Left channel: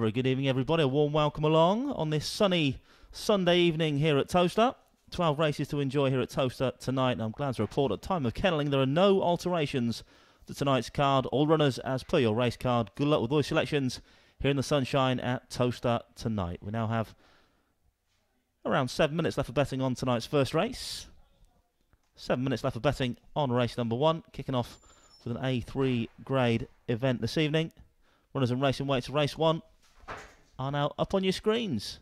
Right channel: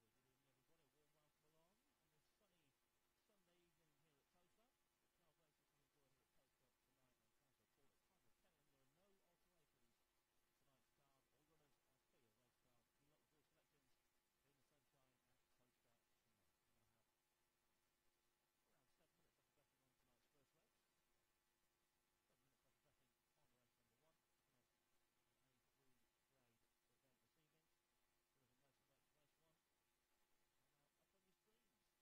Very good evening, everybody. A warm welcome along on this sunny Sunday evening here at Towcester. 12 races to enjoy here at Towcester tonight, and I'm glad to report at time of kennelling there are no alterations to tonight's card. All runners as per your race card. Good luck with all your selections here in the sunshine at Towcester tonight. We now have around 7 minutes left for betting on tonight's first race. 7 minutes left for betting on race number 1, kicking off with an A3 grade event this evening. Runners and racing weights of race 1 are now up on your screens.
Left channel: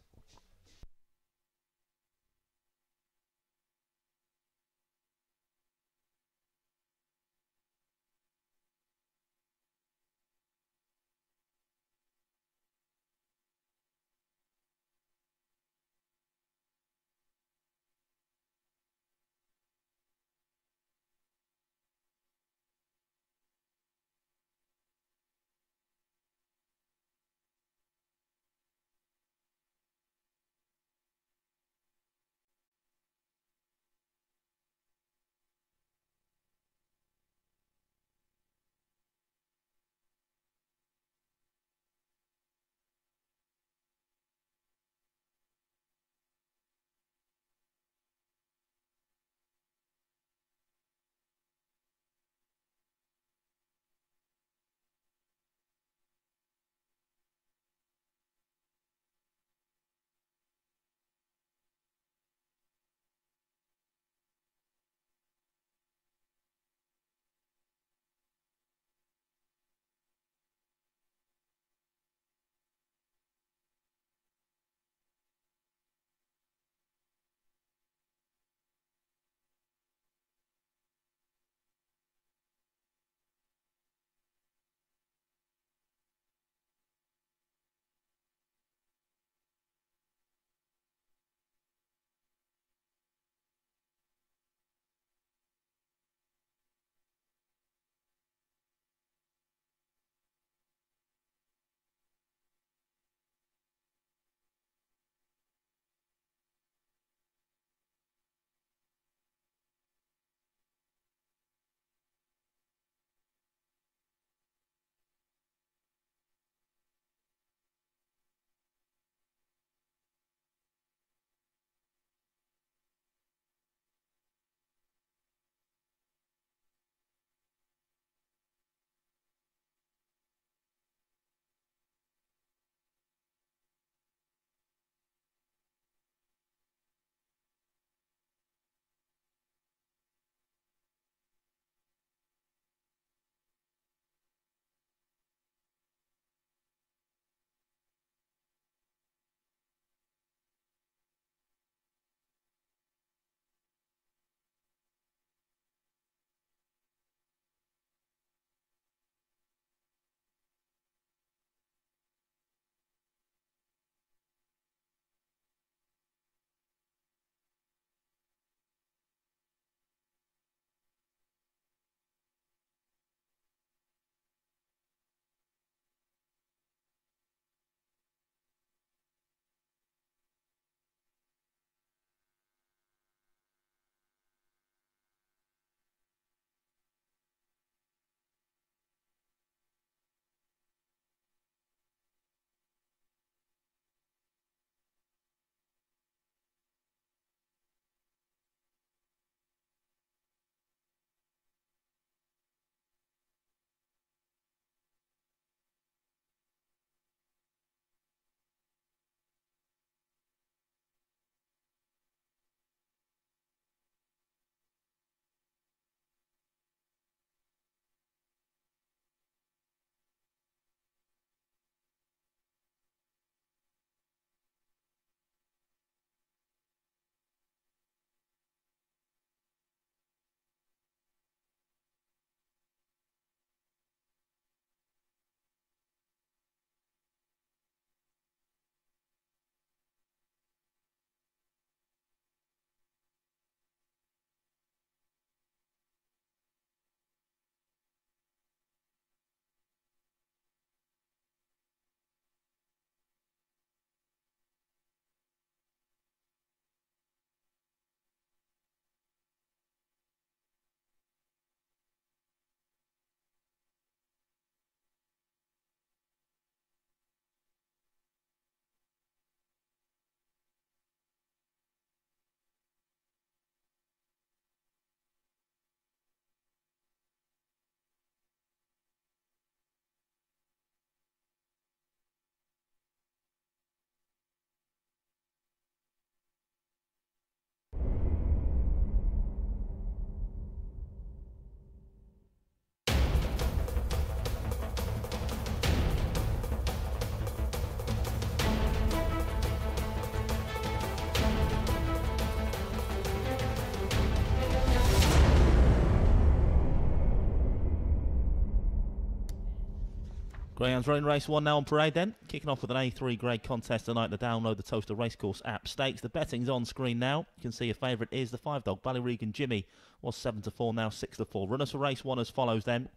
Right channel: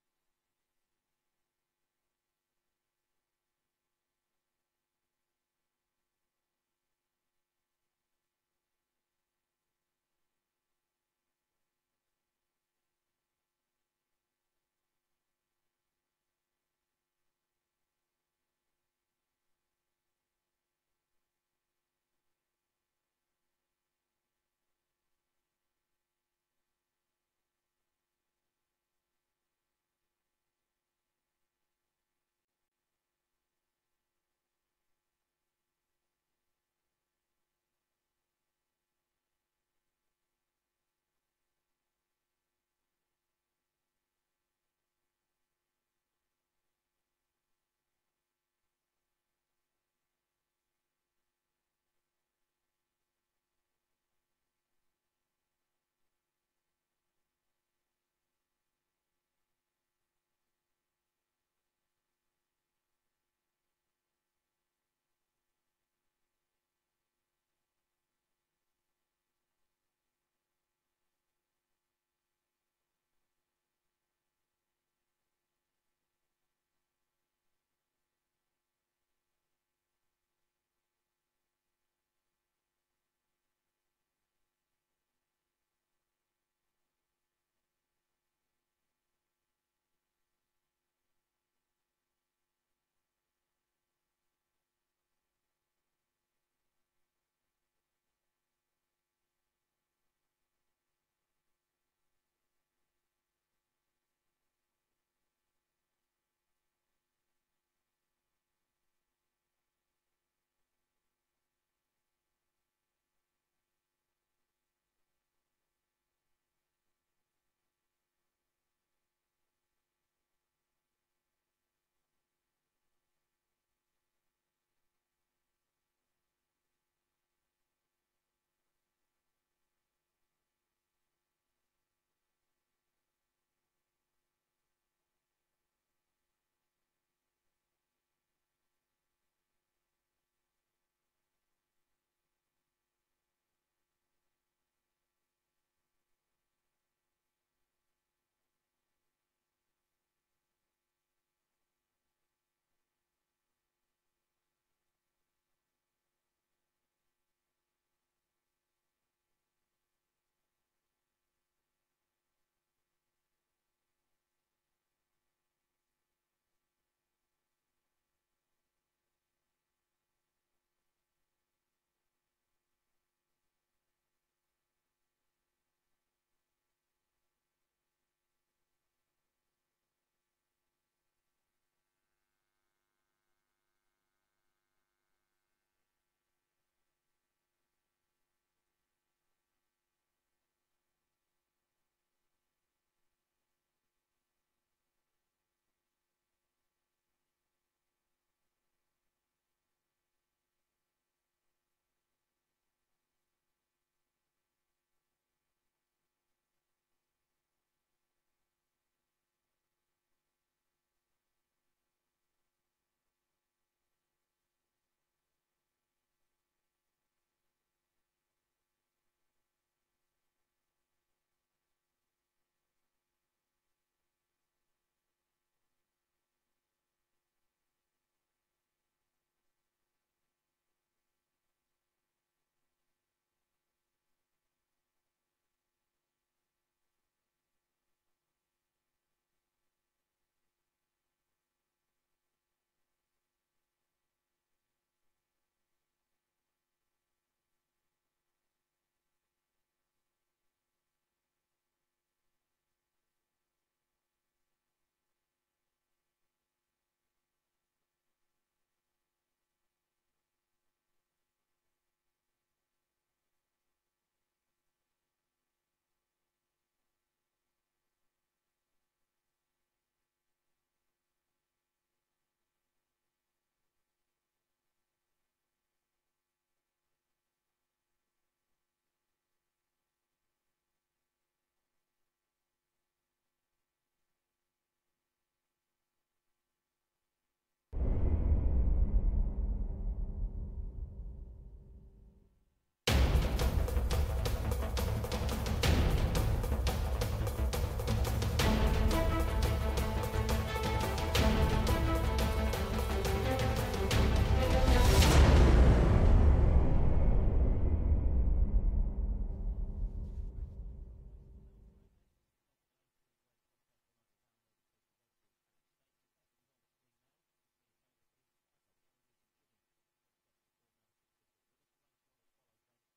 Greyhounds running race 1 now on parade then. Kicking off with an A3 grade contest tonight to download the Towcester Racecourse app. Stakes, the betting's on screen now. You can see your favourite is the 5-dog Ballyregan Jimmy. Was 7-4, now 6-4. Runners for race 1 as follows then.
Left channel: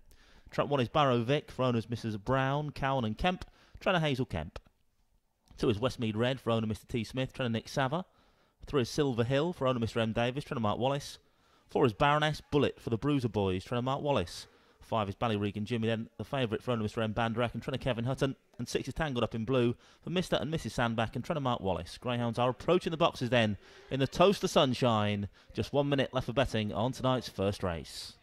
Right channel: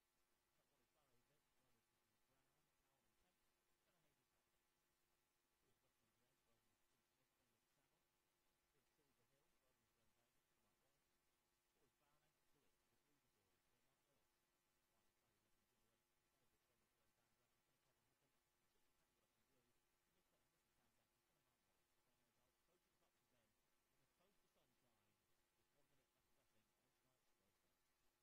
Trap 1 is Barrow Vic, for owners Mrs Brown, Cowan and Kemp. Trainer Hazel Kemp. 2 is Westmead Red, for owner Mr T Smith, trainer Nick Sava. 3 is Silver Hill, for owner Mr M Davis, trainer Mark Wallace. 4 is Baroness Bullet, for the Bruiser Boys, trainer Mark Wallace. 5 is Ballyregan Jimmy, then the favourite for owner Mr M Bandrak and trainer Kevin Hutton. And 6 is Tangled Up in Blue for Mr and Mrs Sandback and trainer Mark Wallace. Greyhounds are approaching the boxes then in the Towcester sunshine. Just 1 minute left for betting on tonight's first race.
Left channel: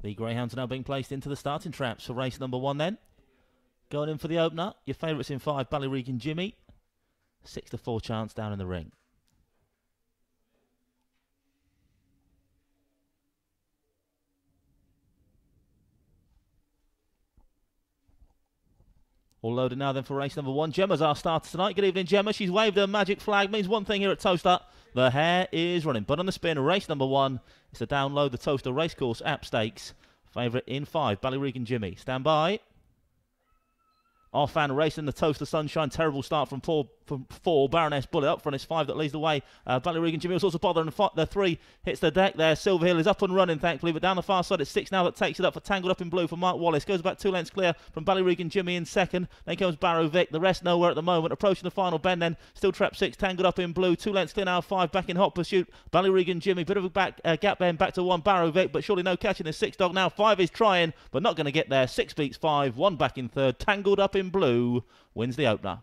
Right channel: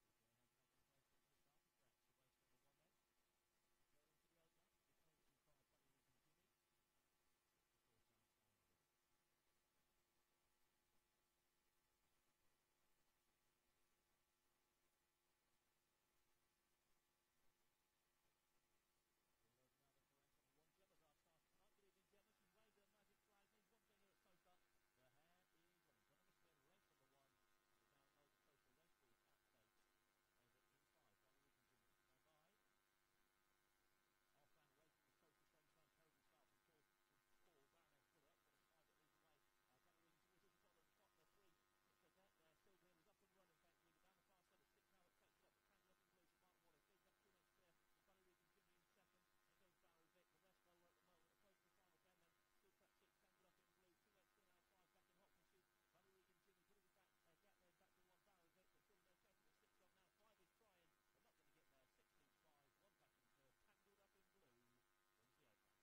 The Greyhounds are now being placed into the starting traps for race number 1 then. Going in for the opener, your favourites in 5, Ballyregan Jimmy. 6-4 chance down in the ring. All loaded now then for race number 1. Gemma's our starter tonight. Good evening, Gemma. She's waved her magic flag. Means one thing here at Towcester. The hare is running. But on the spin, race number 1 is to download the Towcester Racecourse app stakes. Favourite in 5, Ballyregan Jimmy. Stand by. Off and racing the Towcester Sunshine. Terrible start from four. Baroness Bullet up front. It's 5 that leads the way. Ballyregan Jimmy was also bothering. The 3 hits the deck there. Silver Hill is up and running, thankfully. But down the far side, it's 6 now that takes it up for Tangled Up in Blue for Mark Wallace. Goes about 2 lengths clear from Ballyregan Jimmy in second. Then comes Barrow Vic. The rest nowhere at the moment. Approaching the final bend then. Still trap 6. Tangled Up in Blue. 2 lengths clear now. 5 back in hot pursuit. Ballyregan Jimmy. Bit of a gap bend back to 1. Barrow Vic. But surely no catching the 6 dog now. 5 is trying, but not going to get there. 6 beats 5. 1 back in third. Tangled Up in Blue wins the opener.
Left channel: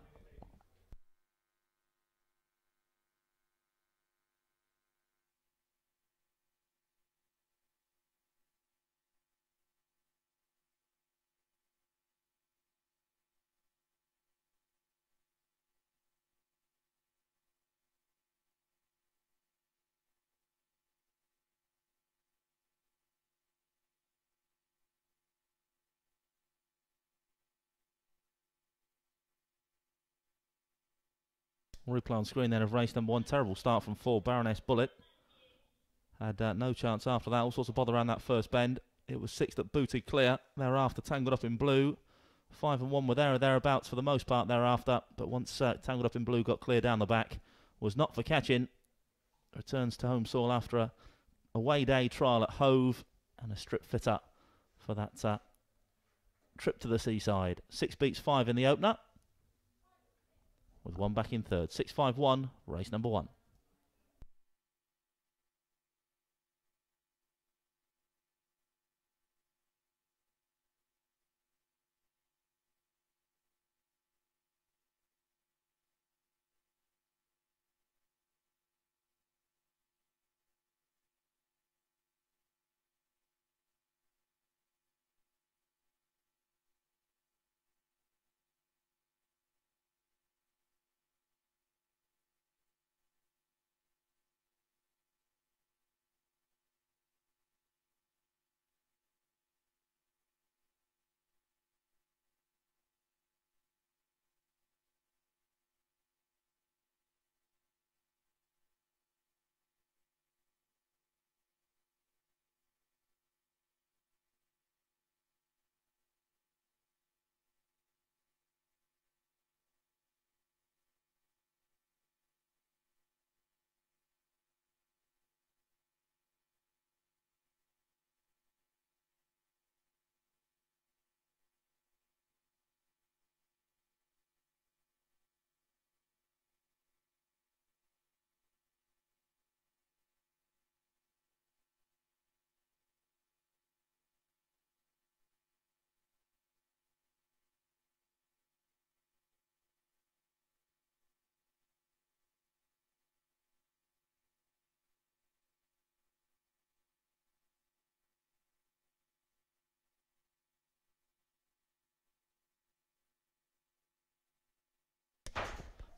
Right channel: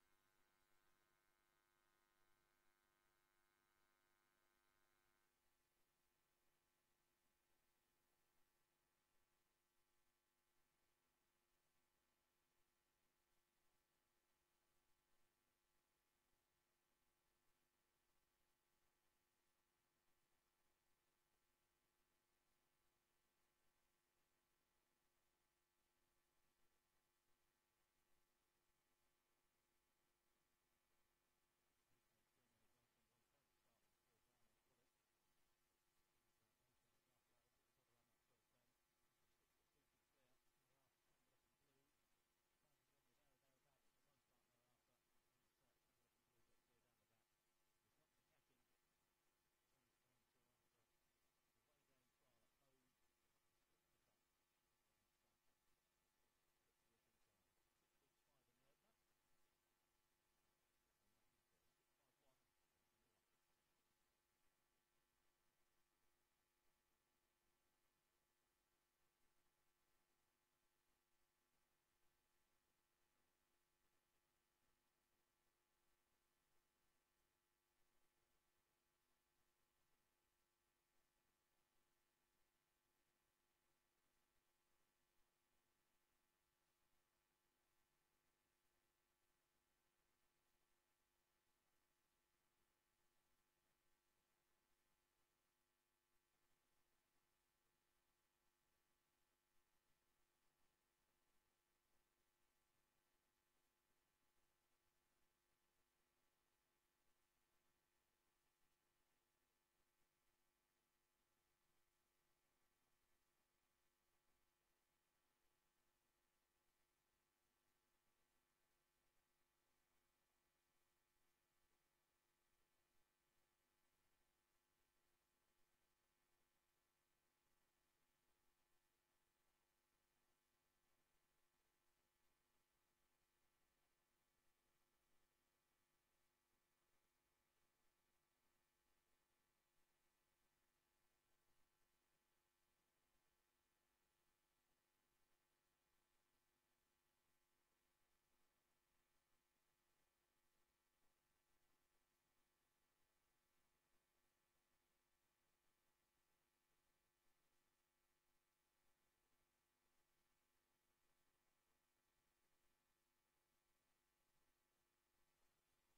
Replay on screen then of race number 1. Terrible start from 4. Baroness Bullet. Had no chance after that. All sorts of bother around that first bend. It was 6 that booted clear. Thereafter, Tangled Up in Blue. 5 and 1 were there or thereabouts for the most part thereafter. But once Tangled Up in Blue got clear down the back, was not for catching. Returns to home soil after a away day trial at Hove and a strip fitter for that trip to the seaside. 6 beats 5 in the opener, with 1 back in third. 6-5-1, race number 1.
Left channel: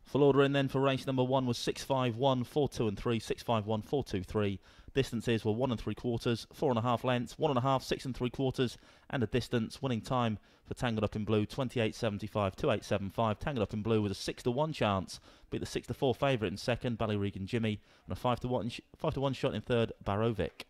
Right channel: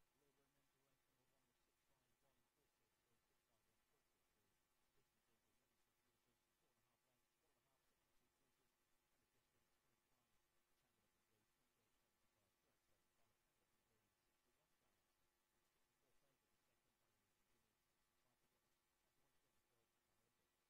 Full order in then for race number 1 was 651, 4, 2 and 3, 651, 4, 2, 3. Distances were 1 3/4, 4.5 lengths, 1.5, 6 3/4, and a distance. Winning time for Tangled Up in Blue, 28.75, 28.75. Tangled Up in Blue with a 6-1 chance. Beat the 6-4 favourite in second, Ballyregan Jimmy, and a 5-1 shot in third, Barovic.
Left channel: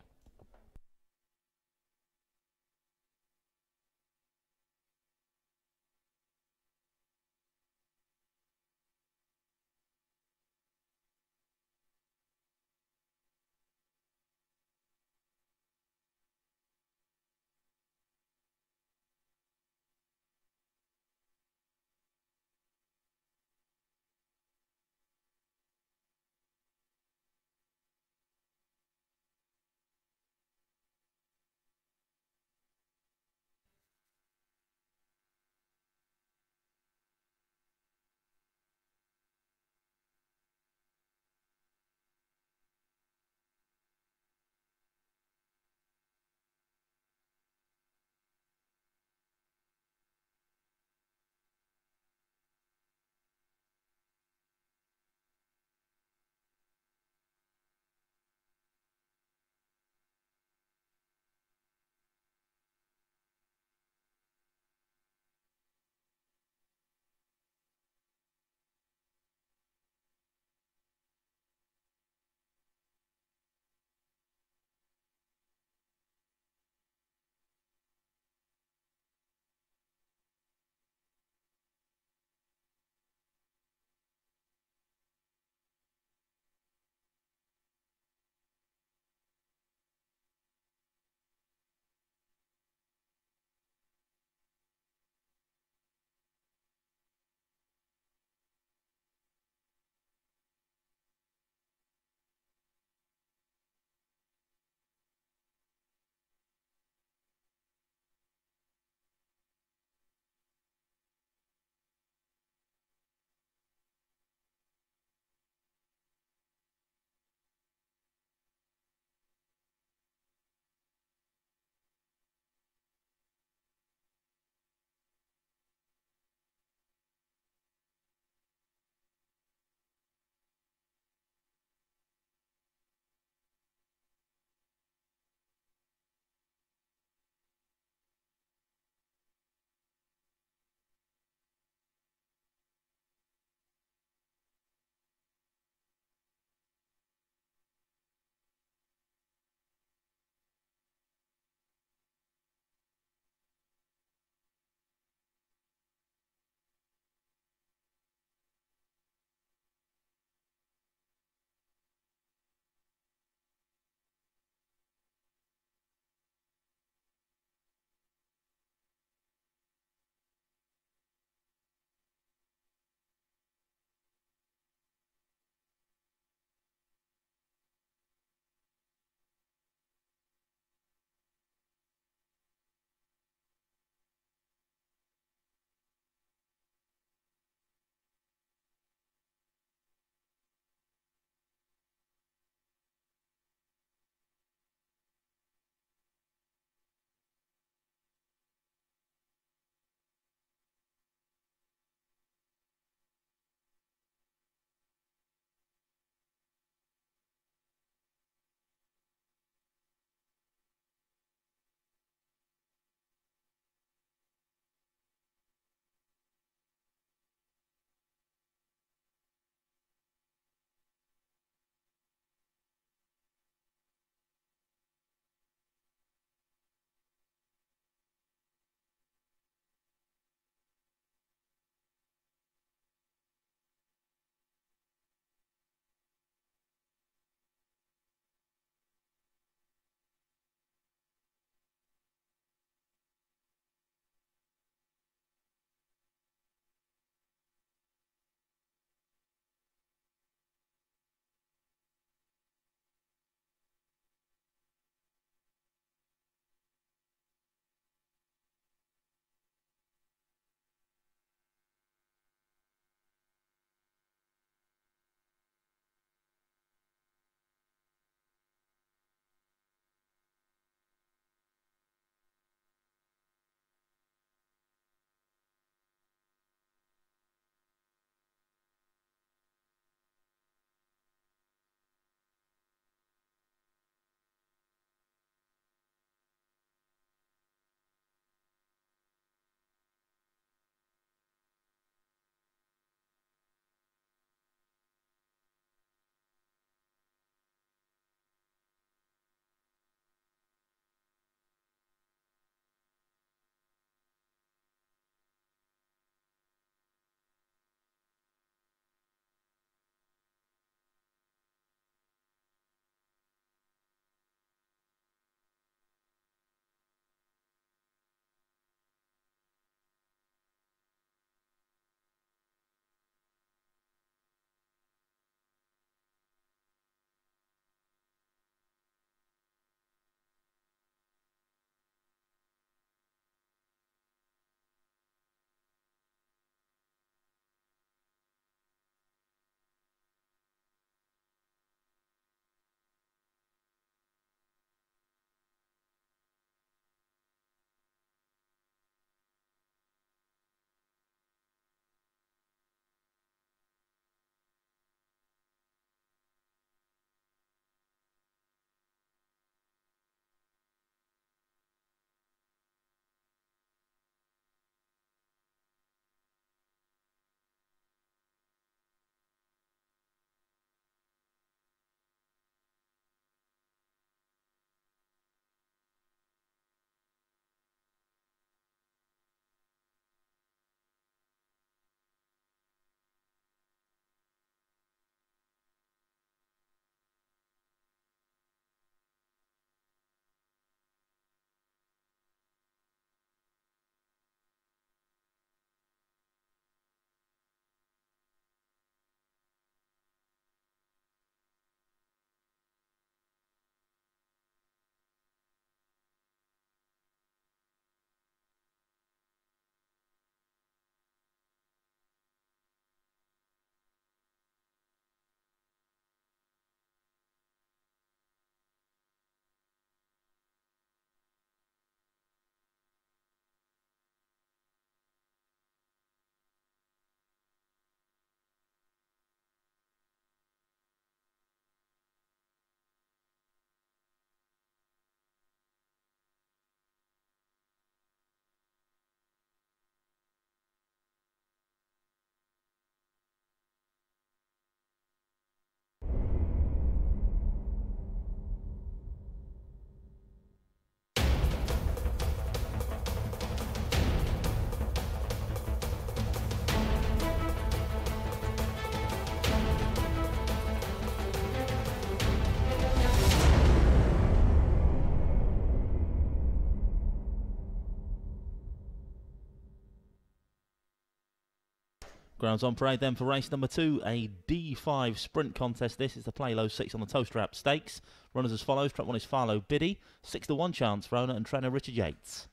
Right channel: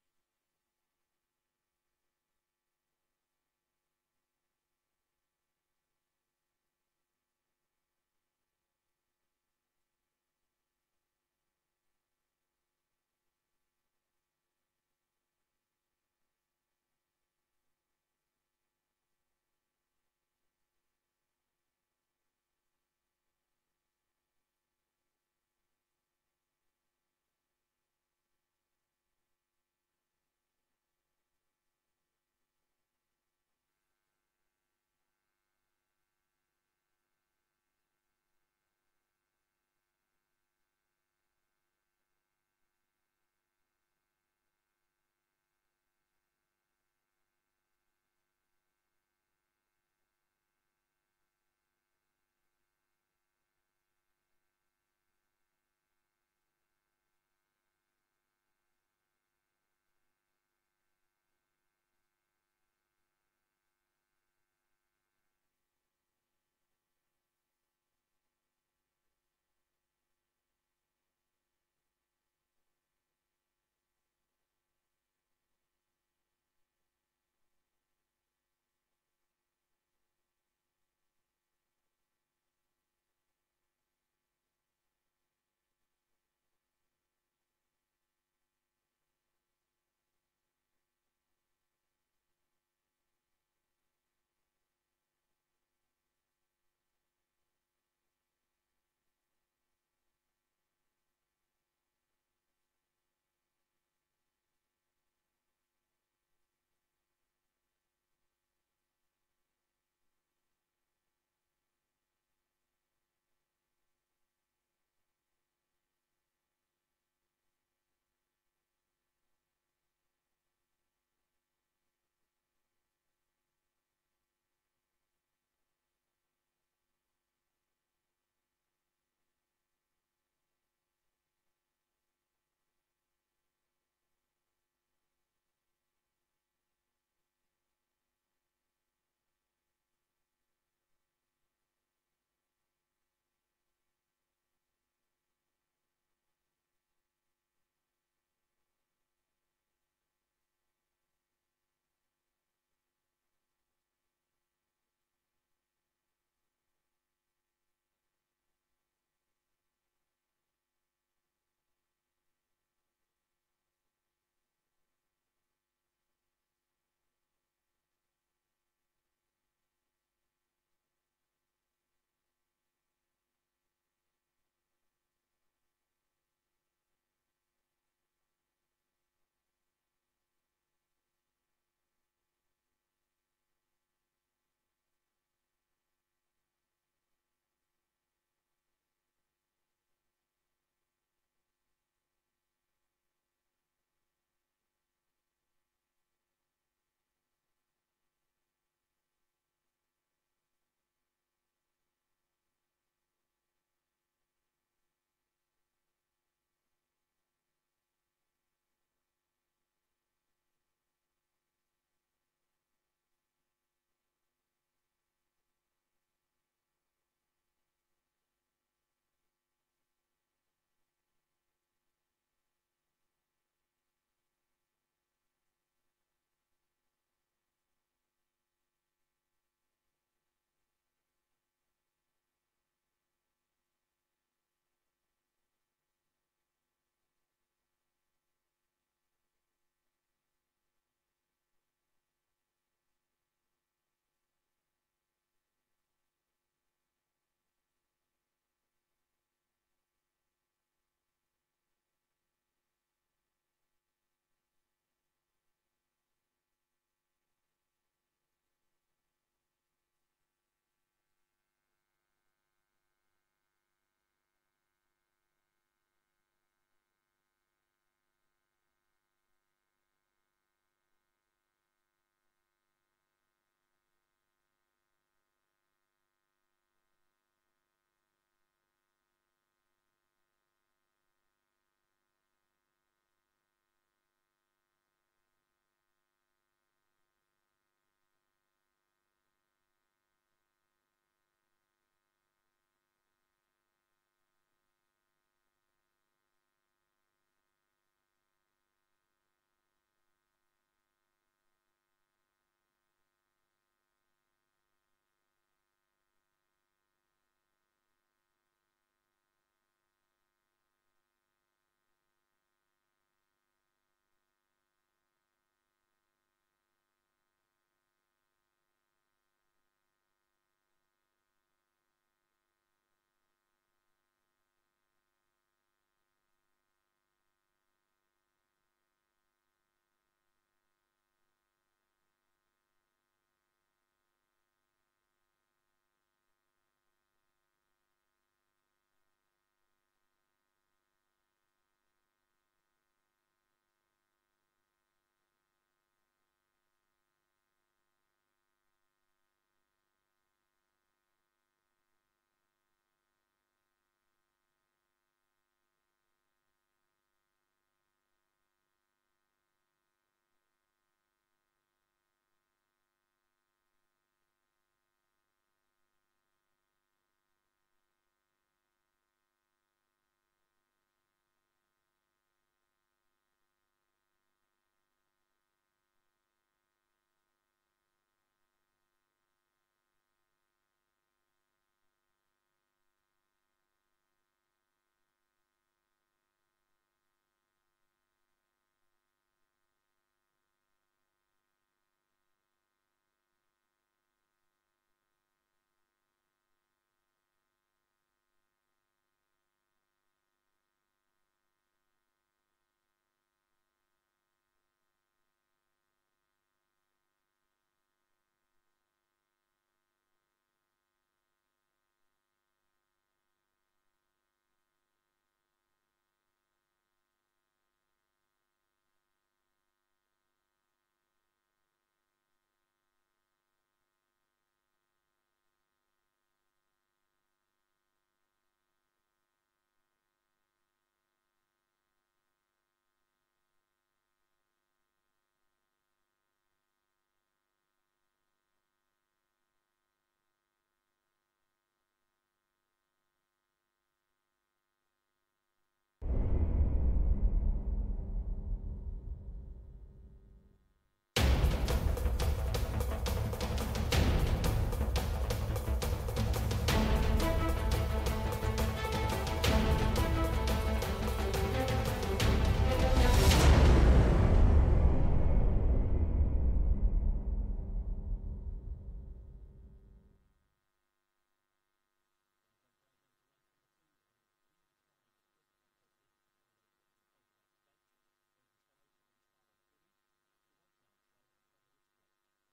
Grounds on parade then for race number 2, a D5 sprint contest. This is the Play Low 6 on the Towcester Stakes. Runners as follows. Track 1 is Farlow Biddy, 6 to 1 chance for owner and trainer Richard Yates.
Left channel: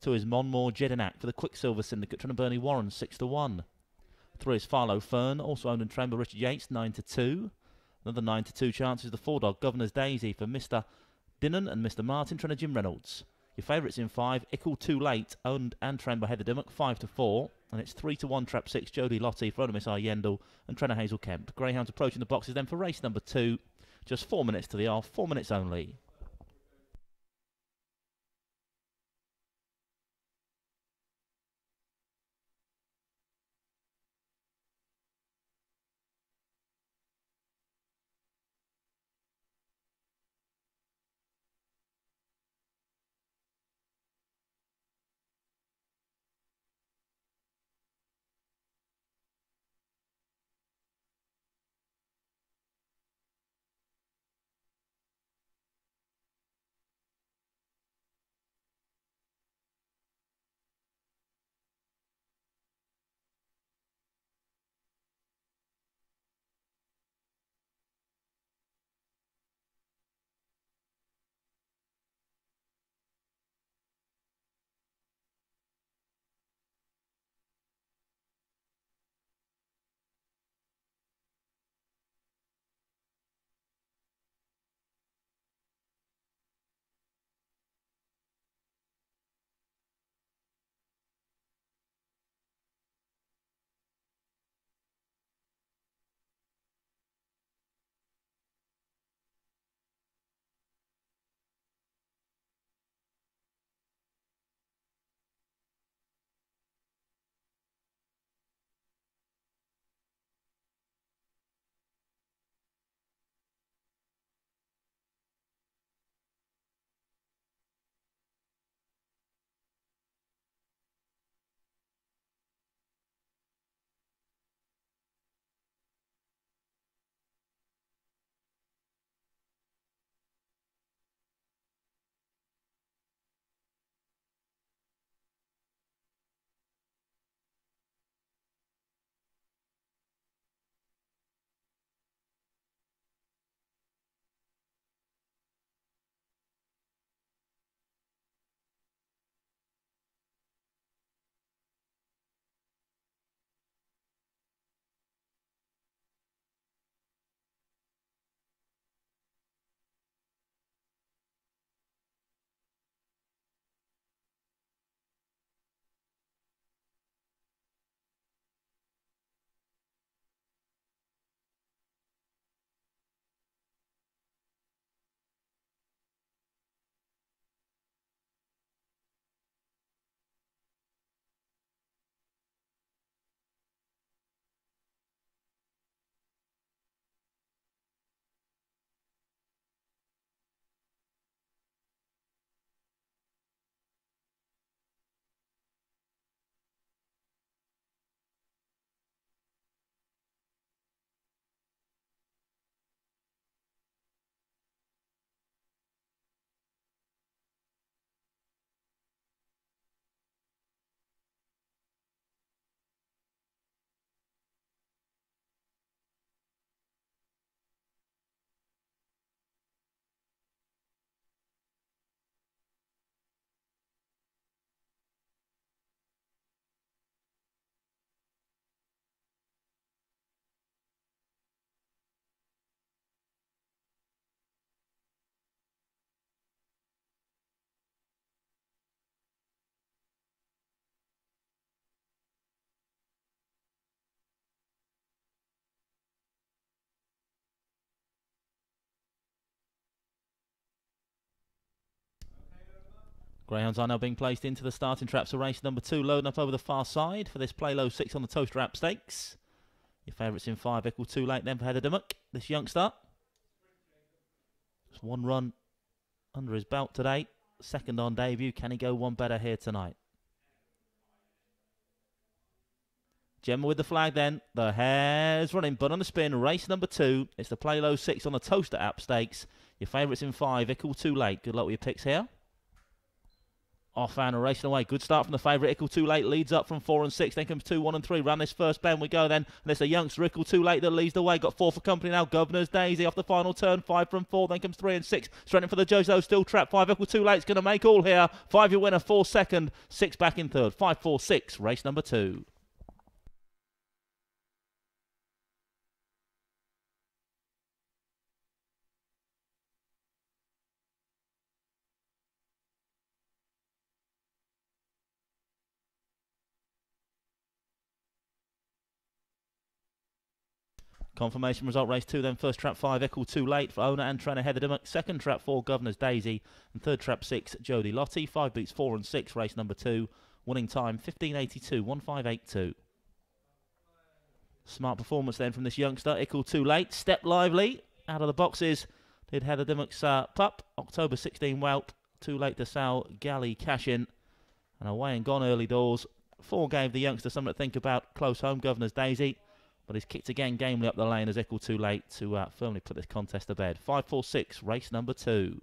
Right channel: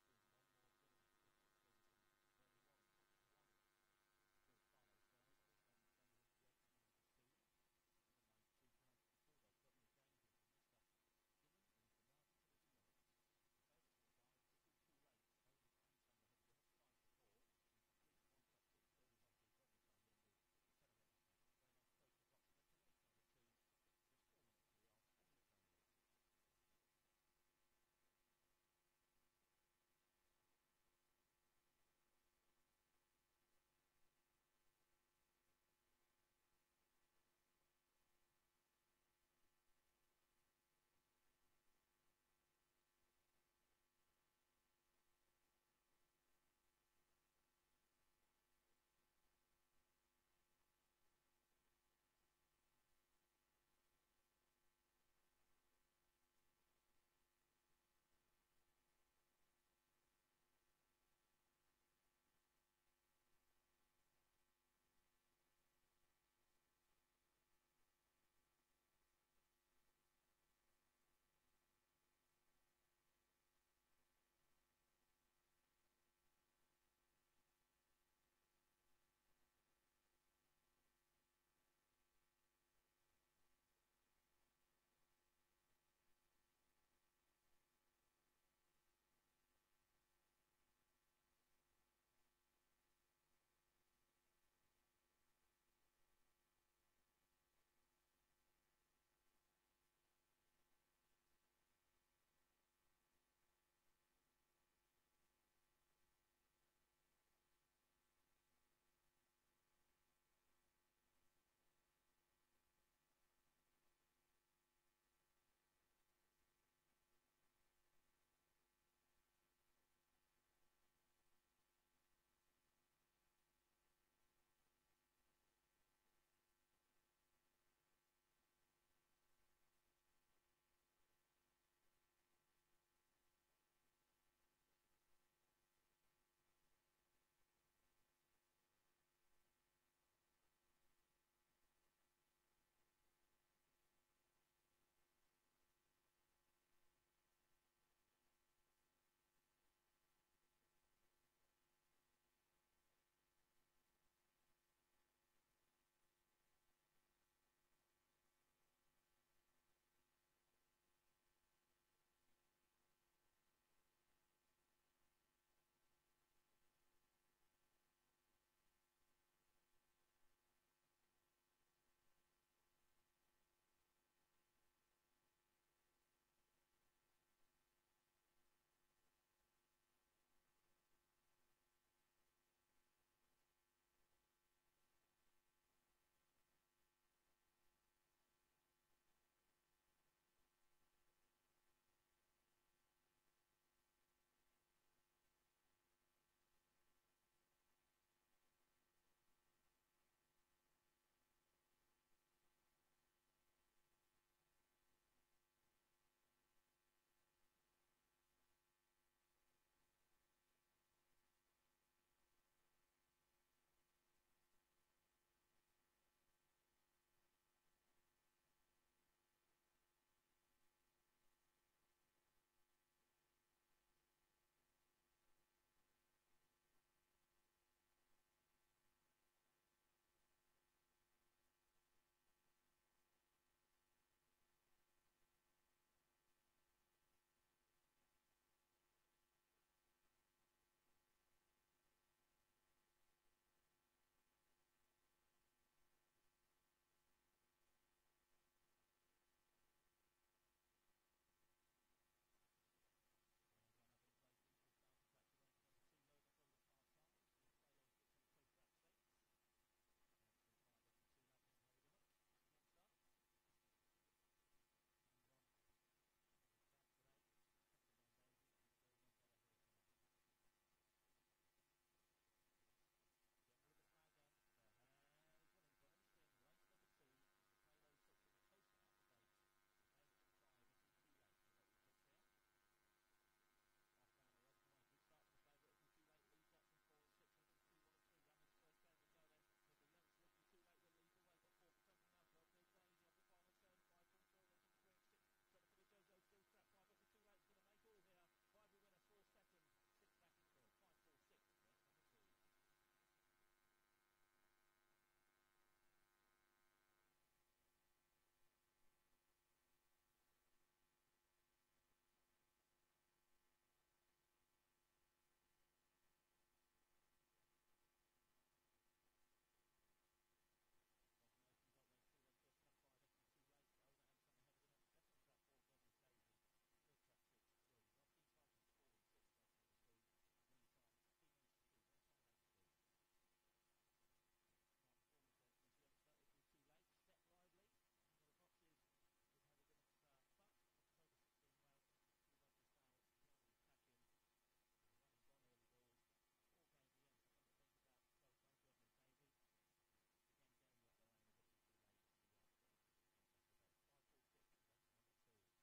2 is Monmore Jedinak for the Quicksilver Syndicate, trainer Bernie Warren, 6 to 1. 3 is Farlow Fern, also owned and trained by Richard Yates, 9 to 2. Another 9 to 2 chance is the 4-dog Governor's Daisy for Mr. Dinnan and Mr. Martin, trainer Jim Reynolds. Your favourites in 5, Ickle Too Late, owned and trained by Heather Dimmock, 5 to 4. And it's 3 to 1, Trap 6, Jodie Lottie for owner Miss R. Yendall and trainer Hazel Kemp. Greyhounds approaching the boxes then for race number 2. Just 4 minutes to the off, 4 minutes only. Greyhounds are now being placed into the starting traps for race number 2, loading up over the far side for this Play Low 6 on the Towcester Stakes. Your favourites in 5, Ickle Too Late then for Heather Dimmock, this youngster. Just 1 run under his belt today. Second on debut. Can he go one better here tonight? Gemma with the flag then. The hare's running, but on the spin. Race number 2. It's the Play Low 6 on the Towcester Stakes. Your favourites in 5, Ickle Too Late. Good luck with your picks here. Off and racing away. Good start from the favourite. Ickle Too Late leads up from 4 and 6. Then comes 2, 1 and 3. Round this first bend we go then. And it's a youngster, Ickle Too Late, that leads the way. Got 4 for company now. Governor's Daisy off the final turn. 5 from 4. Then comes 3 and 6. Straight in for the Jozo. Still trapped. 5 Ickle Too Late's going to make all here. 5 your winner. 4 second. 6 back in third. 5, 4, 6. Race number 2. Confirmation result, race 2, then first trap 5, Ickle Too Late for owner and trainer Heather Dimmock. Second trap 4, Governor's Daisy. And third trap 6, Jodie Lottie. 5 beats 4 and 6, race number 2. Winning time 15.82, 15.82. Smart performance then from this youngster, Ickle Too Late. Step lively, out of the boxes. Did Heather Dimmock's pup, October 16 whelp. Too Late to Sal Galley cash in. And away and gone early doors. 4 gave the youngster something to think about. Close home, Governor's Daisy. But he's kicked again gamely up the lane as Ickle Too Late to firmly put this contest to bed. 5, 4, 6, race number 2.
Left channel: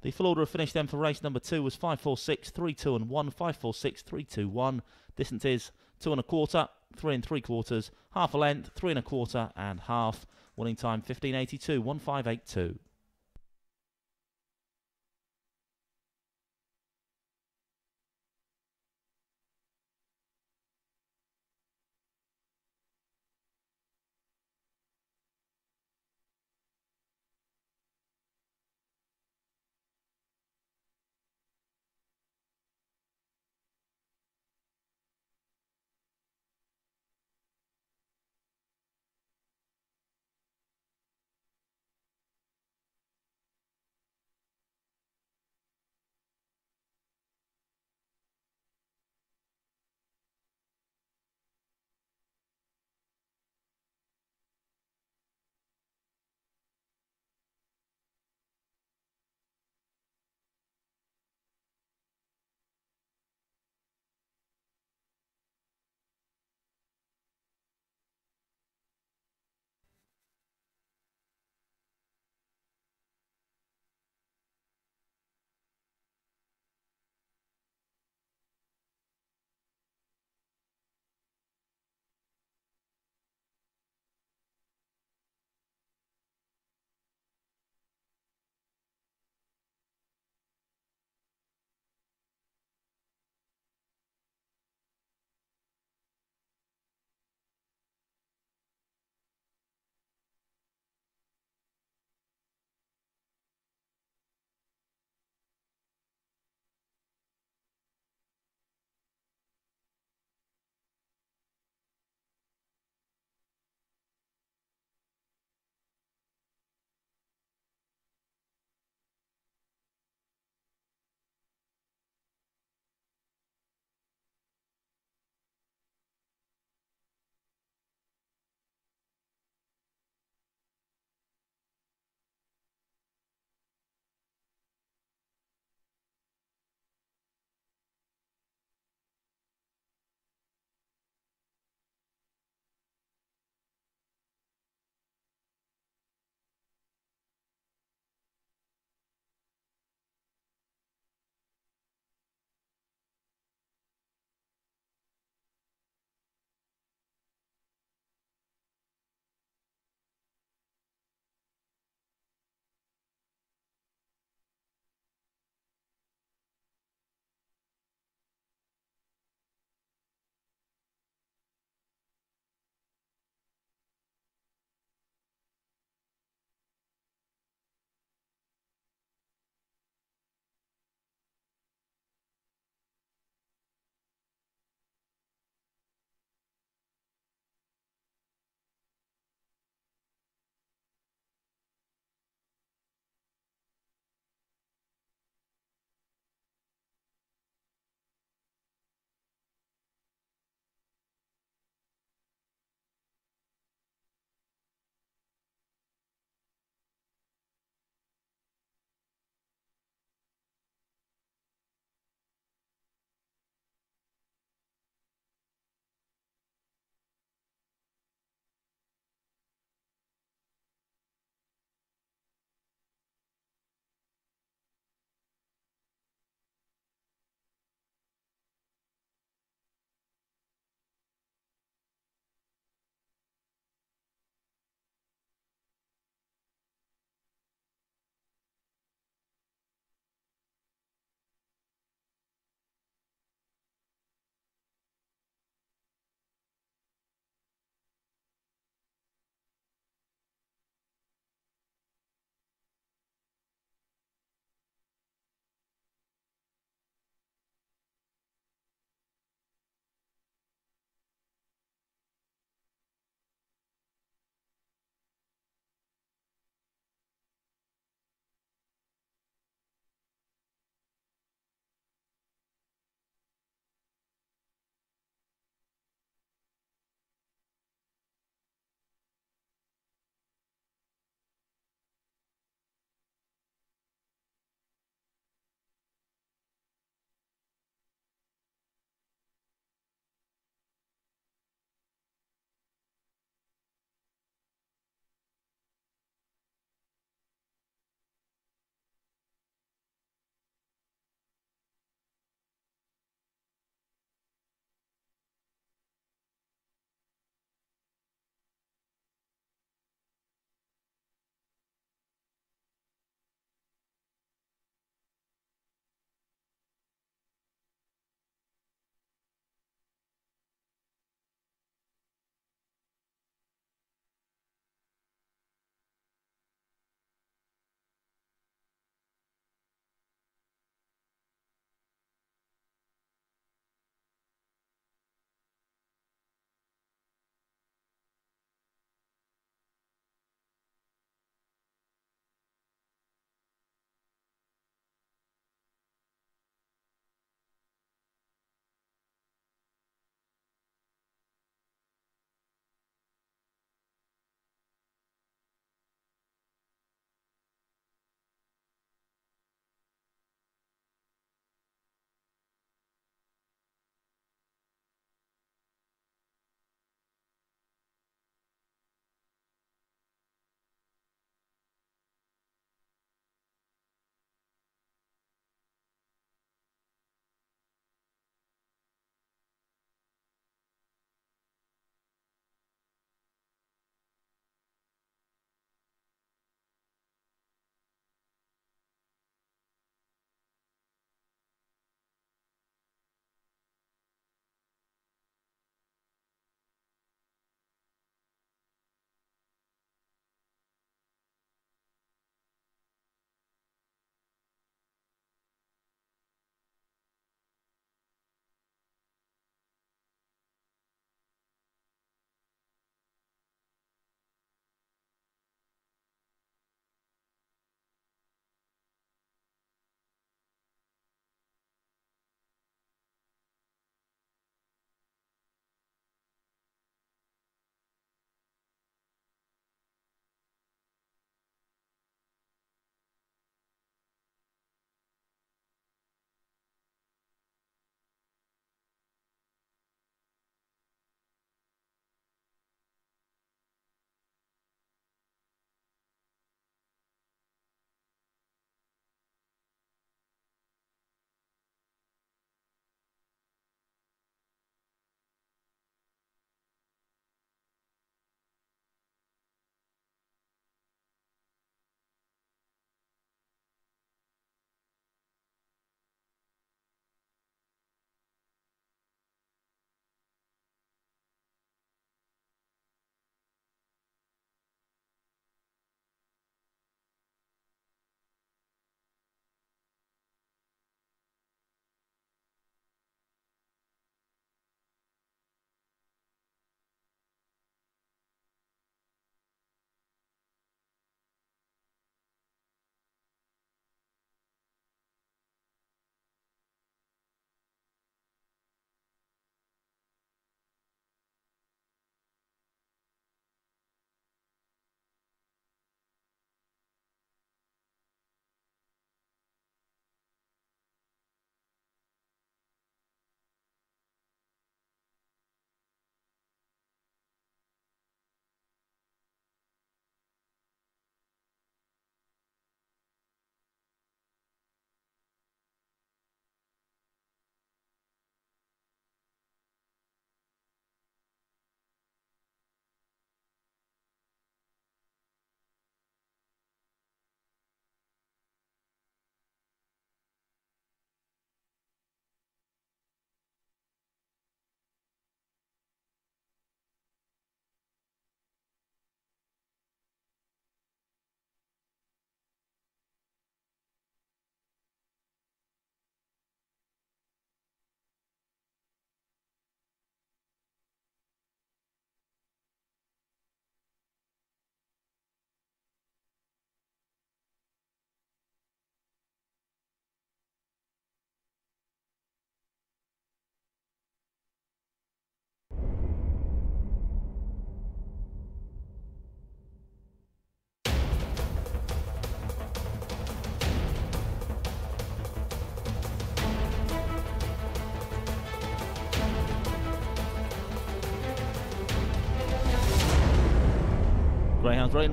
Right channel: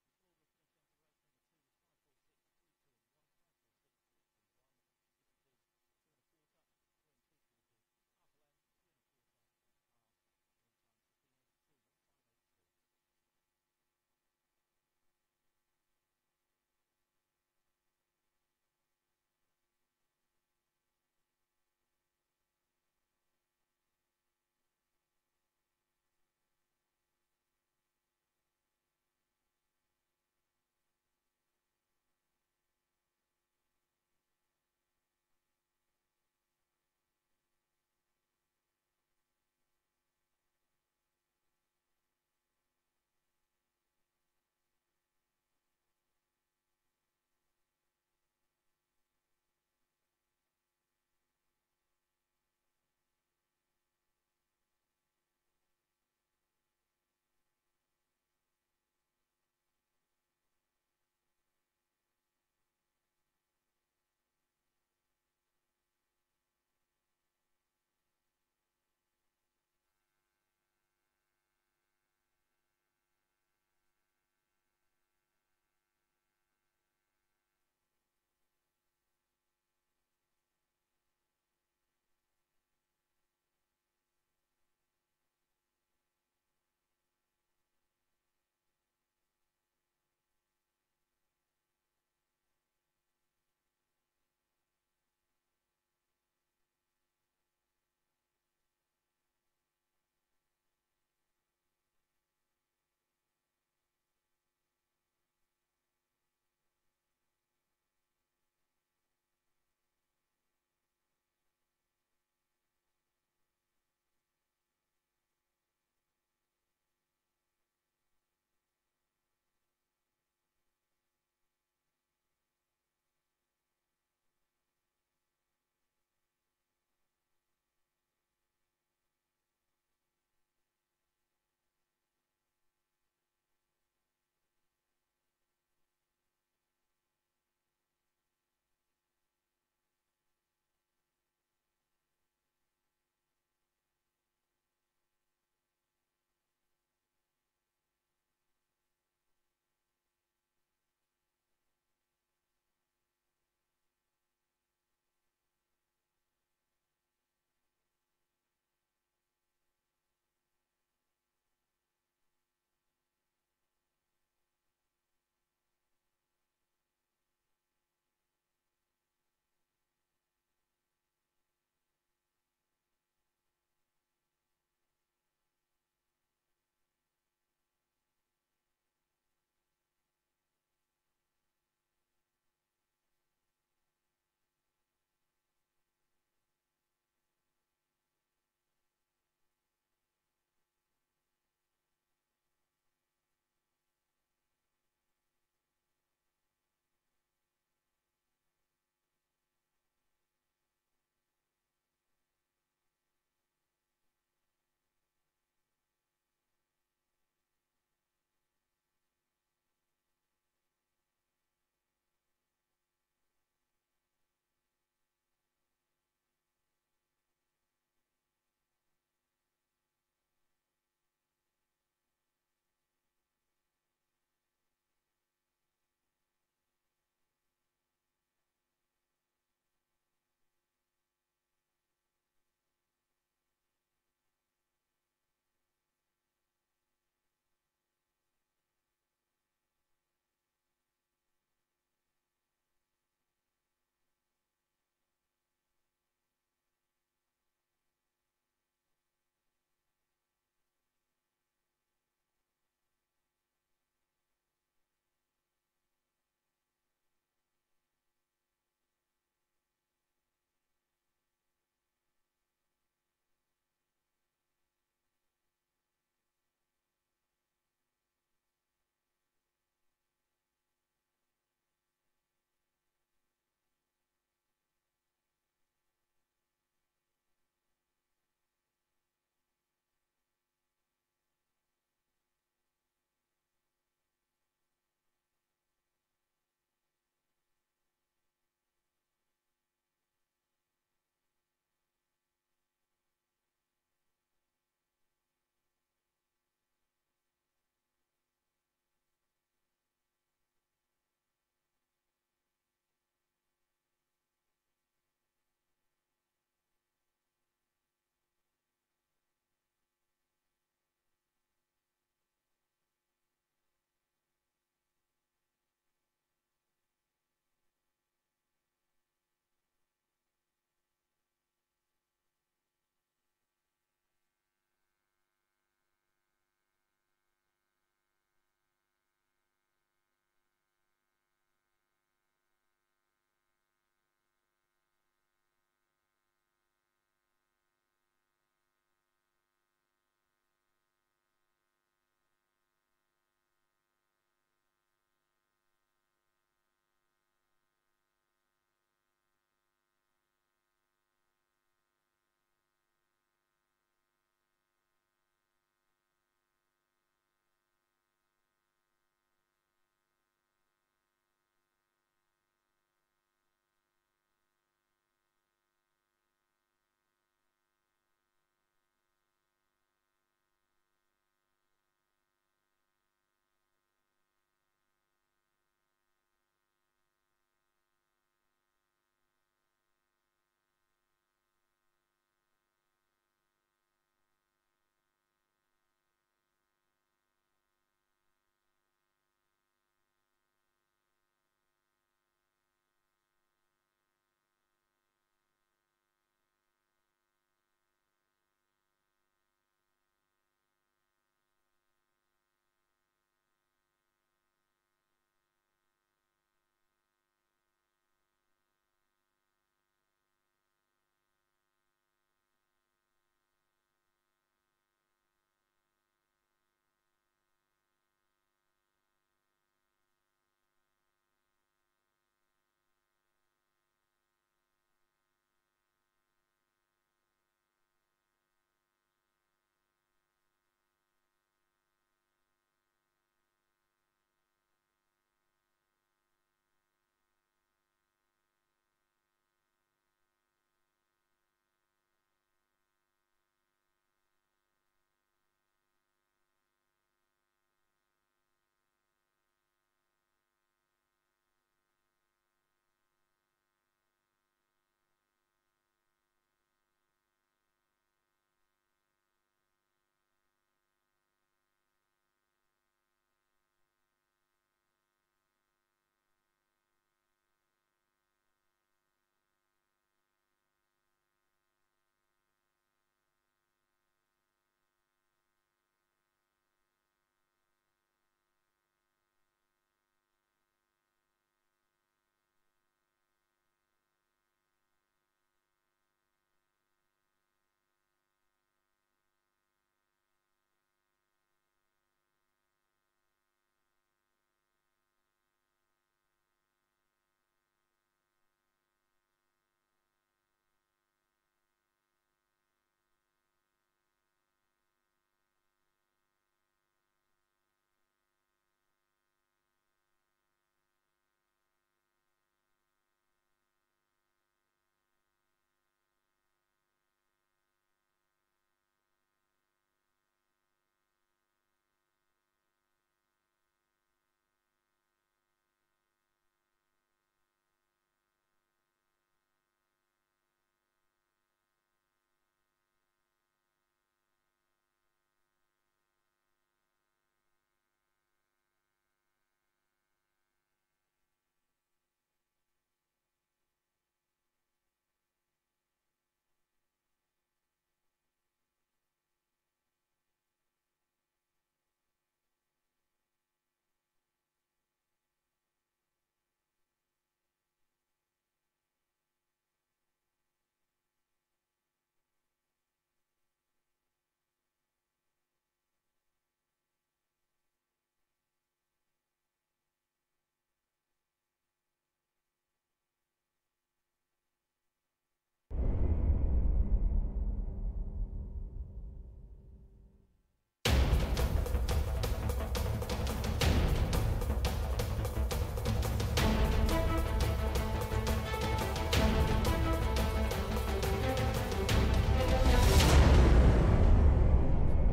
The full order of finish then for race number 2 was 5, 4, 6, 3, 2 and 1. 5, 4, 6, 3, 2, 1. Distance is 2 1/4, 3 3/4, half a length, 3 1/4 and half. Winning time 15.82, 15.82.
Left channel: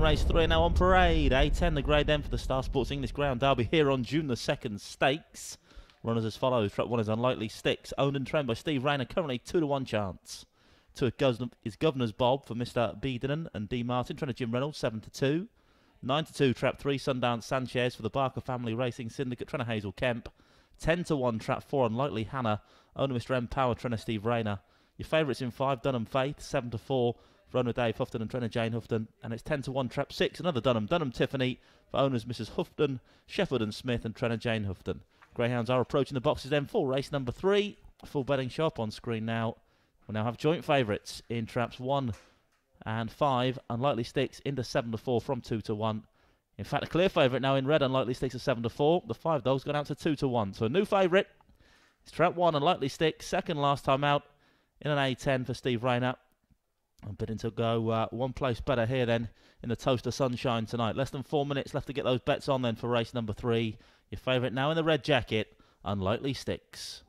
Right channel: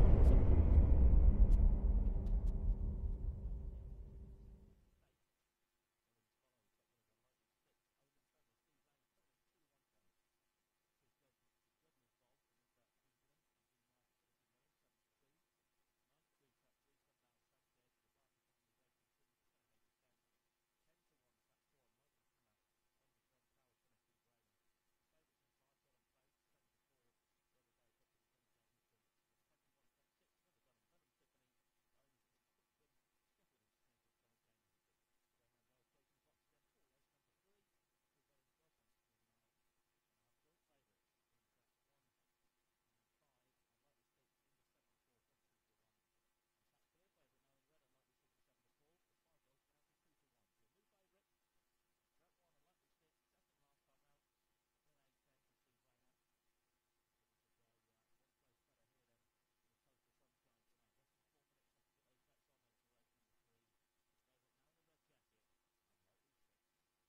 race 3 now on parade. A10 the grade then for the Star Sports English Ground Derby here on June the 2nd Stakes. Runners as follows. Trap 1 is Unlikely Sticks, owned and trained by Steve Rayner, currently 2-1 chance. 2 is Governor's Bob for Mr. Beedenen and D. Martin, trainer Jim Reynolds, 7-2. 9-2 Trap 3 Sundance Sanchez for the Barker Family Racing Syndicate, trainer Hazel Kemp. 10-1 Trap 4 Unlikely Hannah, owner Mr. M. Power, trainer Steve Rayner. Your favourites in 5 Dunham Faith, 7-4 for owner Dave Houghton and trainer Jane Houghton, and it's 10-1 Trap 6 another Dunham Tiffany for owners Mrs. Houghton, Sheffield and Smith and trainer Jane Houghton. Greyhounds are approaching the boxes then for race number 3. Full betting shop on screen now. We'll now have joint favourites in traps 1 and 5. Unlikely Sticks into 7-4 from 2-1. In fact, a clear favourite now in red. Unlikely Sticks are 7-4. The 5 dogs gone out to 2-1. So a new favourite is trap 1. Unlikely Sticks, second last time out in an A10 for Steve Rayner. I'm bidding to go one place better here then in the Towcester Sunshine tonight. Less than 4 minutes left to get those bets on then for race number 3. Your favourite now in the red jacket, Unlikely Sticks.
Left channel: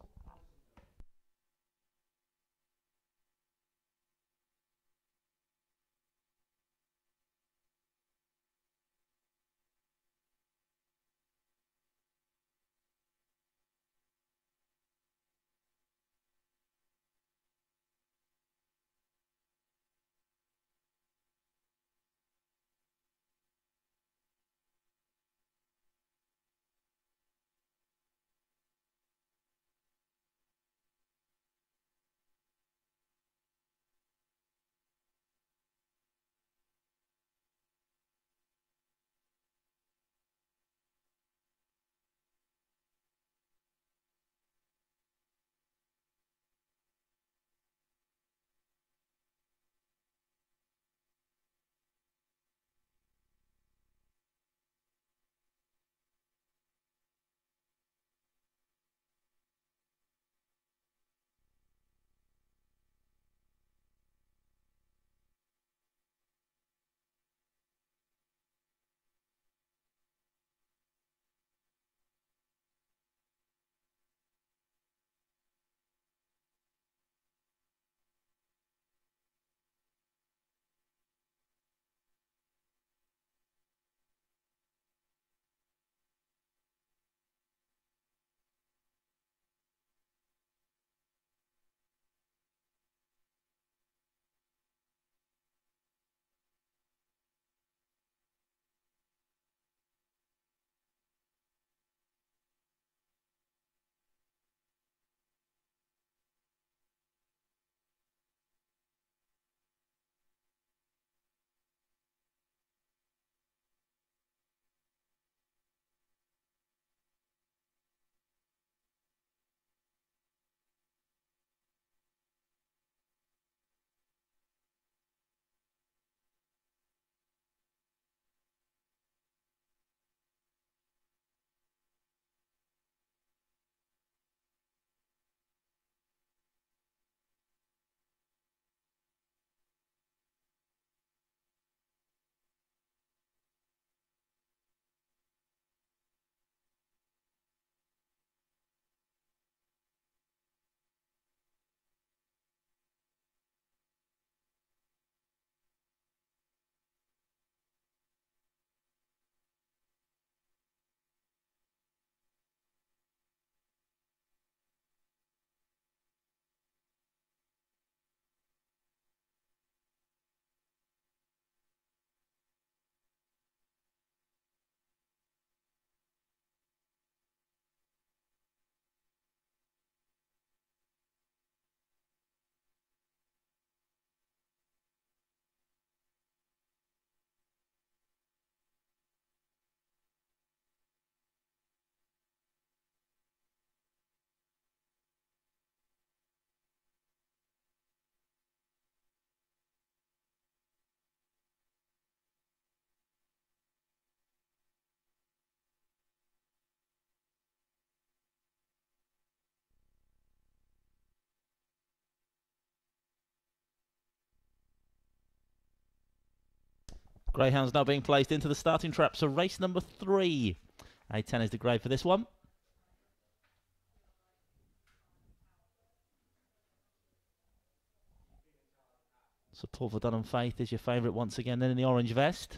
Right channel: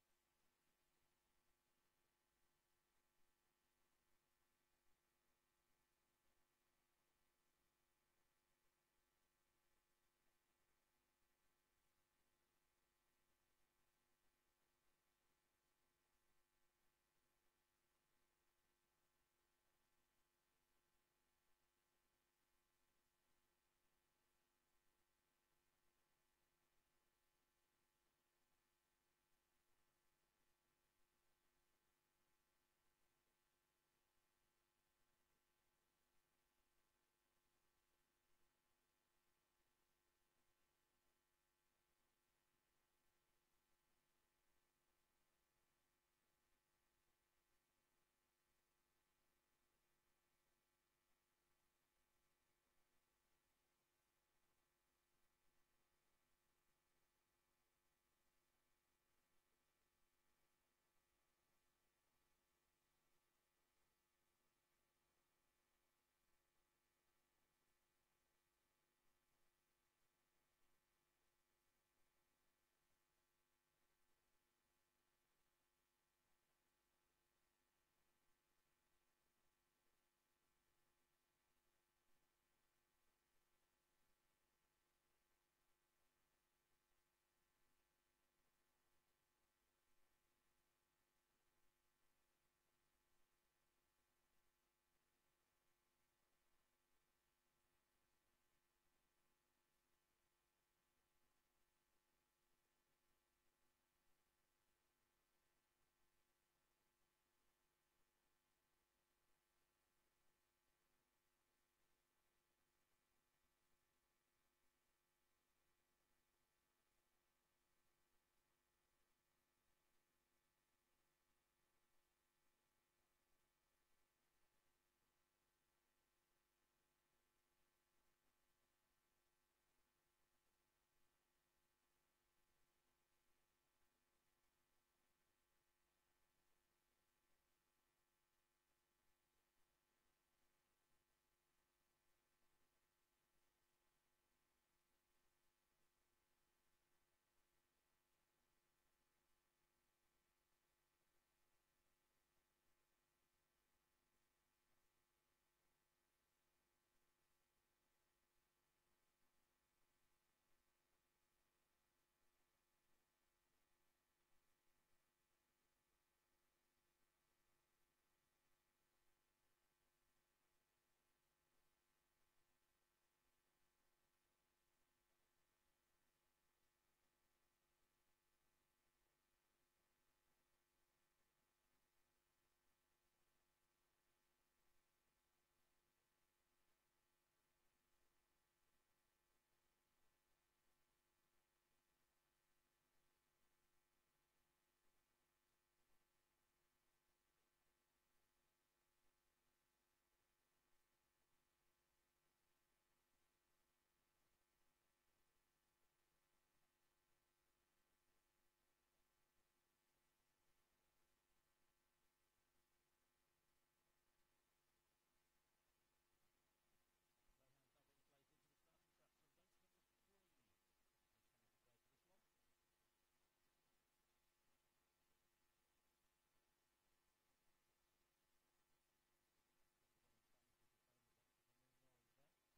Greyhounds now being placed into the starting traps of race number 3. A10 is the grade for this one. Support for Dunham Faith is your favourite once again then in the orange vest.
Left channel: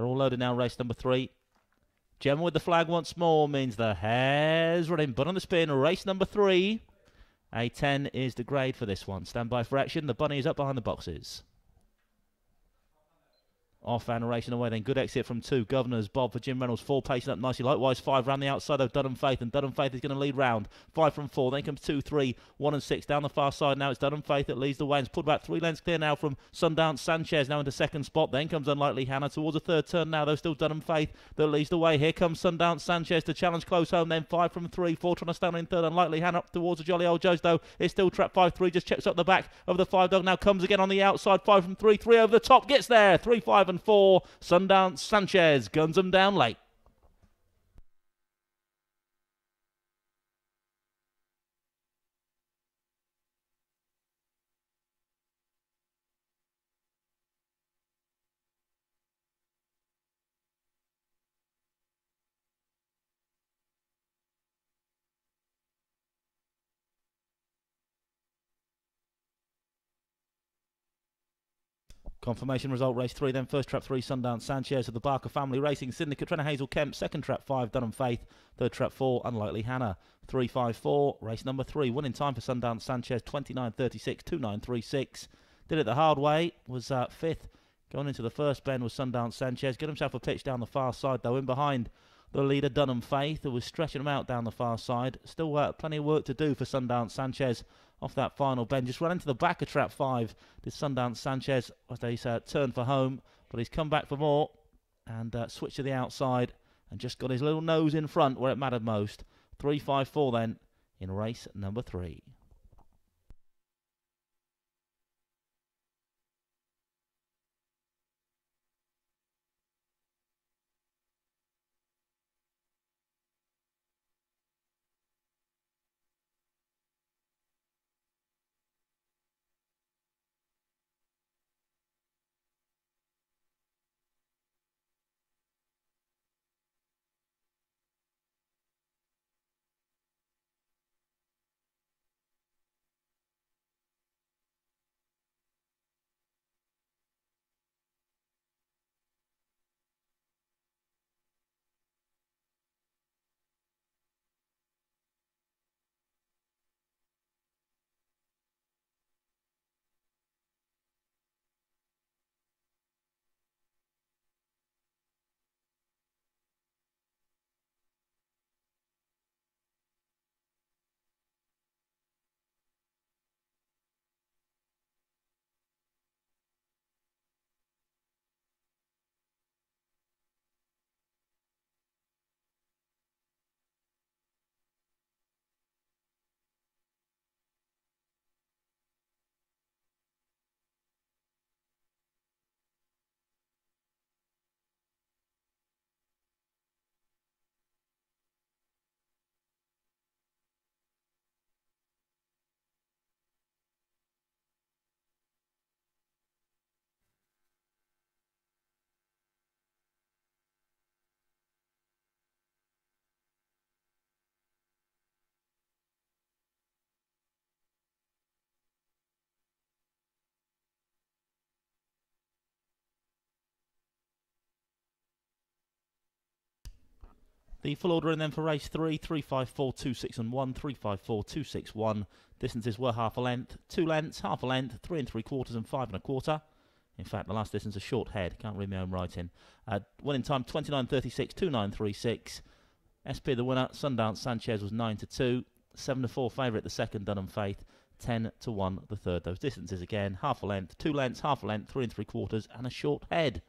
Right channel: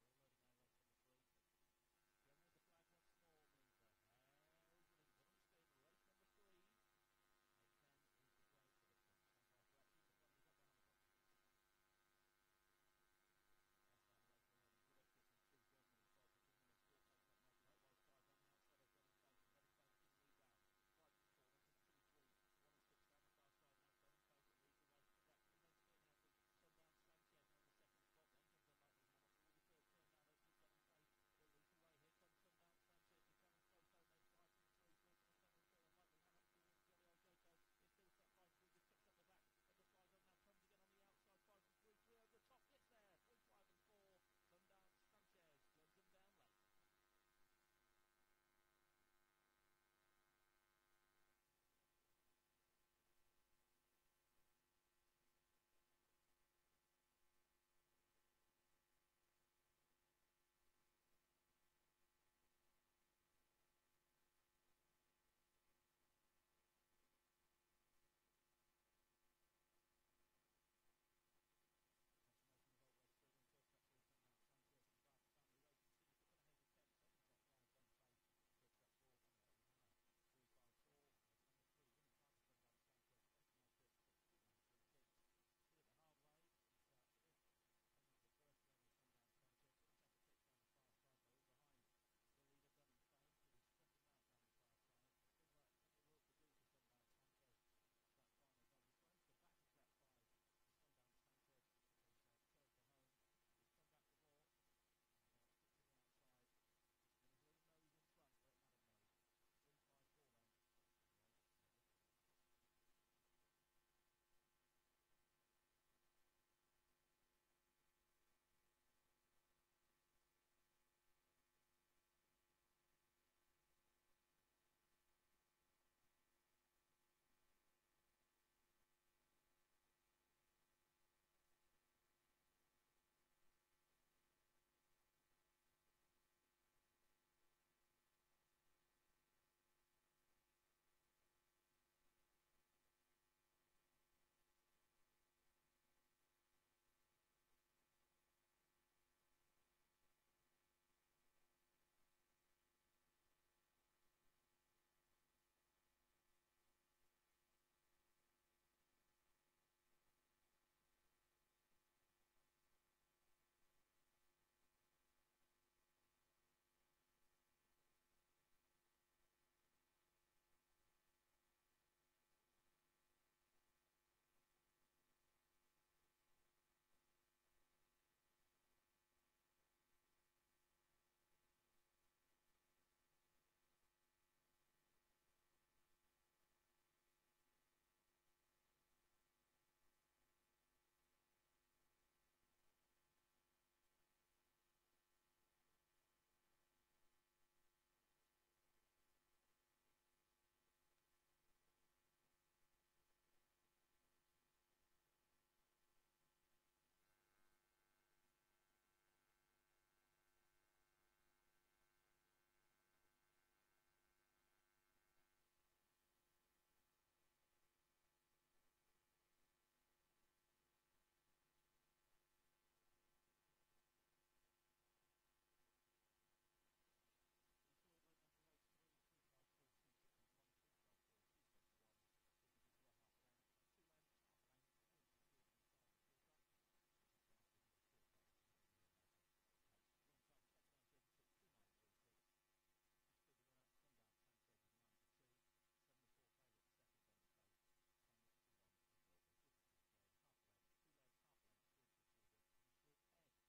They're all loaded now, race number 3. Gemma with the flag once more means the hair's running, but on the spin, race number 3. A 10 is the grade for this one. Stand by for action. The bunny is up behind the boxes. Off and racing away then. Good exit from 2. Governors, Bob for Jim Reynolds. 4 pacing up nicely. Likewise 5 round the outside of Dunham Faith. And Dunham Faith is going to lead round. 5 from 4. Then comes 2, 3, 1 and 6. Down the far side now. It's Dunham Faith that leads the way. And it's pulled about 3 lengths clear now from Sundance Sanchez. Now into second spot. Then comes Unlikely Hannah towards a third turn now. Though still Dunham Faith that leads the way. Here comes Sundance Sanchez to challenge close home. Then 5 from 3. 4 trying to stand in third. Unlikely Hannah up towards the Jolly Old Joes though. It's still trap 5, 3. Just checks up the back of the 5 dog. Now comes again on the outside. 5 from 3. 3 over the top. Gets there. 3, 5 and 4. Sundance Sanchez guns them down late. Confirmation result, race 3, then first trap 3, Sundance Sanchez of the Barker Family Racing Syndicate, Trenna Hazel Kemp, second trap 5, Dunham Faith, third trap 4, Unlikely Hannah, 3, 5, 4, race number 3, winning time for Sundance Sanchez, 29.36, 2.936, did it the hard way, was 5th, going into the first bend was Sundance Sanchez, got himself a pitch down the far side though, in behind the leader Dunham Faith, who was stretching him out down the far side, still plenty of work to do for Sundance Sanchez, off that final bend, just ran into the back of trap 5. Did Sundance Sanchez as they turn for home, but he's come back for more and switched to the outside and just got his little nose in front where it mattered most. 3-5-4 then in race number 3. The full order and then for race 3, 3-5-4, 2, 6 and 1, 3-5-4, 2, 6, 1. Distances were half a length, 2 lengths, half a length, 3 3/4 and 5 1/4. In fact, the last distance a short head. Can't read my own writing. Winning time 29.36, 2.936. SP the winner. Sundance Sanchez was 9-2. 7-4 favourite the second, Dunham Faith. 10-1 the third. Those distances again, half a length, 2 lengths, half a length, 3 3/4 and a short head.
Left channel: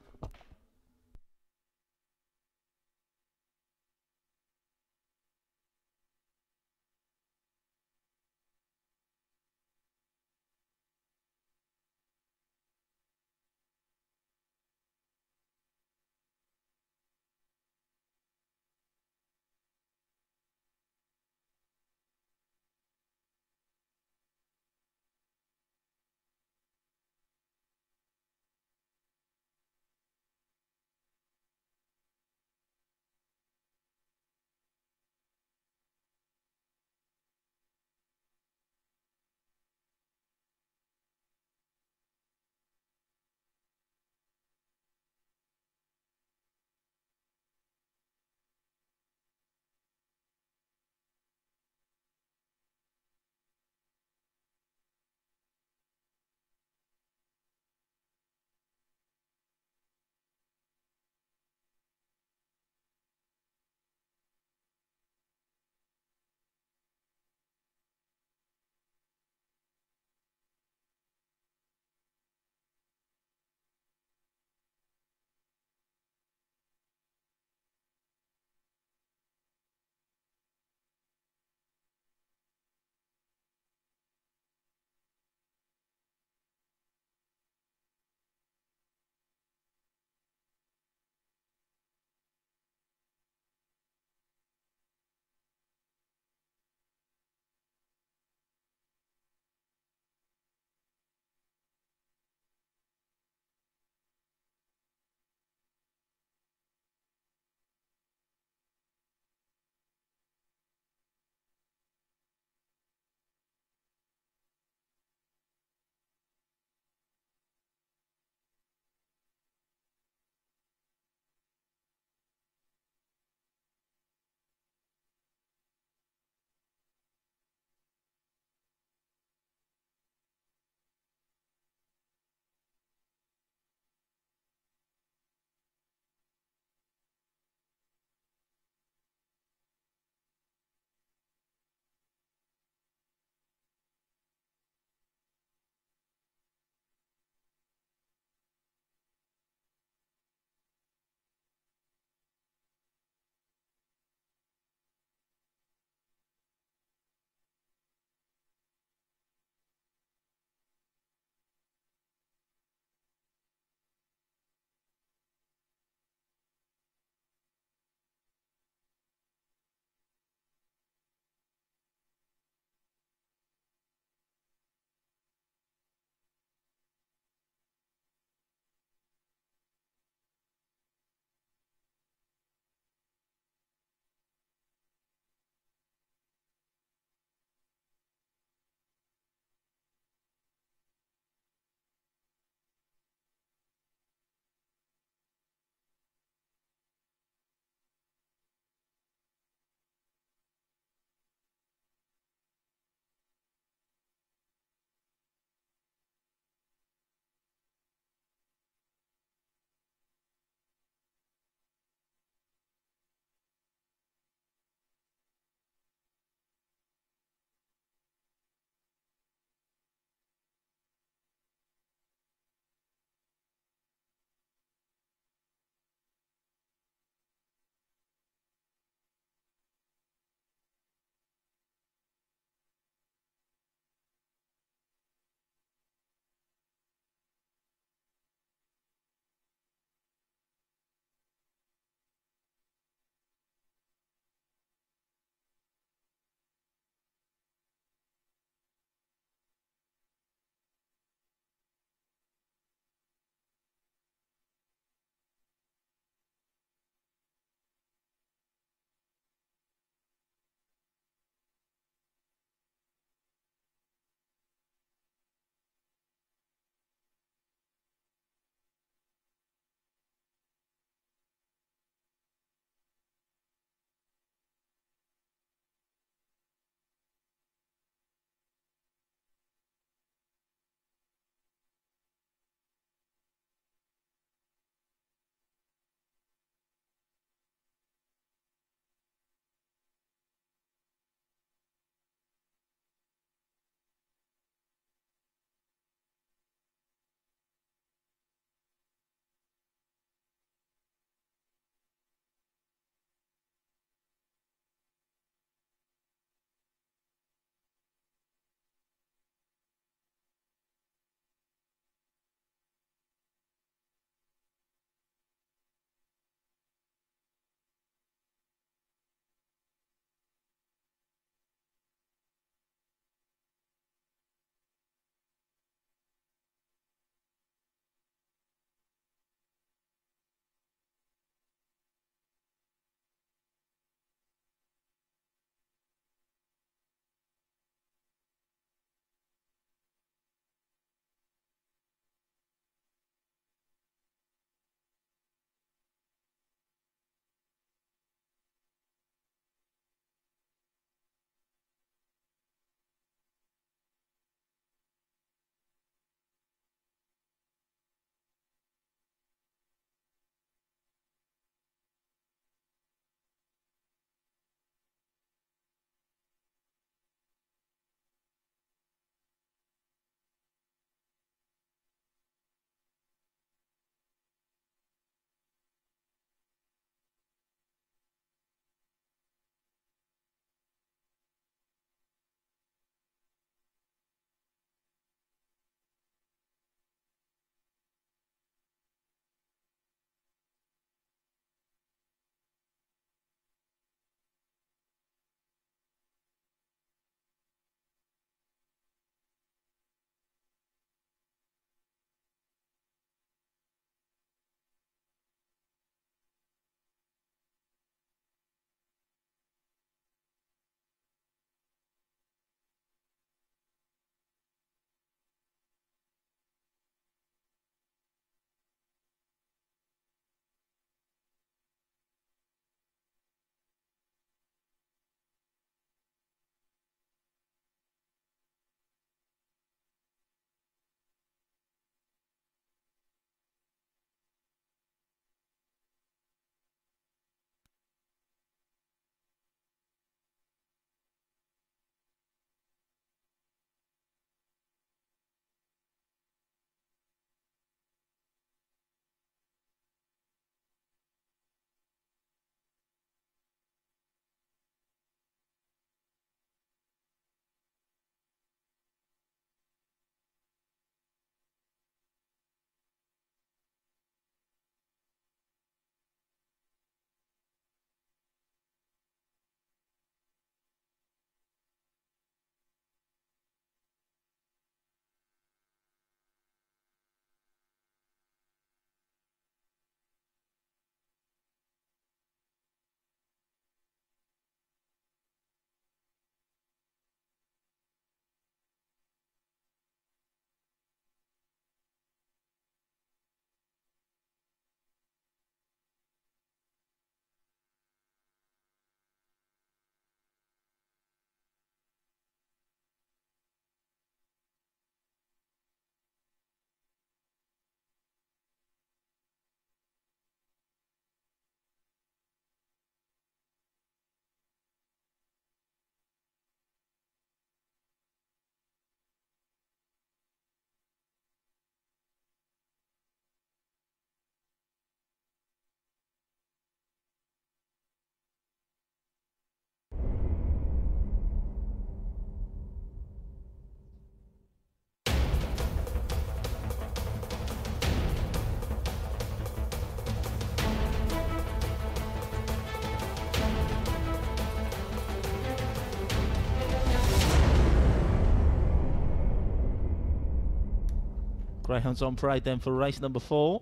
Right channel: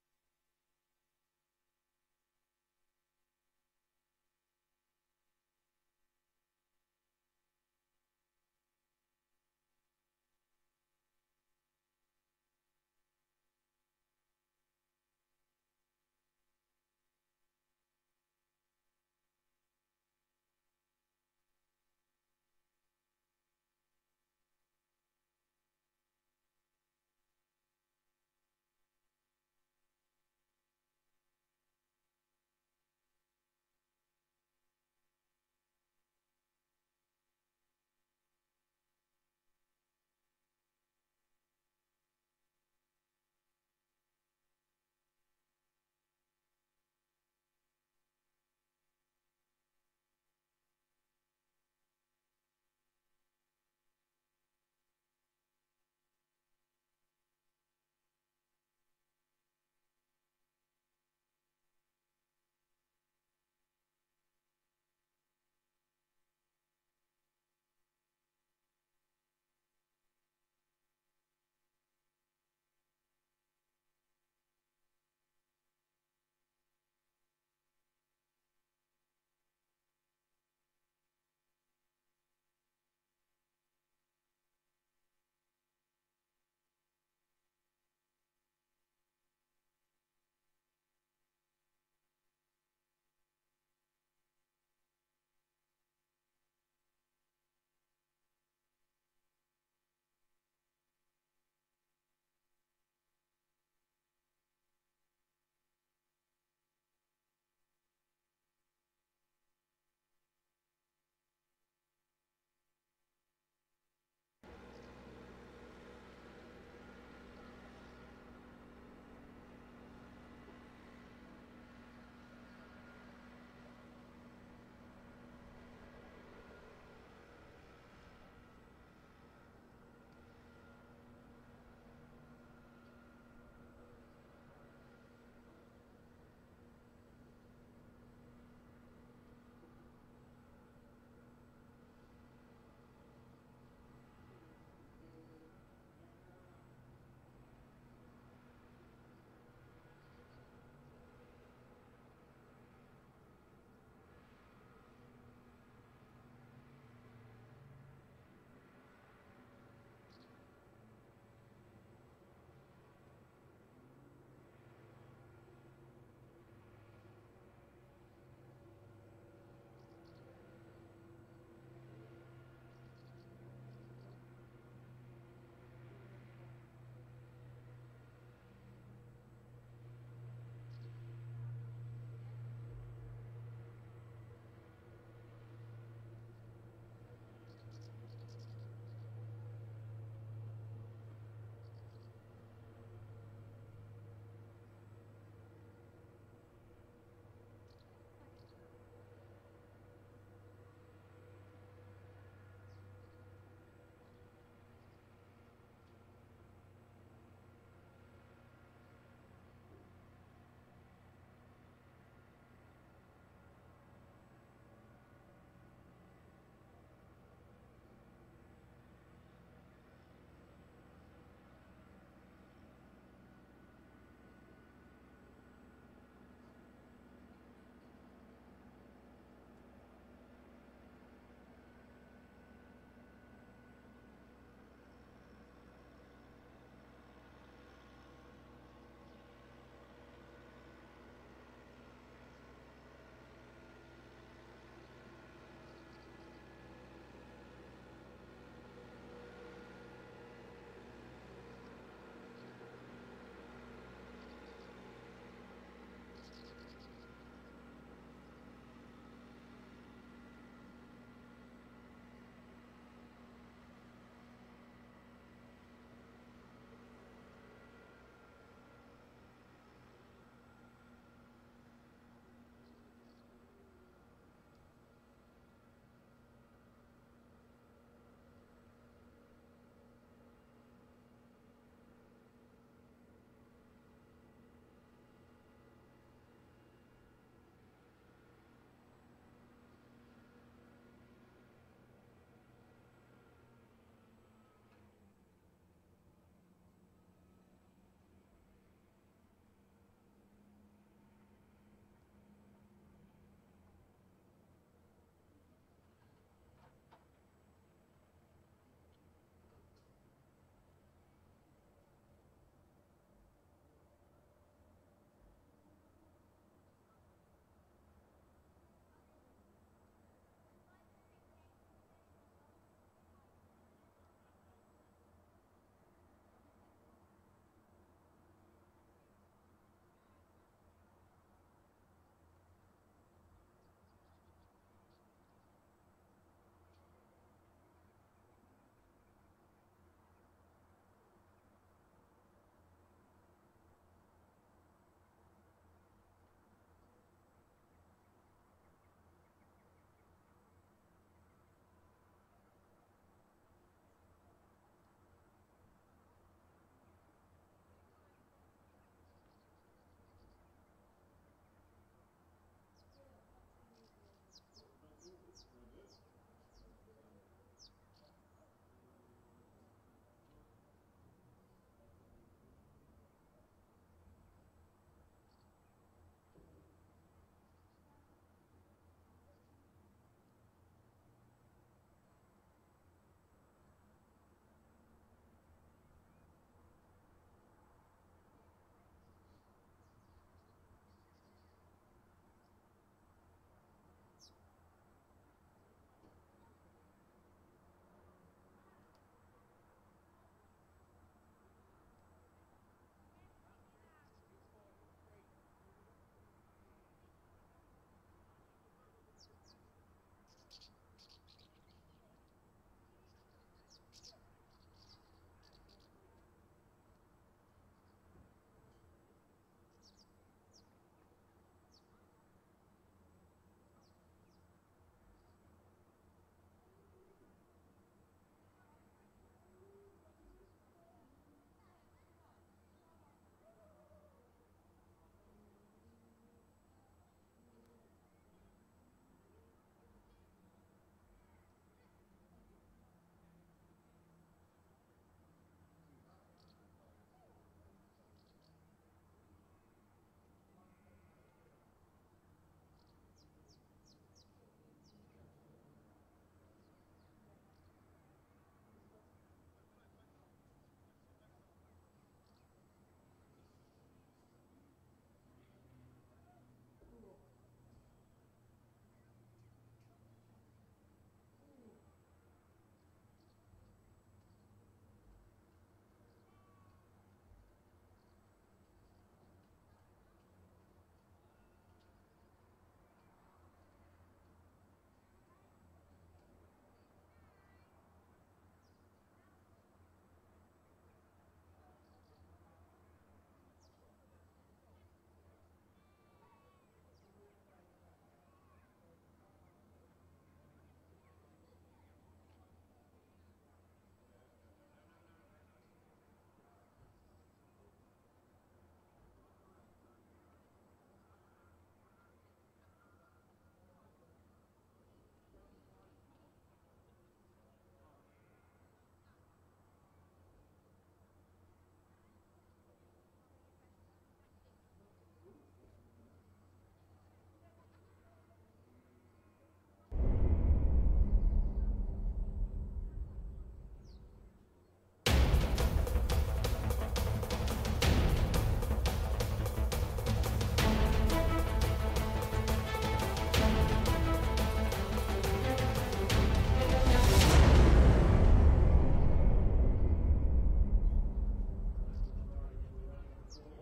Greyhounds on parade then for race number 4.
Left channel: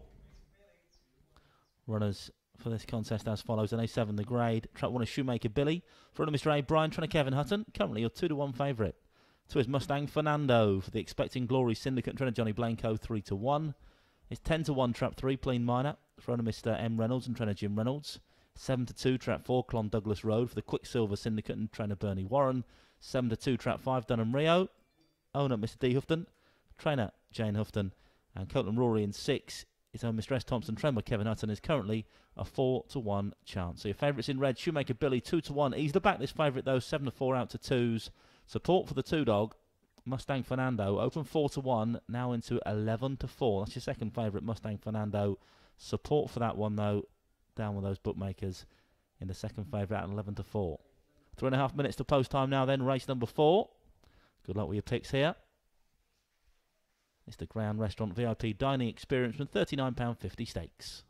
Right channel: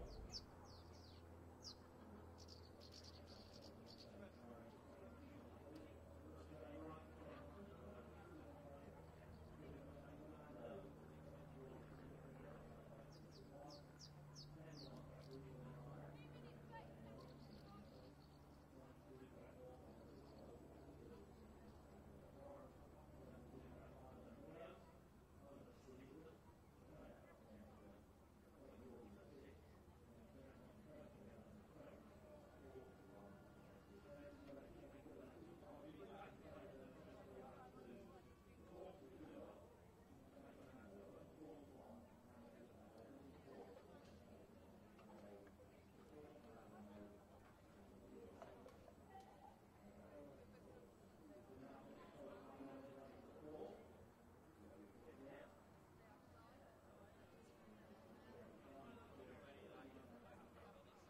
Runners for this contest as follows. An A7 the grade. Track 1 is Shoemaker Billy. For Mr. A. Brian, trainer Kevin Hutton. Currently your 2-1 favourite. 2 is Mustang Fernando. For the Expecting Glory Syndicate, trainer Johnny Blanco, 3-1. It's 10-1 trap 3 Plain Minor. For Mr. M. Reynolds and trainer Jim Reynolds. 7-2 trap 4 Clon Douglas Road for the Quicksilver Syndicate and trainer Bernie Warren. 7-2 trap 5 Dunham Rio. Owner Mr. D. Houghton. Trainer Jane Houghton. And Coatland Rory in 6 is own Mr. S. Thompson. Trainer Kevin Hutton is currently a 4-1 chance. So your favourites in red, Shoemaker Billy 2-1. Ease the back this favourite though, 7-4 out to 2s. Support for the 2-dog. Mustang Fernando open 4-1, now into 11-4. That's your second favourite, Mustang Fernando. Support for that one though, down with those bookmakers in the second favourite at 11-4. 3.5 minutes to post time now then, race number 4. Good luck with your picks here. It's the Greyhound Restaurant VIP Dining Experience from £39.50 stakes.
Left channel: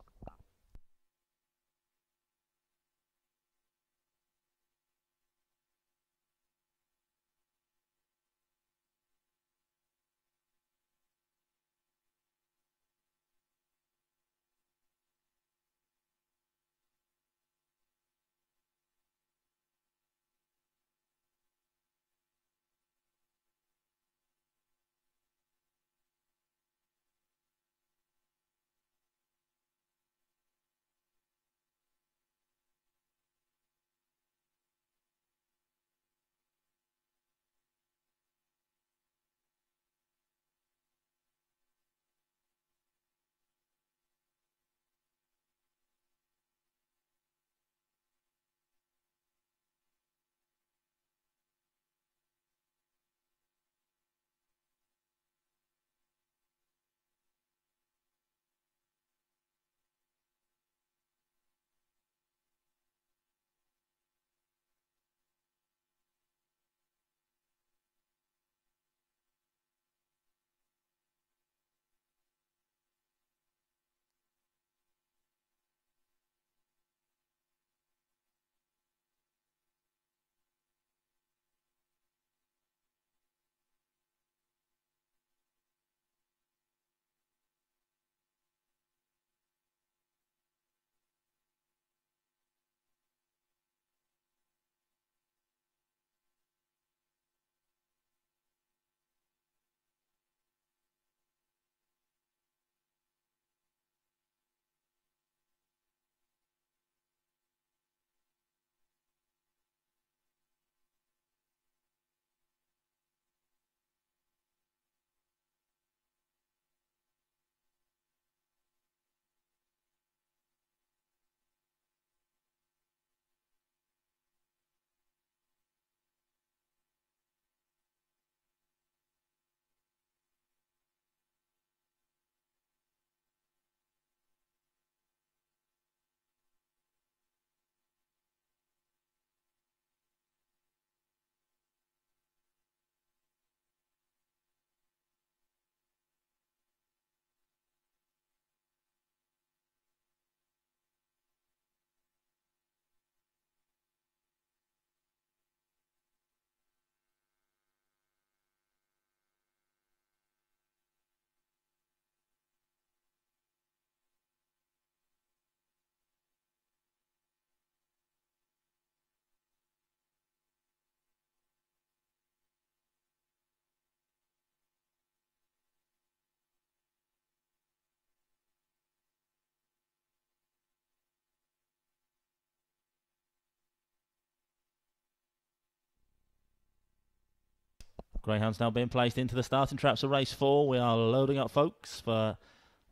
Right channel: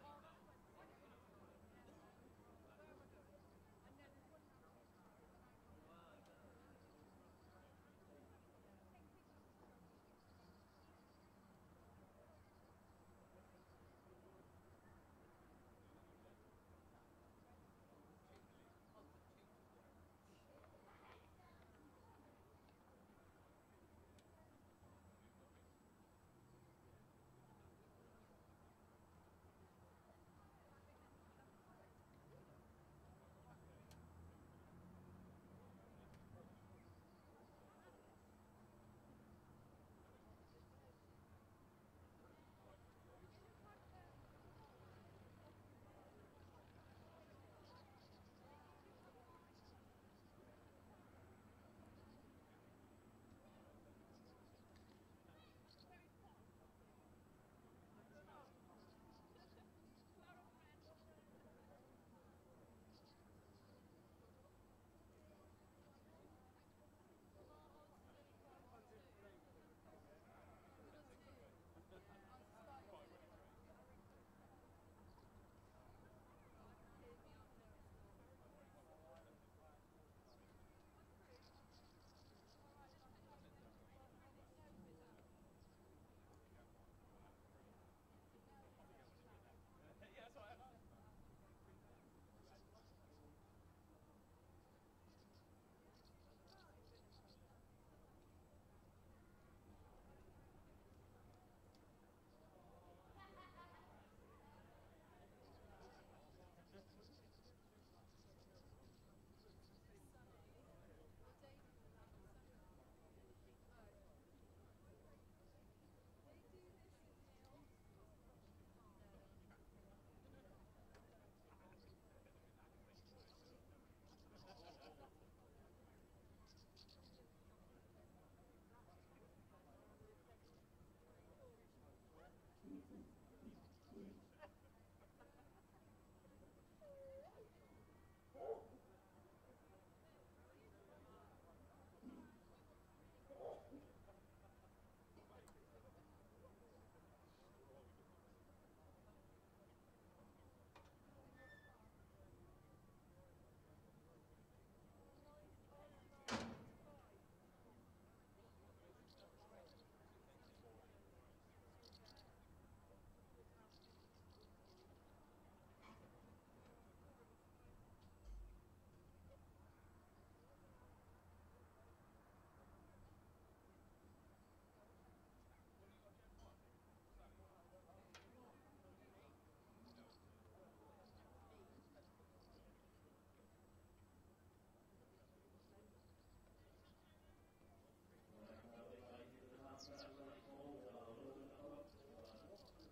Greyhounds now being placed into the starting traps of race 4. We are loading up, folks, for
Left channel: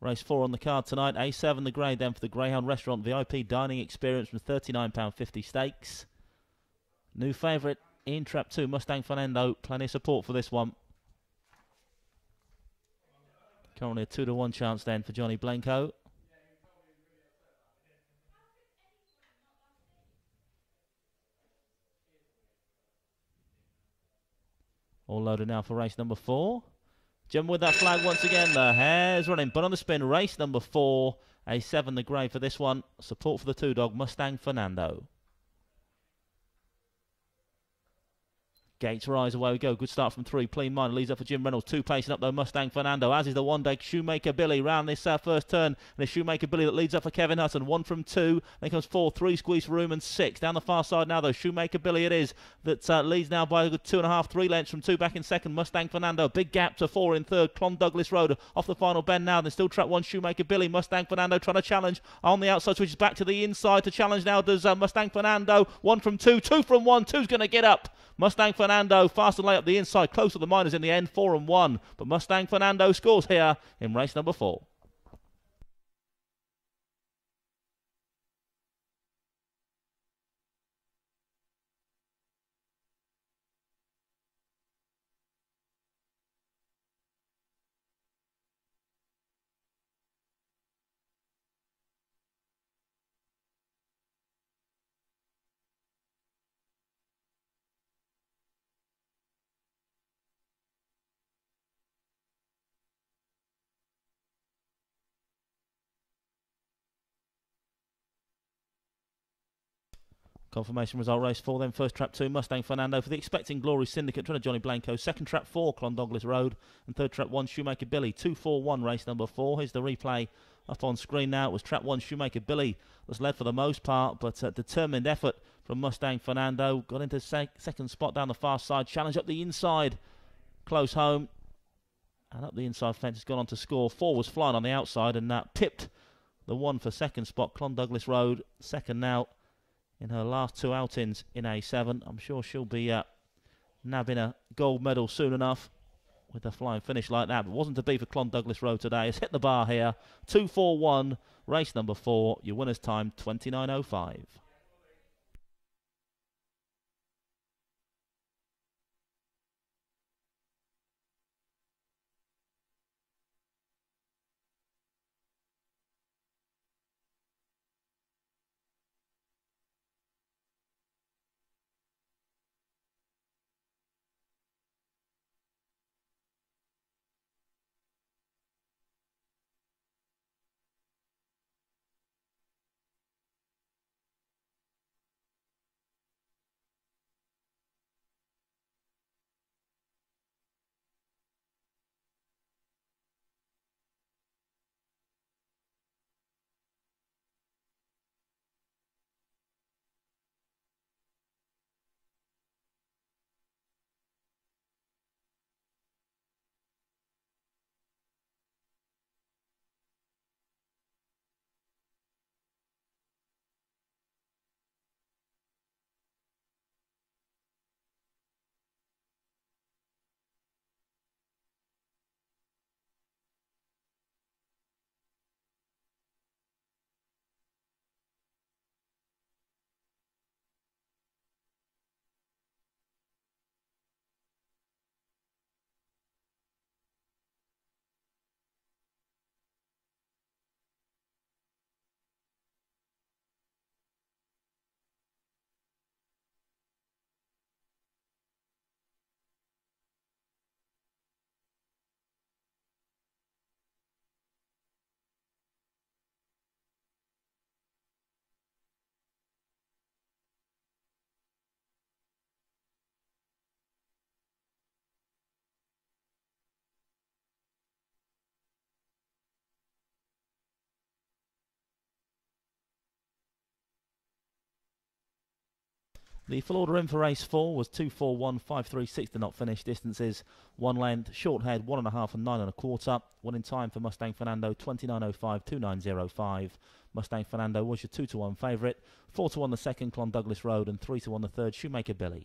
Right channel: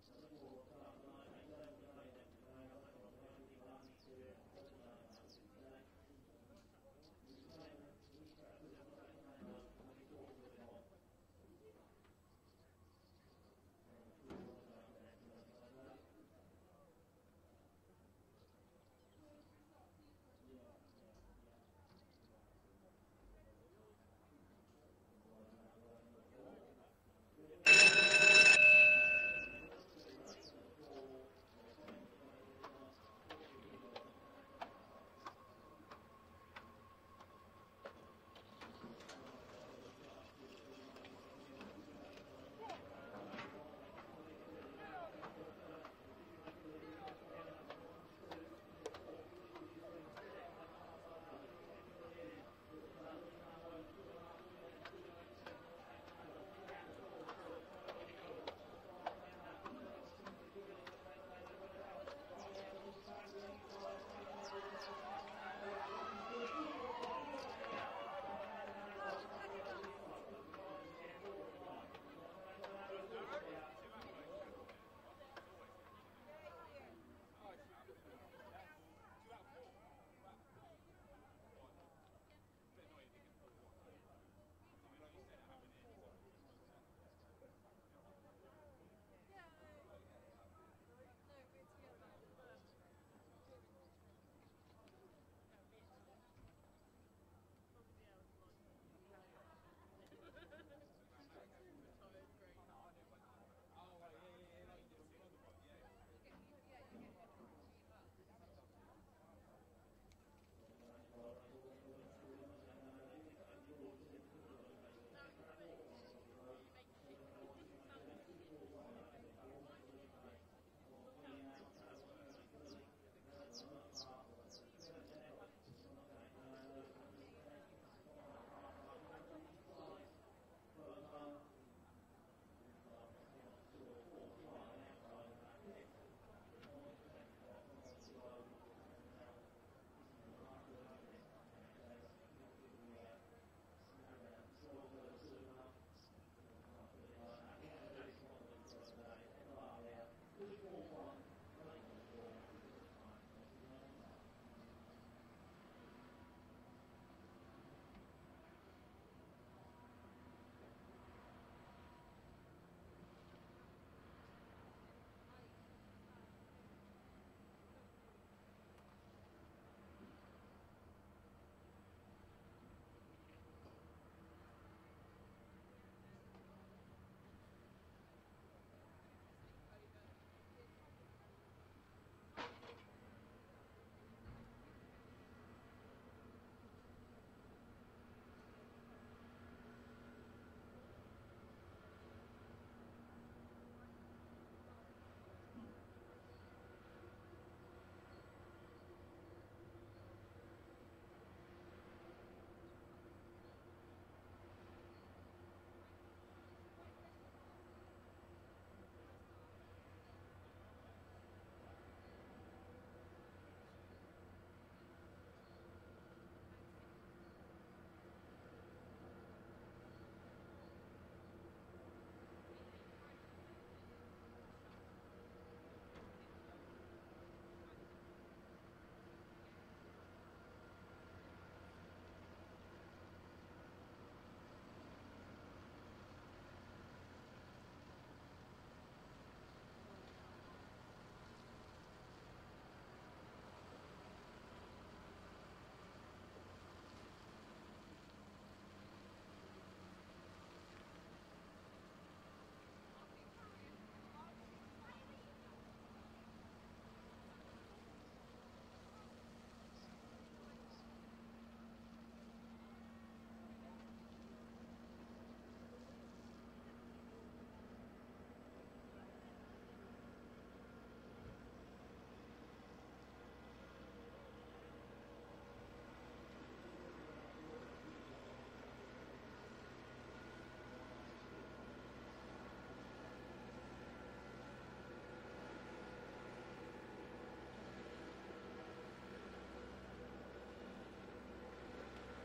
race 4 on the card tonight. A7 the grade then for the Greyhound Restaurant VIP Dining Experience from £39.50 stakes. New favourite in trap 2, Mustang Fernando. Plenty of support for this one. Currently a 2-1 chance then for Johnny Blanco. All loaded now for race number 4. Jump with that flag once again. The hare's running, but on the spin, race number 4. A7 the grey for this one. Support for the 2-dog, Mustang Fernando. Gates rise, away we go. Good start from 3. Clean Mind leads up for Jim Reynolds. 2 pacing up though, Mustang Fernando, as is the one day Shoemaker Billy round this first turn. And it's Shoemaker Billy that leads up for Kevin Hutton. 1 from 2. Then comes 4, 3 squeeze for Room and 6. Down the far side now though, Shoemaker Billy it is that leads now by a good 2.5, 3 lengths from 2 back in second. Mustang Fernando, big gap to 4 in third. Clon Douglas Road off the final bend now. Then still track 1 Shoemaker Billy. Mustang Fernando trying to challenge on the outside, switches back to the inside to challenge now. Does Mustang Fernando. 1 from 2, 2 from 1. 2's going to get up. Mustang Fernando fast and late up the inside, close to the minors in the end, 4 and 1. But Mustang Fernando scores here in race number 4. Confirmation result race 4 then. First trap 2 Mustang Fernando for the Expecting Glory Syndicate, trying to Johnny Blanco. Second trap 4 Clon Douglas Road, and third trap 1 Shoemaker Billy. 2-4-1 race number 4. Here's the replay up on screen now. It was trap 1 Shoemaker Billy was led for the most part, but determined effort from Mustang Fernando. Got into second spot down the far side, challenge up the inside, close home, and up the inside fence has gone on to score. 4 was flying on the outside and pipped the 1 for second spot. Clon Douglas Road second now in her last 2 outings in A7. I'm sure she'll be nabbing a gold medal soon enough with a flying finish like that. But wasn't to be for Clon Douglas Road today. It's hit the bar here. 2-4-1, race number 4. Your winner's time, 29.05. The full order in for race 4 was 2-4-1, 5-3-6 did not finish. Distances 1 length, short head 1.5 and 9.25. Winning time for Mustang Fernando 29.05, 29.05. Mustang Fernando was your 2-1 favourite. 4-1 the second, Clon Douglas Road, and 3-1 the third, Shoemaker Billy.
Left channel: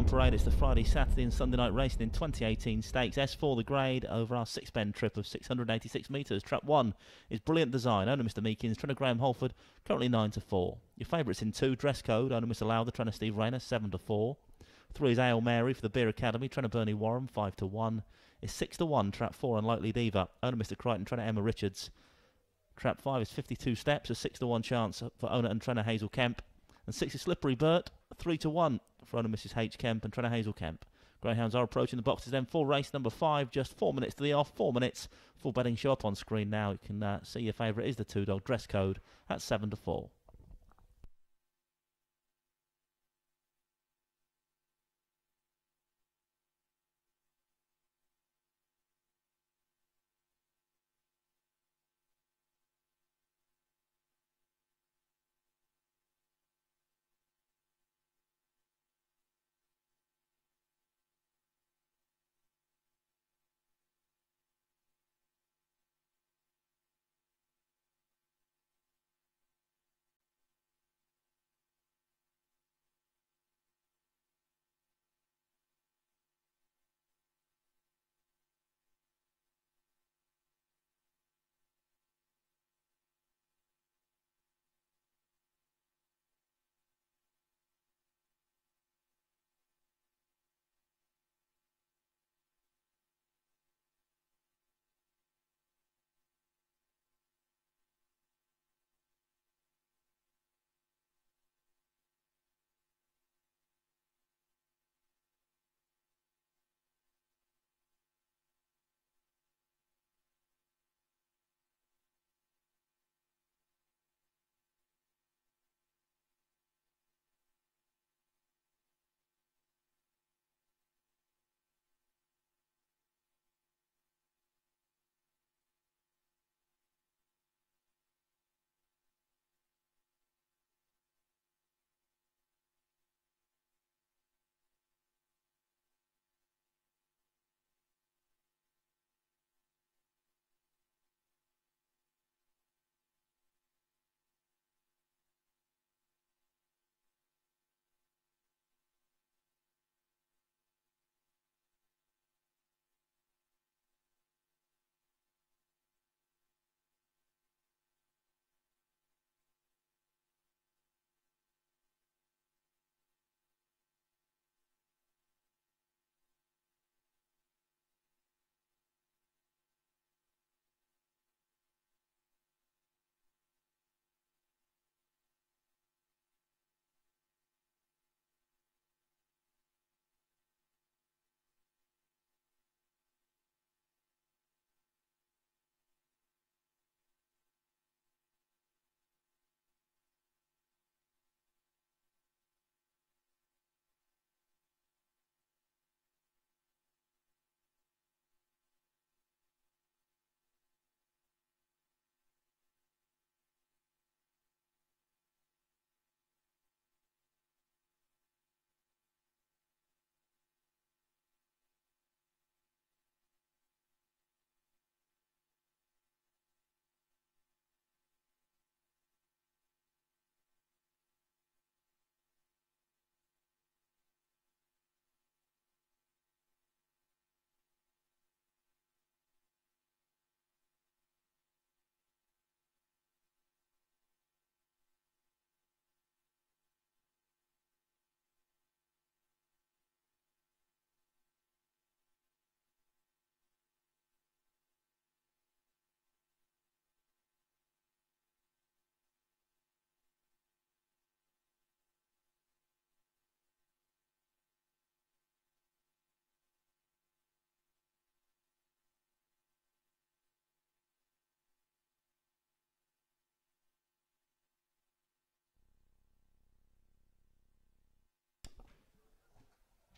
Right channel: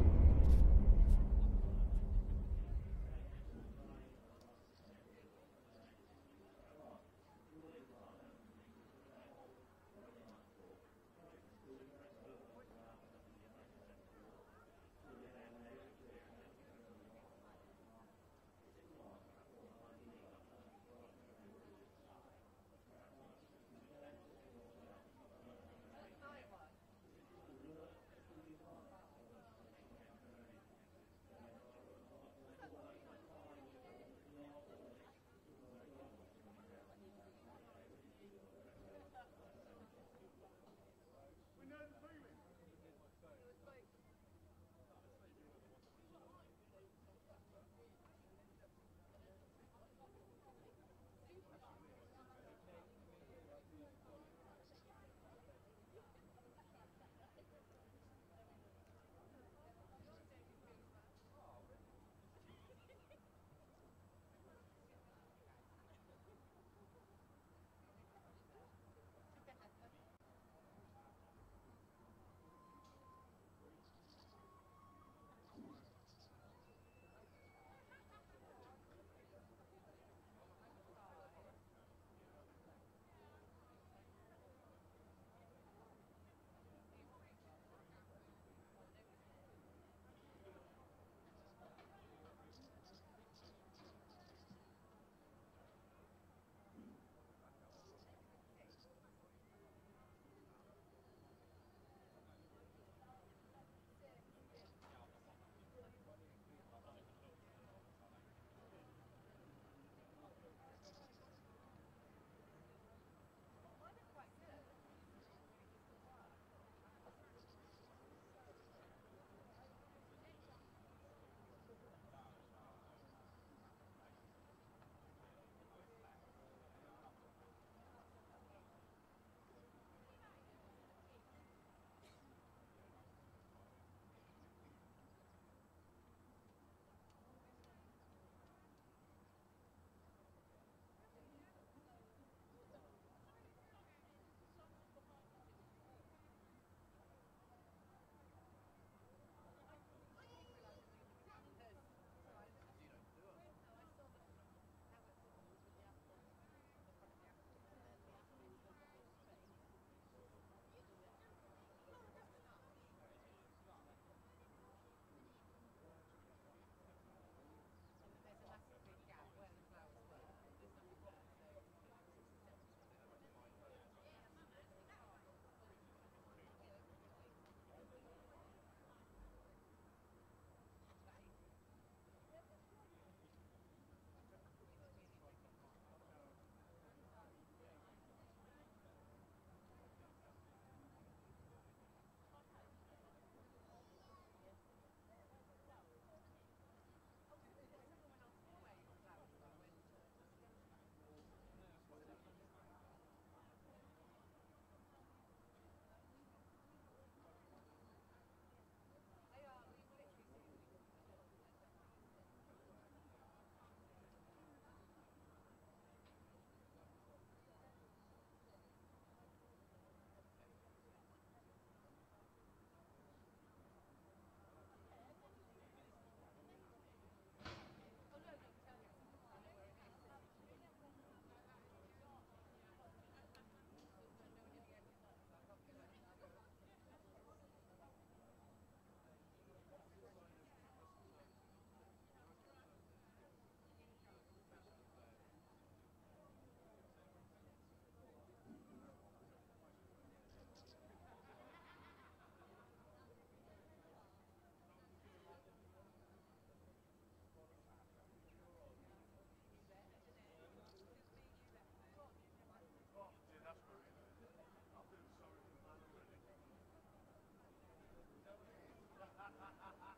on parade. It's the Friday, Saturday and Sunday night racing in 2018 stakes. S4 the grade over our 6-bend trip of 686 metres. Trap 1 is Brilliant Design, owner Mr Meekins, trainer Graham Holford, currently 9-4. Your favourites in 2, Dress Code, owner Mr Lowther, trainer Steve Rayner, 7-4. 3 is Ale Mary for the Beer Academy, trainer Bernie Warren, 5-1. Is 6-1, Trap 4 Unlikely Diva, owner Mr Crichton, trainer Emma Richards. Trap 5 is 52 steps, a 6-1 chance for owner and trainer Hazel Kemp. And 6 is Slippery Bert, 3-1 for owner Mrs H Kemp and trainer Hazel Kemp. Greyhounds are approaching the boxes then for race number 5, just 4 minutes to the off, 4 minutes. Full betting show up on screen now. You can see your favourite is the 2-dog Dress Code at 7-4.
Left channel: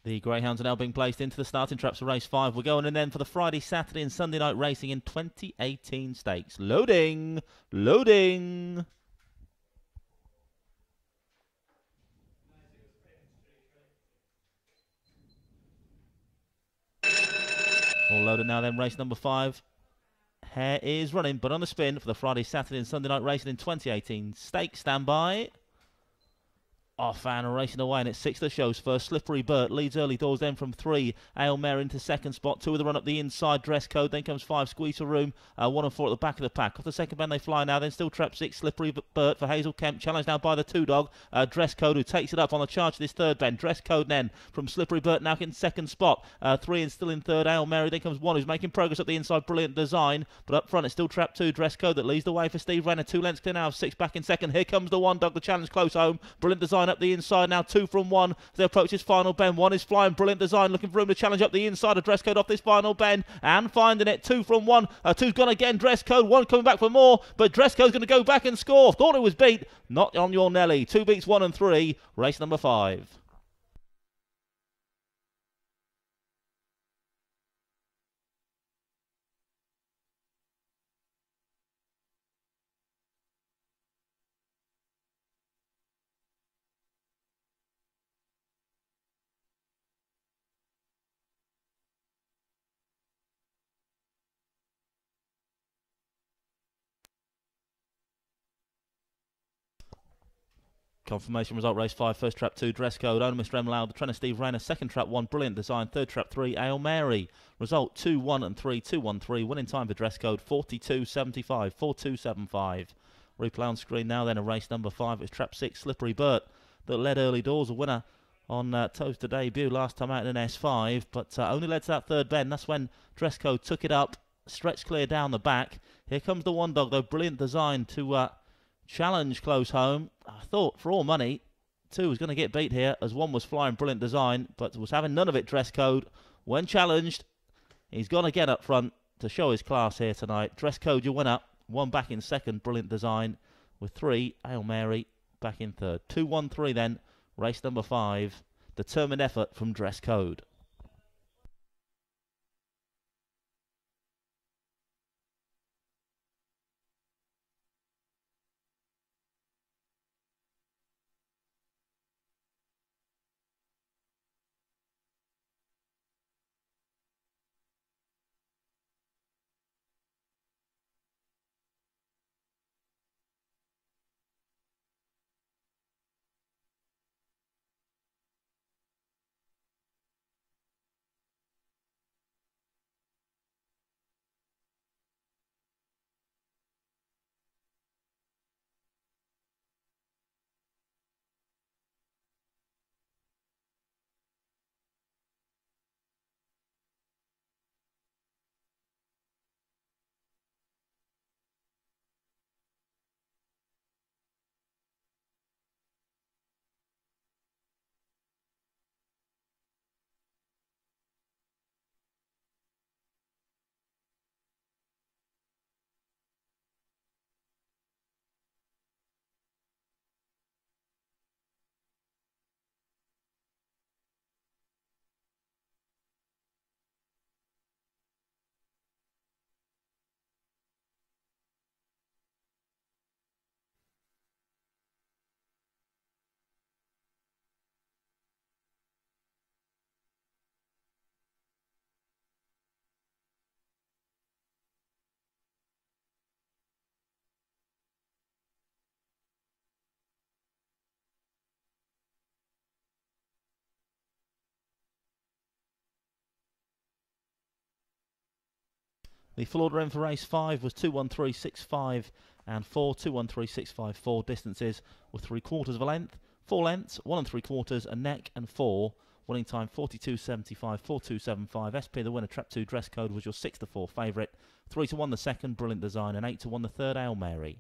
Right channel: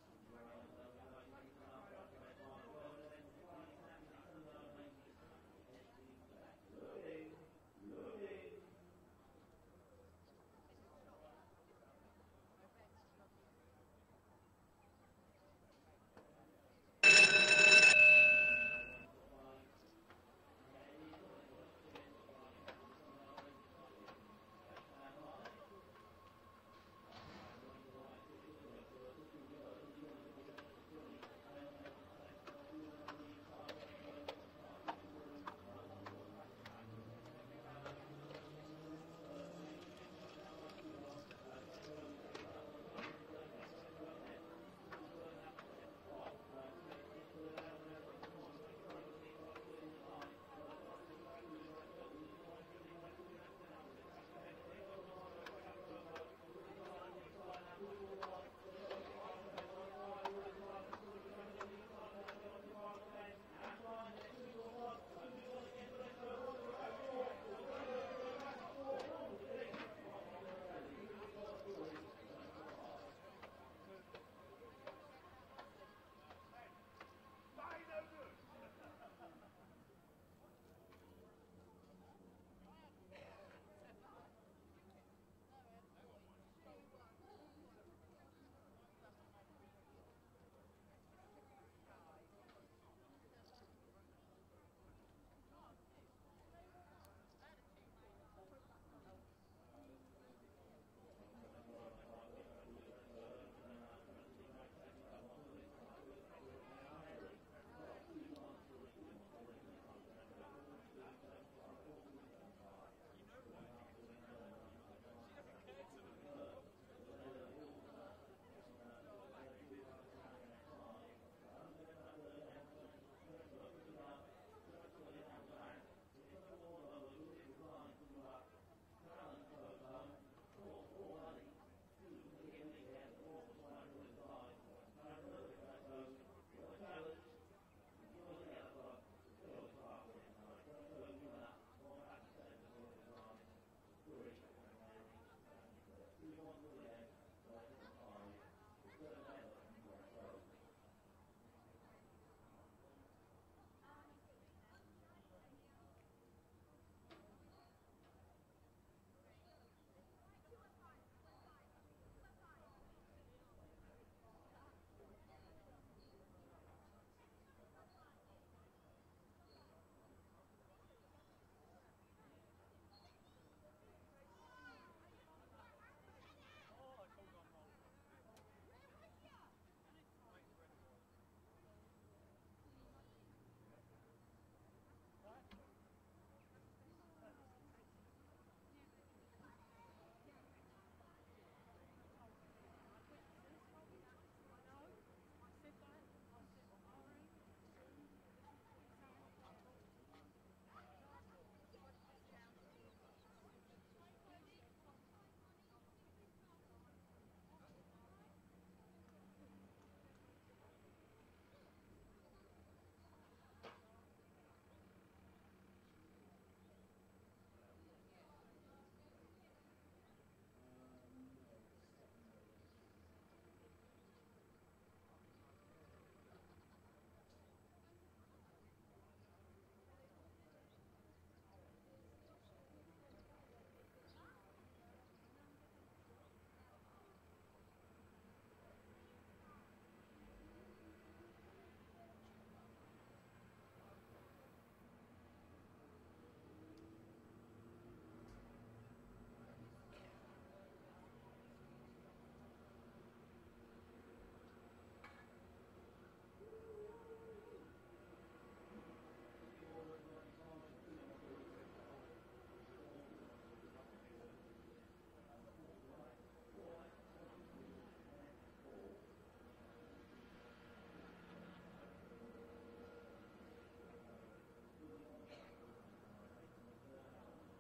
The Greyhounds are now being placed into the starting traps for race 5. We're going in then for the Friday, Saturday and Sunday night racing in 2018 stakes. Loading! Loading! All loaded now then, race number 5. Hare is running, but on the spin for the Friday, Saturday and Sunday night racing in 2018 stakes. Stand by. off and racing away, and it's 6 that shows first. Slippery Bert leads early doors, then from 3 Ale Mare into second spot. 2 with the run up the inside, Dress Code, then comes 5 Squeeze for Room, 1 and 4 at the back of the pack. Off the second bend they fly now, then still trap 6 Slippery Bert for Hazel Kemp, challenged now by the 2 dog Dress Code, who takes it up on the charge of this third bend. Dress Code then from Slippery Bert now in second spot, 3 and still in third Ale Mary, then comes 1 who's making progress up the inside, Brilliant Design, but up front it's still trap 2 Dress Code that leads the way for Steve Renner. 2 lengths clear now of 6 back in second. Here comes the 1 dog, the challenge close home, Brilliant Design up the inside now, 2 from 1 as they approach this final bend. 1 is flying, Brilliant Design looking for room to challenge up the inside of Dress Code off this final bend and finding it. 2 from 1, 2's gone again, Dress Code, 1 coming back for more, but Dress Code's going to go back and score. Thought it was beat, not on your Nelly. 2 beats 1 and 3, race number 5. Confirmation result, race 5, first trap 2, Dress Code, owner Mr. M. Loud, the trainer Steve Rayner, second trap 1, Brilliant Design, third trap 3, Ale Mary. Result 2, 1 and 3, 2, 1, 3, winning time for Dress Code 42.75, 42.75. Replay on screen now then, a race number 5, it's trap 6, Slippery Bert, that led early doors, a winner on Towcester debut last time out in an S5, but only led to that third bend. That's when Dress Code took it up, stretched clear down the back. Here comes the 1 dog though, Brilliant Design to challenge close home. I thought for all money 2 was going to get beat here as 1 was flying, Brilliant Design, but was having none of it, Dress Code. When challenged, he's going to get up front to show his class here tonight. Dress Code your winner, 1 back in second, Brilliant Design, with 3 Ale Mary back in third. 2-1-3 then, race number 5. Determined effort from Dress Code. The full order in for race 5 was 2-1-3-6-5 and 4, 2-1-3-6-5, 4 distances with 3/4 of a length, 4 lengths, 1 3/4, a neck and 4. Winning time 42.75, 42.75. SP the winner, trap 2 Dress Code was your 6-4 favourite. 3-1 the second, Brilliant Design, and 8-1 the third, Ale Mary.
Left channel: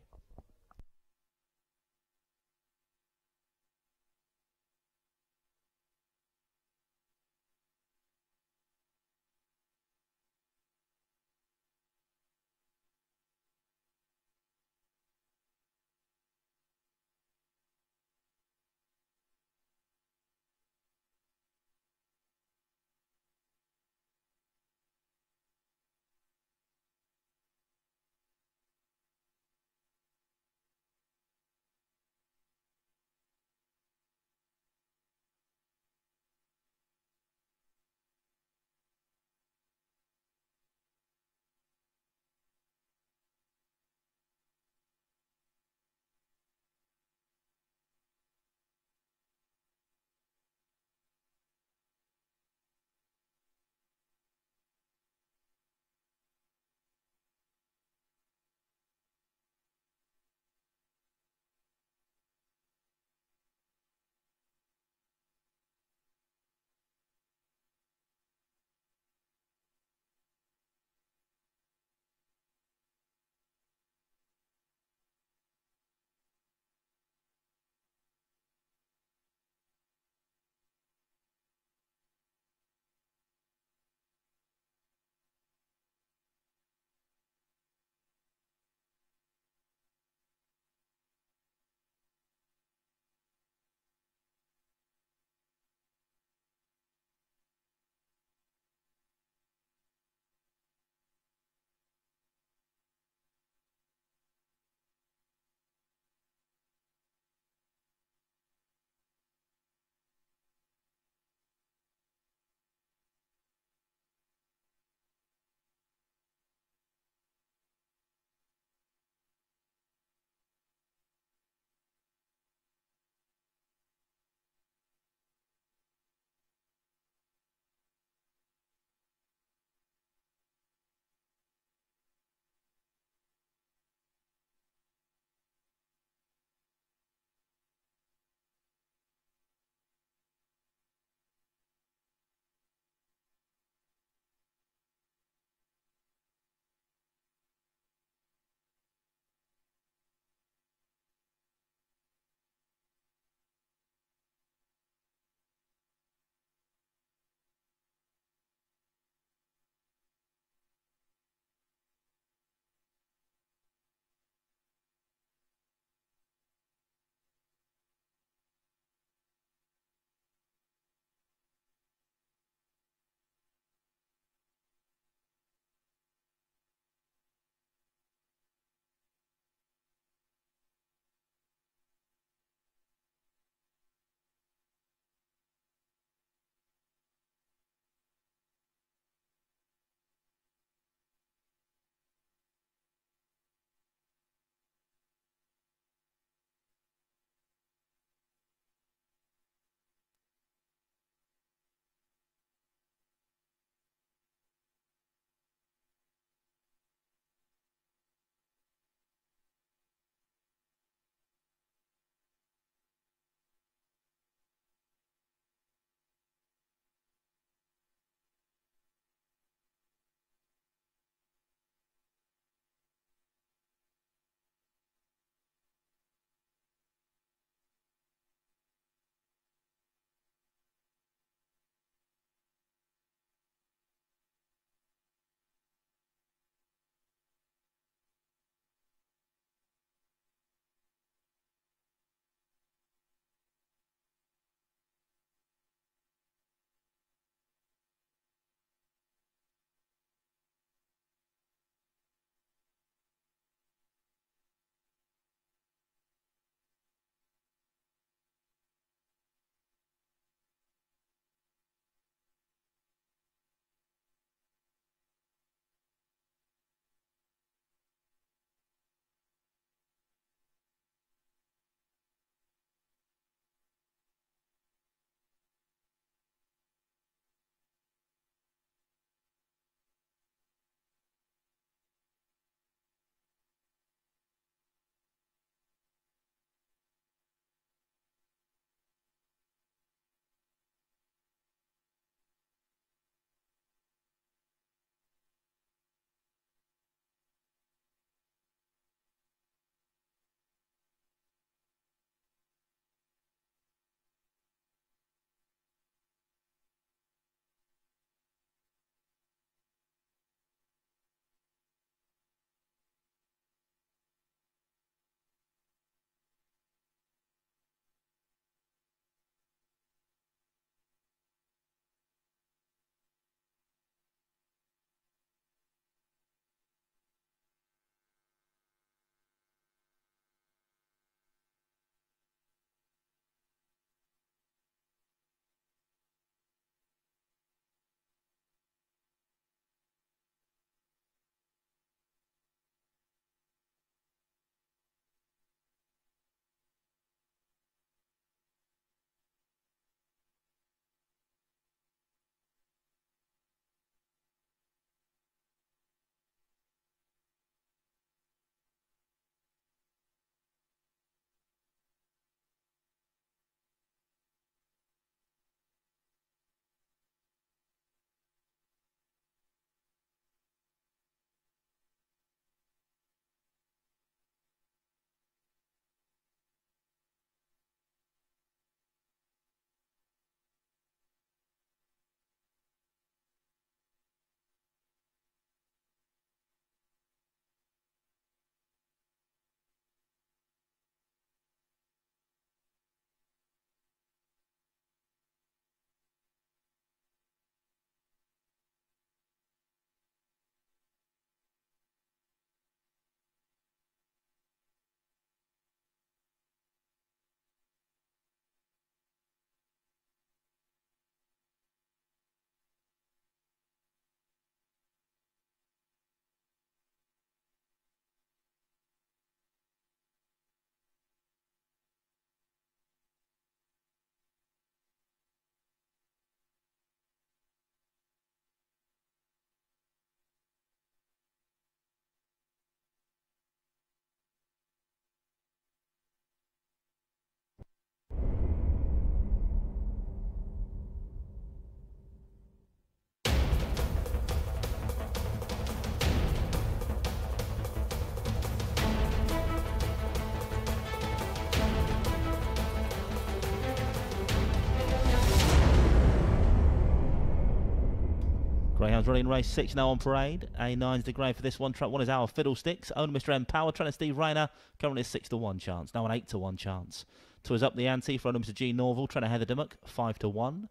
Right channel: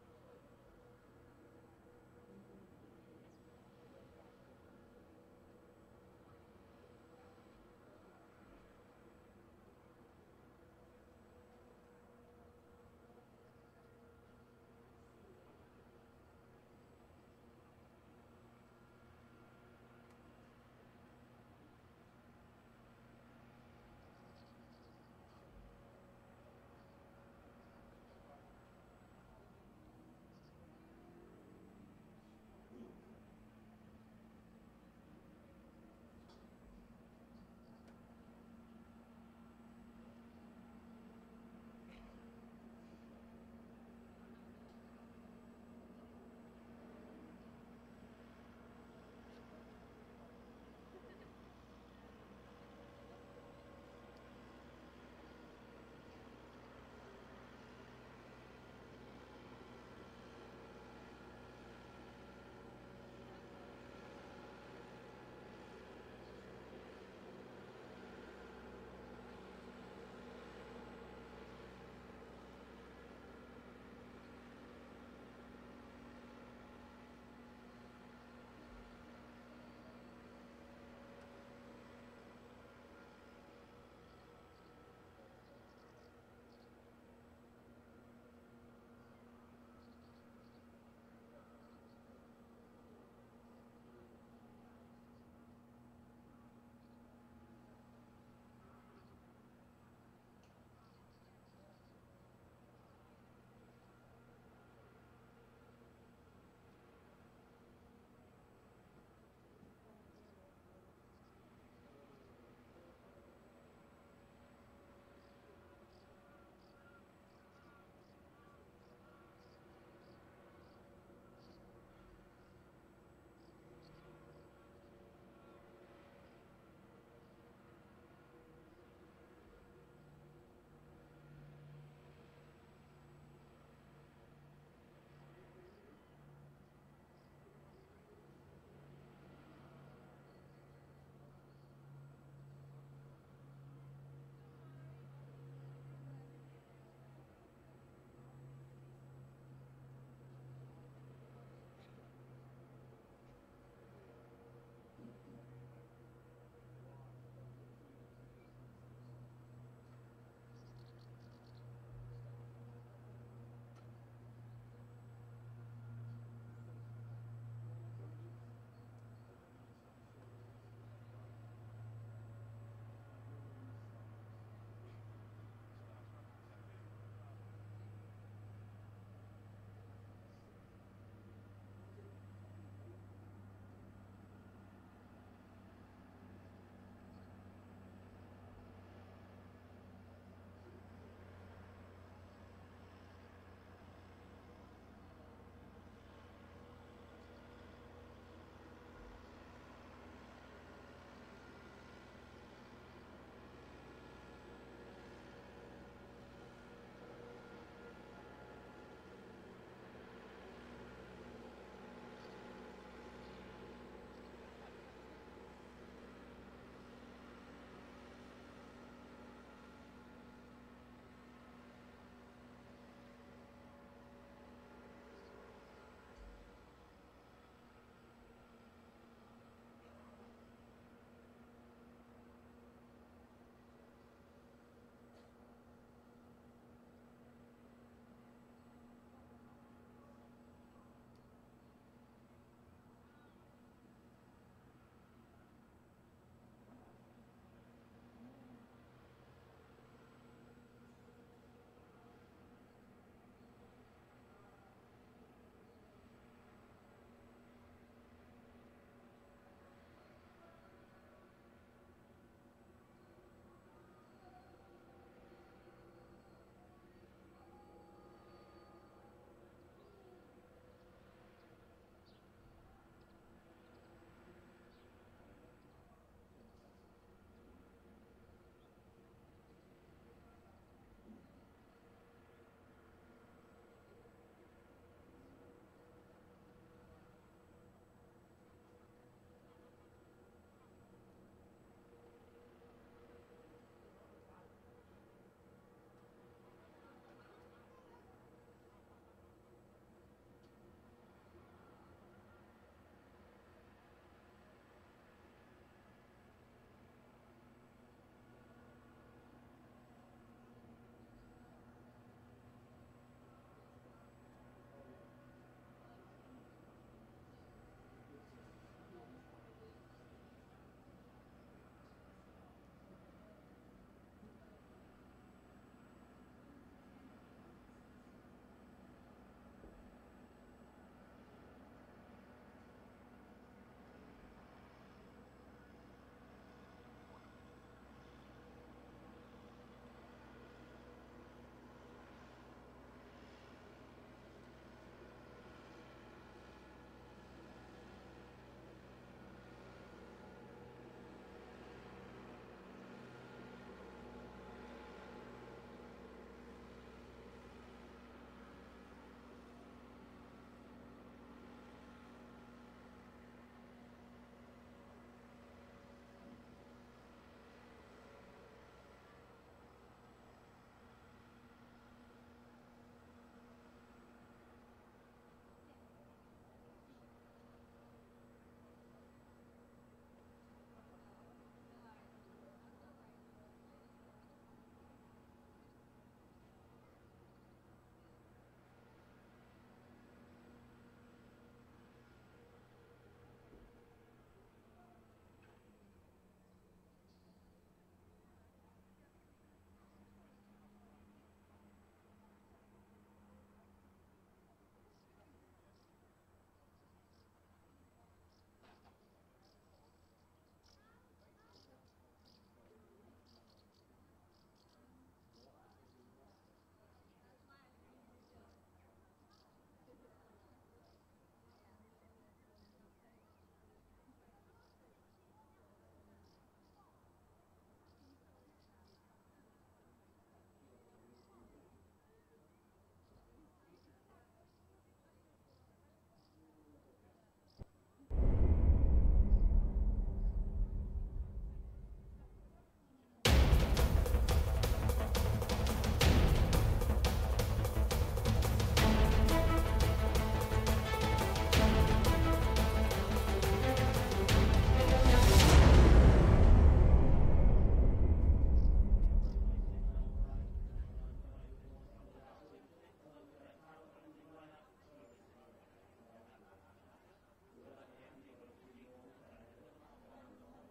race 6 now on parade. A9's the grade for this one. Track 1 is Our Fiddlesticks. Owner Mr. M Power. Trainer Steve Rayner. Currently a 6 to 1 chance. Now an 8 to 1 chance. 2 is Up the Ante for owner Mr. G Norval. Trainer Heather Dimmock. 5 to 1.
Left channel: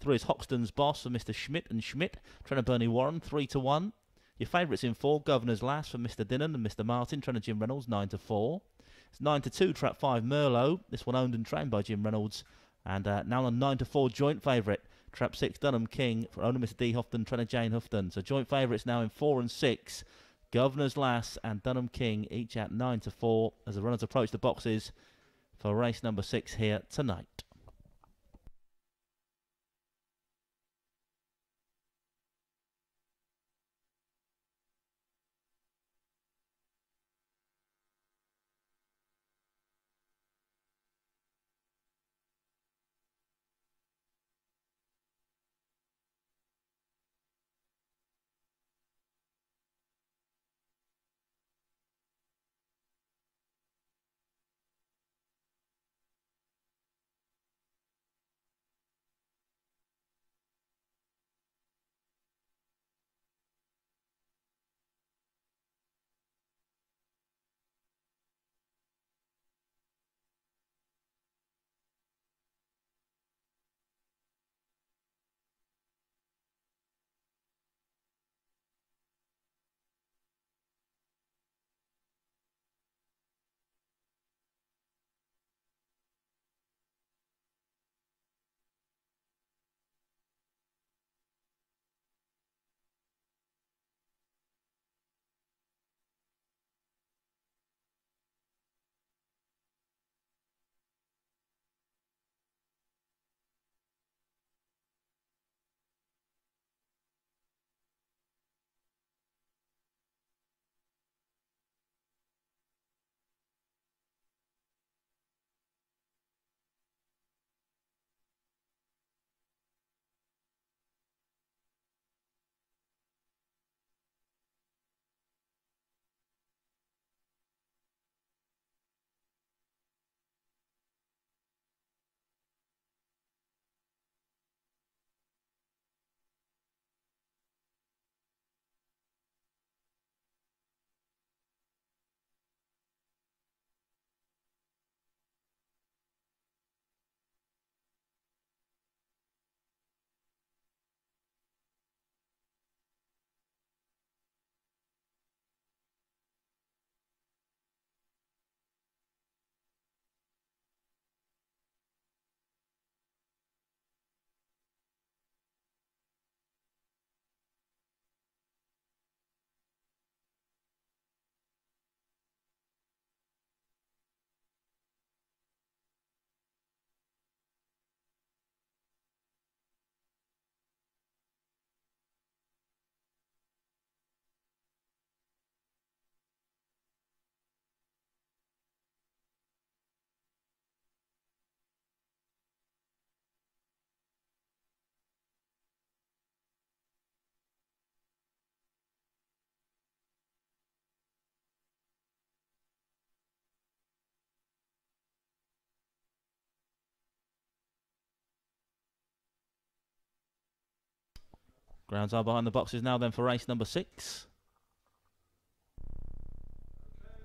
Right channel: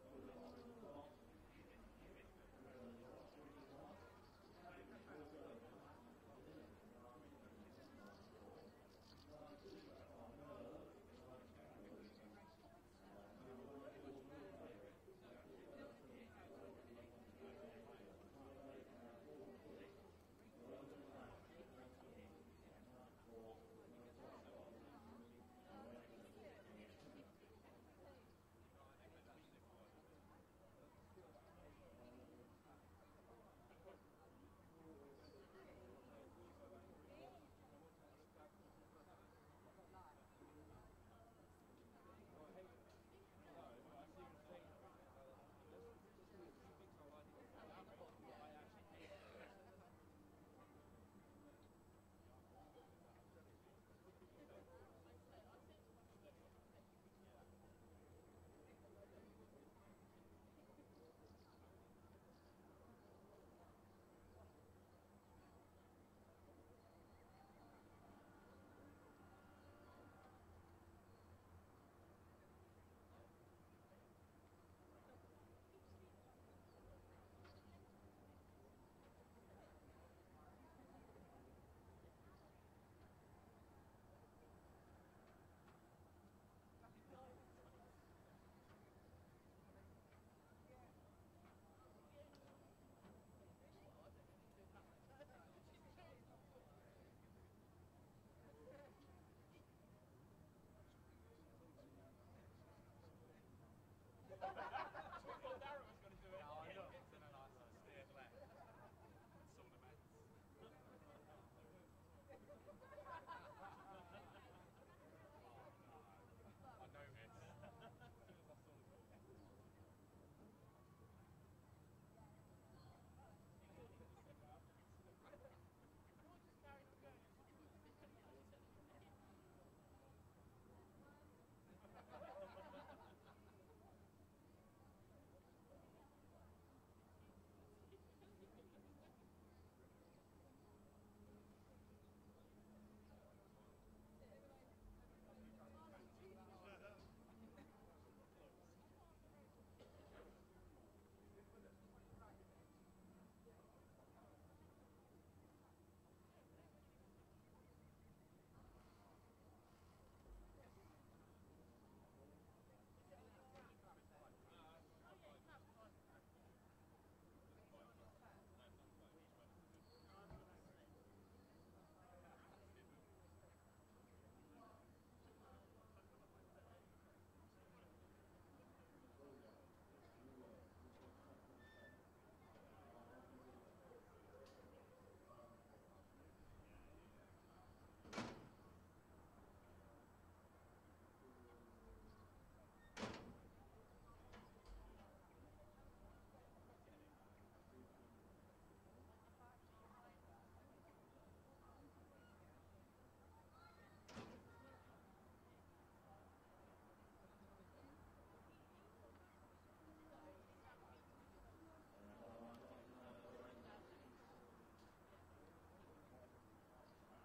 3 is Hoxton's Boss for Mr. Schmidt and Schmidt. Trainer Bernie Warren. 3 to 1. Your favourites in 4. Governor's Lass for Mr. Dinnan and Mr. Martin. Trainer Jim Reynolds. 9 to 4. It's 9 to 2. Track 5 Merlot. This one owned and trained by Jim Reynolds. And now on 9 to 4 joint favourite. Trap 6, Dunham King, for owner Mr. D. Houghton, trainer Jane Houghton. So joint favourites now in 4 and 6. Governor's Lass and Dunham King, each at 9 to 4, as the runners approach the boxes for race number 6 here tonight. Grounds are behind the boxes now then for race number 6.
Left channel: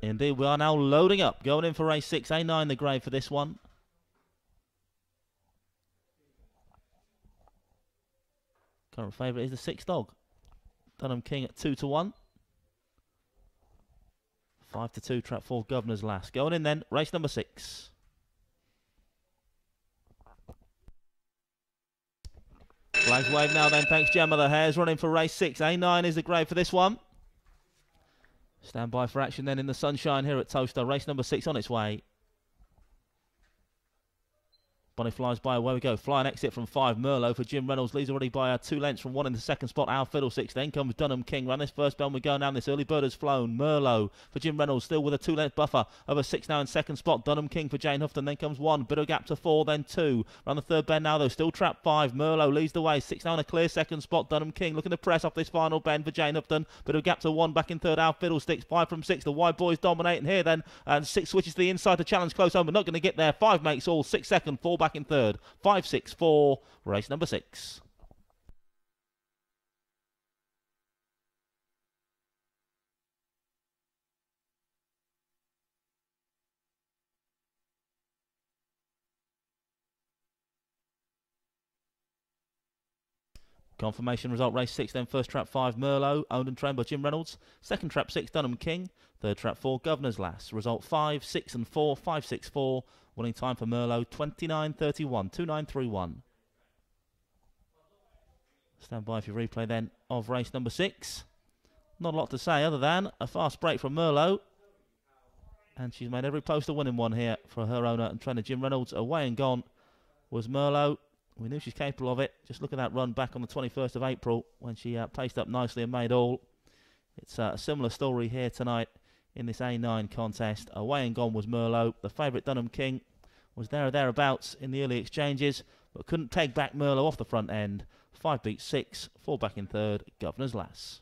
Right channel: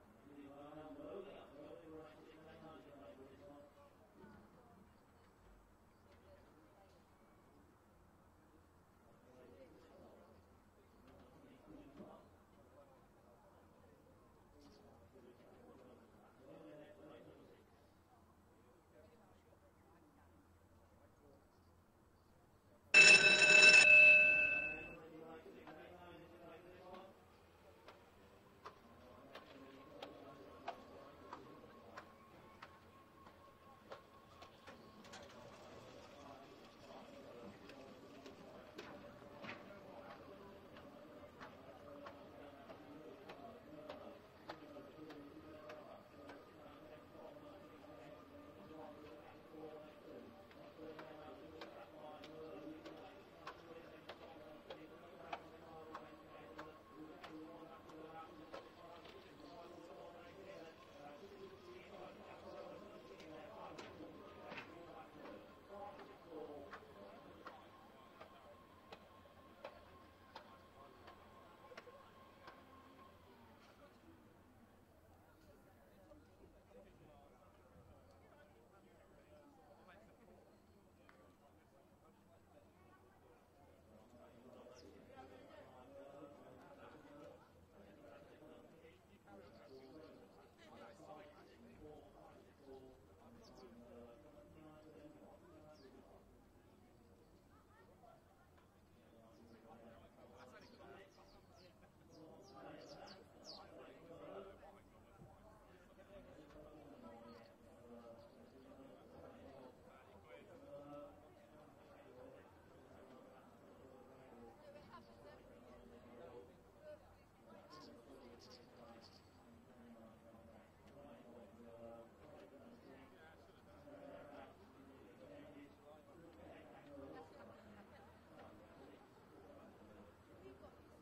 Indeed, we are now loading up, going in for race 6. A9 the grade for this one. Current favourite is the 6 dog. Dunham King at 2 to 1. 5 to 2, trap 4, Governor's Lass. Going in then, race number 6. Flags wave now then, thanks Gemma. The Hares running for race 6. A9 is the grade for this one. Stand by for action then in the sunshine here at Towcester. Race number 6 on its way. Bonnie flies by, away we go. Flying exit from 5, Merlot for Jim Reynolds. Leads already by 2 lengths from 1 in the second spot. Our Fiddlesticks. Then comes Dunham King. Run this first bell, we go now. This early bird has flown. Merlot for Jim Reynolds, still with a 2-length buffer. Over 6 now in second spot. Dunham King for Jane Houghton. Then comes 1. Bit of gap to 4, then 2. Around the third bend now though. Still trapped 5. Merlot leads the way. 6 now in a clear second spot. Dunham King looking to press off this final bend for Jane Houghton. Bit of gap to 1 back in third. Our Fiddlesticks. 5 from 6. The wide boys dominating here then. And 6 switches to the inside to challenge close home, but not going to get there. 5 makes all. 6 second. 4 back in third. 5, 6, 4, race number 6. Confirmation result, race 6 then. First trap 5, Merlot, owned and trained by Jim Reynolds. Second trap 6, Dunham King. Third trap 4, Governor's Lass. Result 5, 6 and 4, 5, 6, 4. Winning time for Merlot, 29.31, 29.31. Stand by for your replay then of race number 6. Not a lot to say other than a fast break from Merlot. And she's made every post a winning one here for her owner and trainer Jim Reynolds. Away and gone was Merlot. We knew she's capable of it. Just look at that run back on the 21st of April when she paced up nicely and made all. It's a similar story here tonight in this A9 contest. Away and gone was Merlot. The favourite Dunham King was there or thereabouts in the early exchanges, but couldn't peg back Merlot off the front end. 5 beat 6, 4 back in third, Governor's Lass.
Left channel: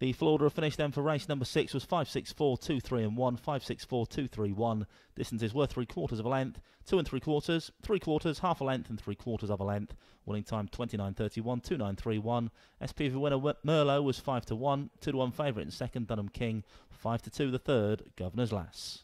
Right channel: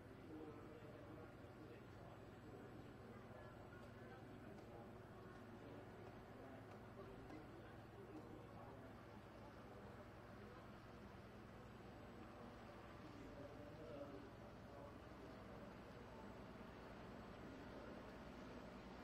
The full order of finish then for race number 6 was 5, 6, 4, 2, 3 and 1, 5, 6, 4, 2, 3, 1. Distances were 3/4 of a length, 2 3/4, 3/4, half a length and 3/4 of a length. Winning time 29.31, 29.31. SPV winner Merlot was 5 to 1, 2 to 1 favourite in second, Dunham King, 5 to 2 the third, Governor's Lass.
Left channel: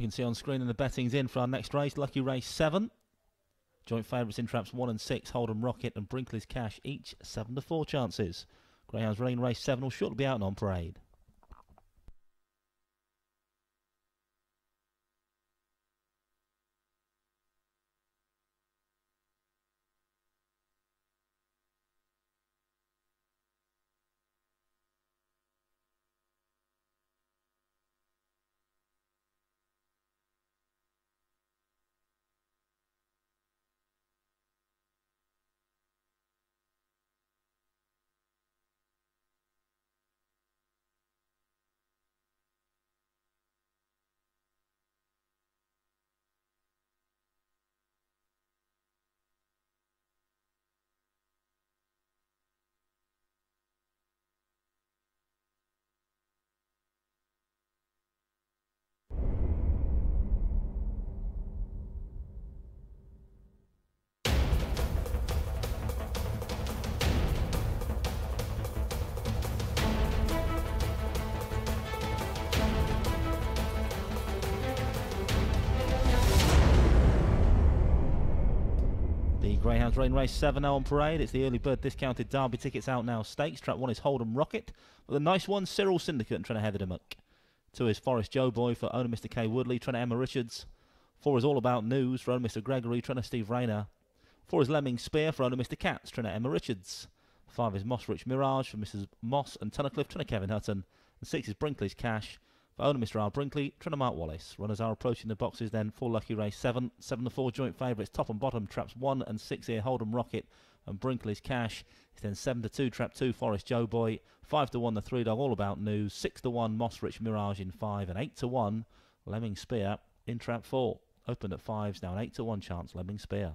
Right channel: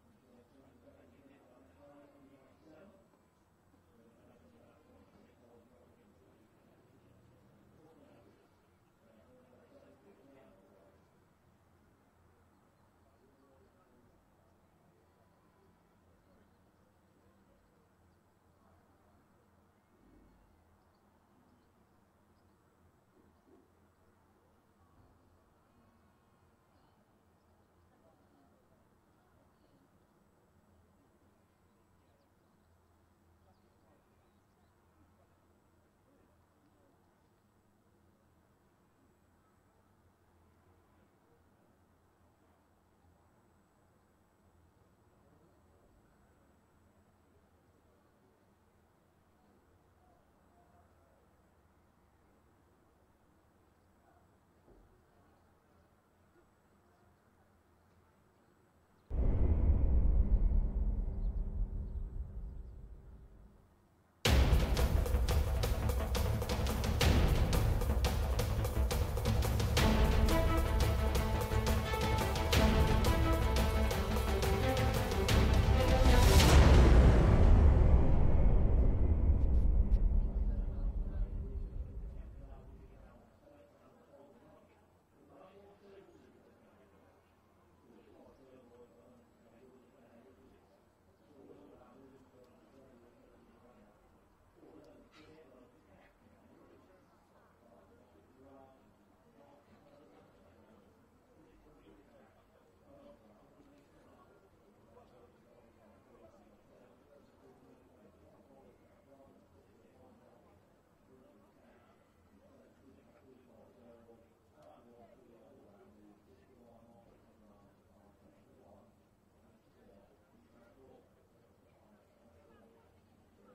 You can see on screen, and the betting's in for our next race. Lucky race 7. Joint favourites in traps 1 and 6. Hold'em Rocket and Brinkley's Cash, each 7-4 chances. Greyhounds running race 7 will shortly be out on parade. Rain race 7 now on parade. It's the early bird discounted Derby tickets out now. Stakes. Trap 1 is Hold'em Rocket. With a nice one, Cyril Syndicate trying to heather him up. 2 is Forest Joe Boy for owner Mr. K Woodley, trying to Emma Richards. 4 is All About News for owner Mr. Gregory, trying to Steve Rayner. 4 is Lemming Spear for owner Mr. Katz, trying to Emma Richards. 5 is Moss Rich Mirage for Mrs. Moss and Tunnicliffe, trying to Kevin Hutton. And 6 is Brinkley's Cash for owner Mr. R. Brinkley, trying to Mark Wallace. Runners are approaching the boxes then for Lucky Race 7. 7-4 joint favourites, top and bottom, traps 1 and 6 here, Hold'em Rocket and Brinkley's Cash. It's then 7-2, trap 2, Forest Joe Boy. 5-1, the 3 Dog, All About News. 6-1, Moss Rich Mirage in 5. And 8-1, Lemming Spear in trap 4. Opened at 5s, now an 8-1 chance, Lemming Spear.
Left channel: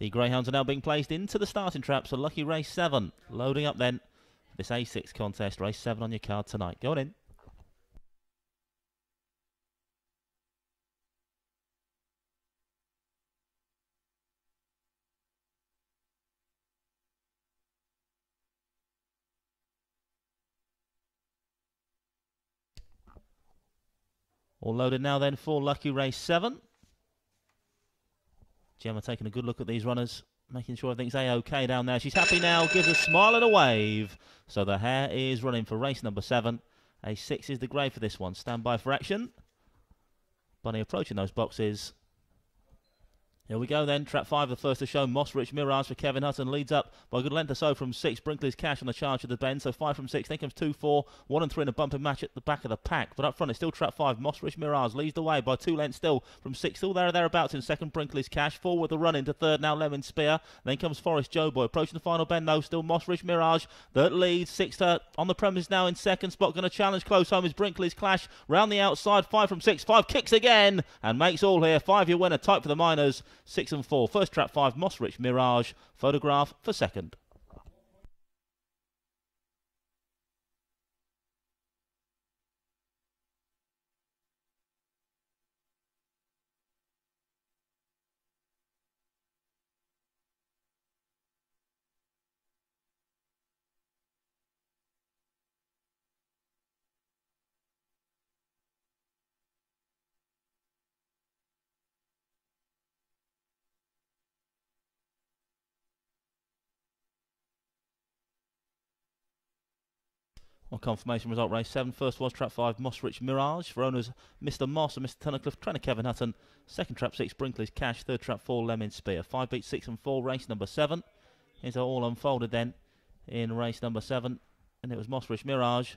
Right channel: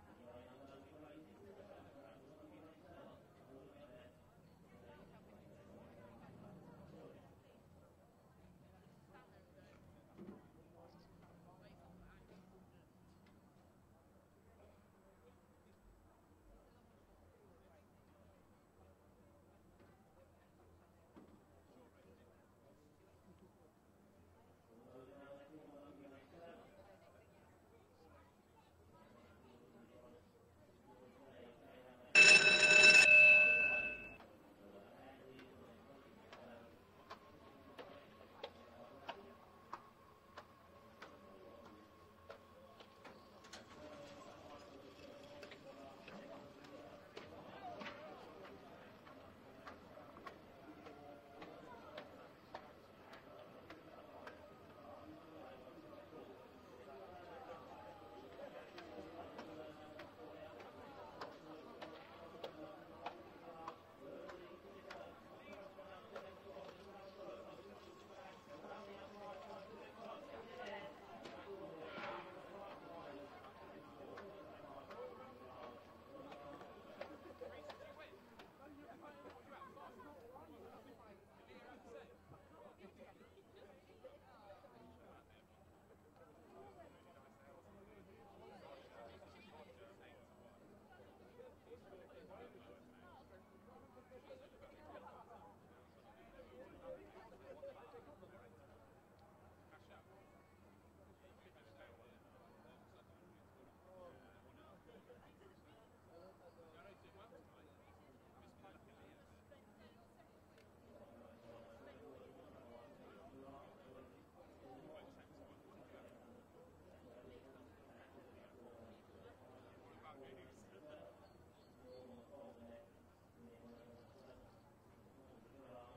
The Greyhounds are now being placed into the starting traps for lucky race 7. Loading up then this A6 contest, race 7 on your card tonight. Going in. All loaded now then for lucky race 7. Gemma taking a good look at these runners, making sure everything's A-OK down there. She's happy now, gives a smile and a wave. So the hare is running for race number 7. A6 is the grey for this one. Stand by for action. Bunny approaching those boxes. Here we go then, trap 5, the first to show. Mossrich Mirage for Kevin Hutton, leads up by a good length or so from 6. Brinkley's Cash on the charge of the bend, so 5 from 6. Then comes 2, 4, 1 and 3 in a bumping match at the back of the pack. But up front it's still trap 5. Mossrich Mirage leads the way by 2 lengths still from 6. Still there or thereabouts in second. Brinkley's Cash, 4 with the run into third now. Lemon Spear. Then comes Forest Joe Boy approaching the final bend though. Still Mossrich Mirage that leads. 6 on the premise now in second spot. Going to challenge close home is Brinkley's Clash. Round the outside, 5 from 6. 5 kicks again and makes all here. 5-year winner, tight for the minors. 6 and 4. First trap 5, Mossrich Mirage. Photograph for second. On confirmation result race 7, first was trap 5, Mossrich Mirage for owners Mr. Moss and Mr. Tunnicliffe, trainer Kevin Hutton. Second trap 6, Brinkley's Cash. Third trap 4, Lemon Spear. 5 beats 6 and 4, race number 7. Here's how all unfolded then in race number 7. And it was Mossrich Mirage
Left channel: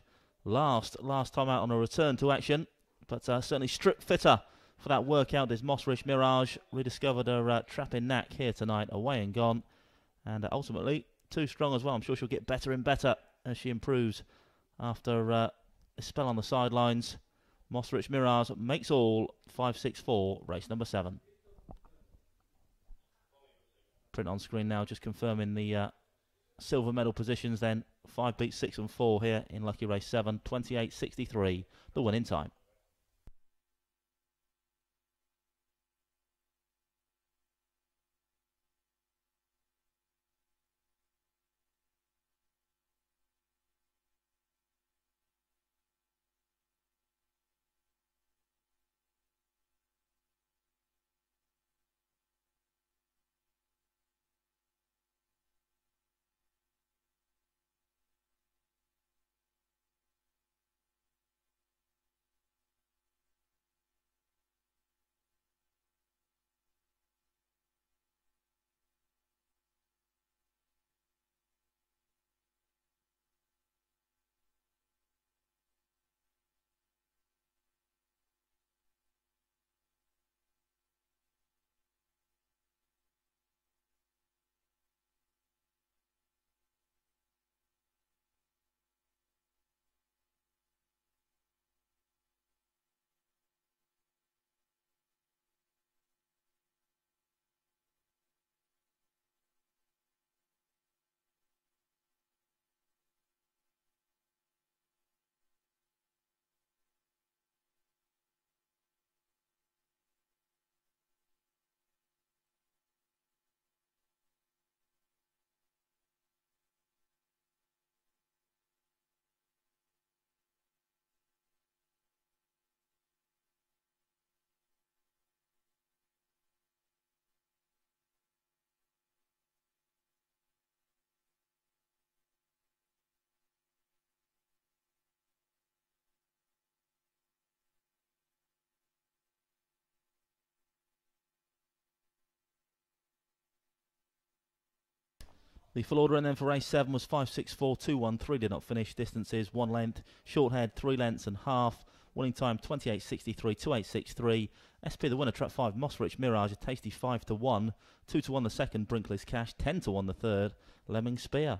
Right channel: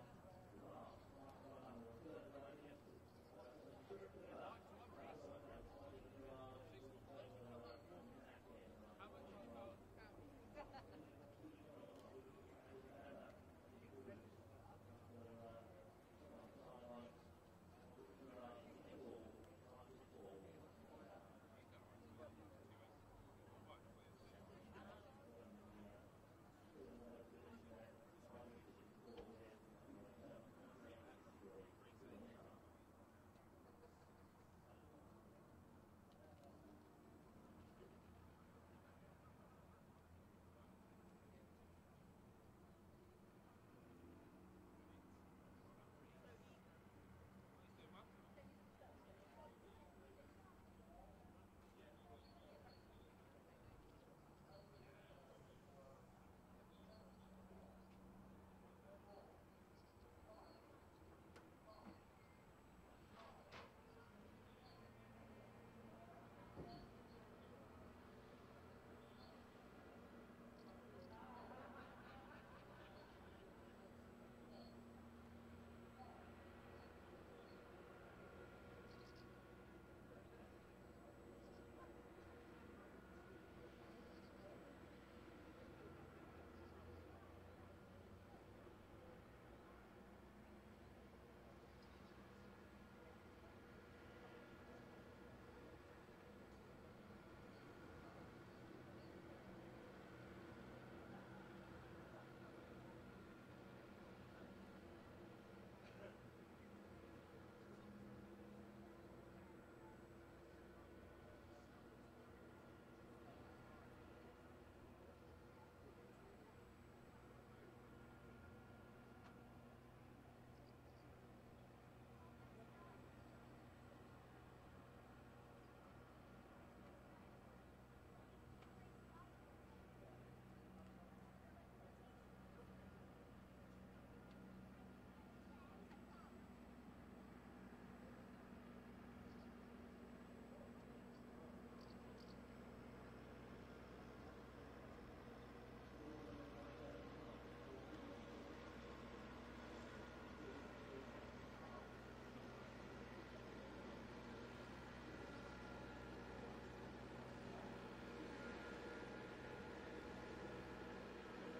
last time out on a return to action. But certainly stripped fitter for that workout. This Mossrich Mirage rediscovered her trapping knack here tonight, away and gone. And ultimately too strong as well. I'm sure she'll get better and better as she improves. After a spell on the sidelines, Mossrich Mirage makes all. 5-6-4, race number 7. Print on screen now, just confirming the silver medal positions then. 5 beats 6 and 4 here in lucky race 7. 28.63, the winning time. The full order and then for race 7 was 5-6-4, 2-1-3, did not finish. Distances 1 length, short head 3 lengths and half. Winning time 28.63, 28.63. SP the winner, trap 5, Mossrich Mirage, a tasty 5-1. 2-1 the second, Brinkley's Cash, 10-1 the third, Lemon Spear.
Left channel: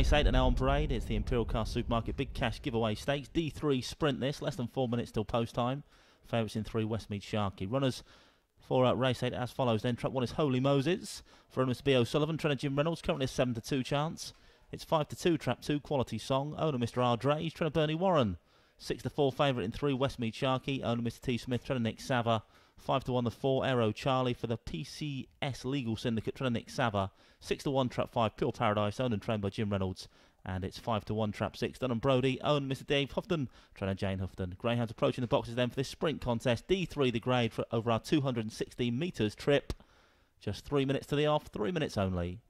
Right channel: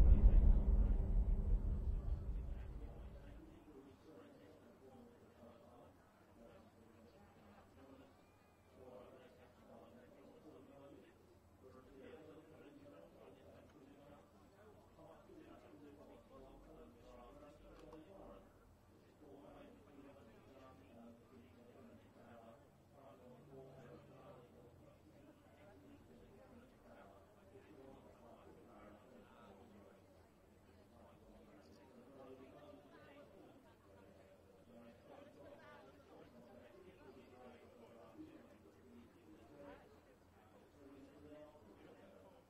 race 8 and now on parade. It's the Imperial Car Supermarket Big Cash Giveaway Stakes. D3 sprint this, less than 4 minutes till post time. Favourites in 3, Westmead Sharkey. Runners for race 8 as follows then. Trap 1 is Holy Moses for Mr. B. O'Sullivan. Trainer Jim Reynolds, currently a 7-2 chance. It's 5-2, Trap 2, Quality Song. Owner Mr. R. Drays, trainer Bernie Warren. 6-4, favourite in 3, Westmead Sharkey. Owner Mr. T. Smith, trainer Nick Sava. 5-1, the 4, Aero Charlie for the PCS Legal Syndicate, trainer Nick Sava. 6-1, Trap 5, Pure Paradise, owned and trained by Jim Reynolds. And it's 5-1, Trap 6, Dunham Brody, owned Mr. Dave Houghton, trainer Jane Houghton. Greyhounds approaching the boxes then for this sprint contest. D3, the grade for over our 216 metres trip. Just 3 minutes to the off, 3 minutes only.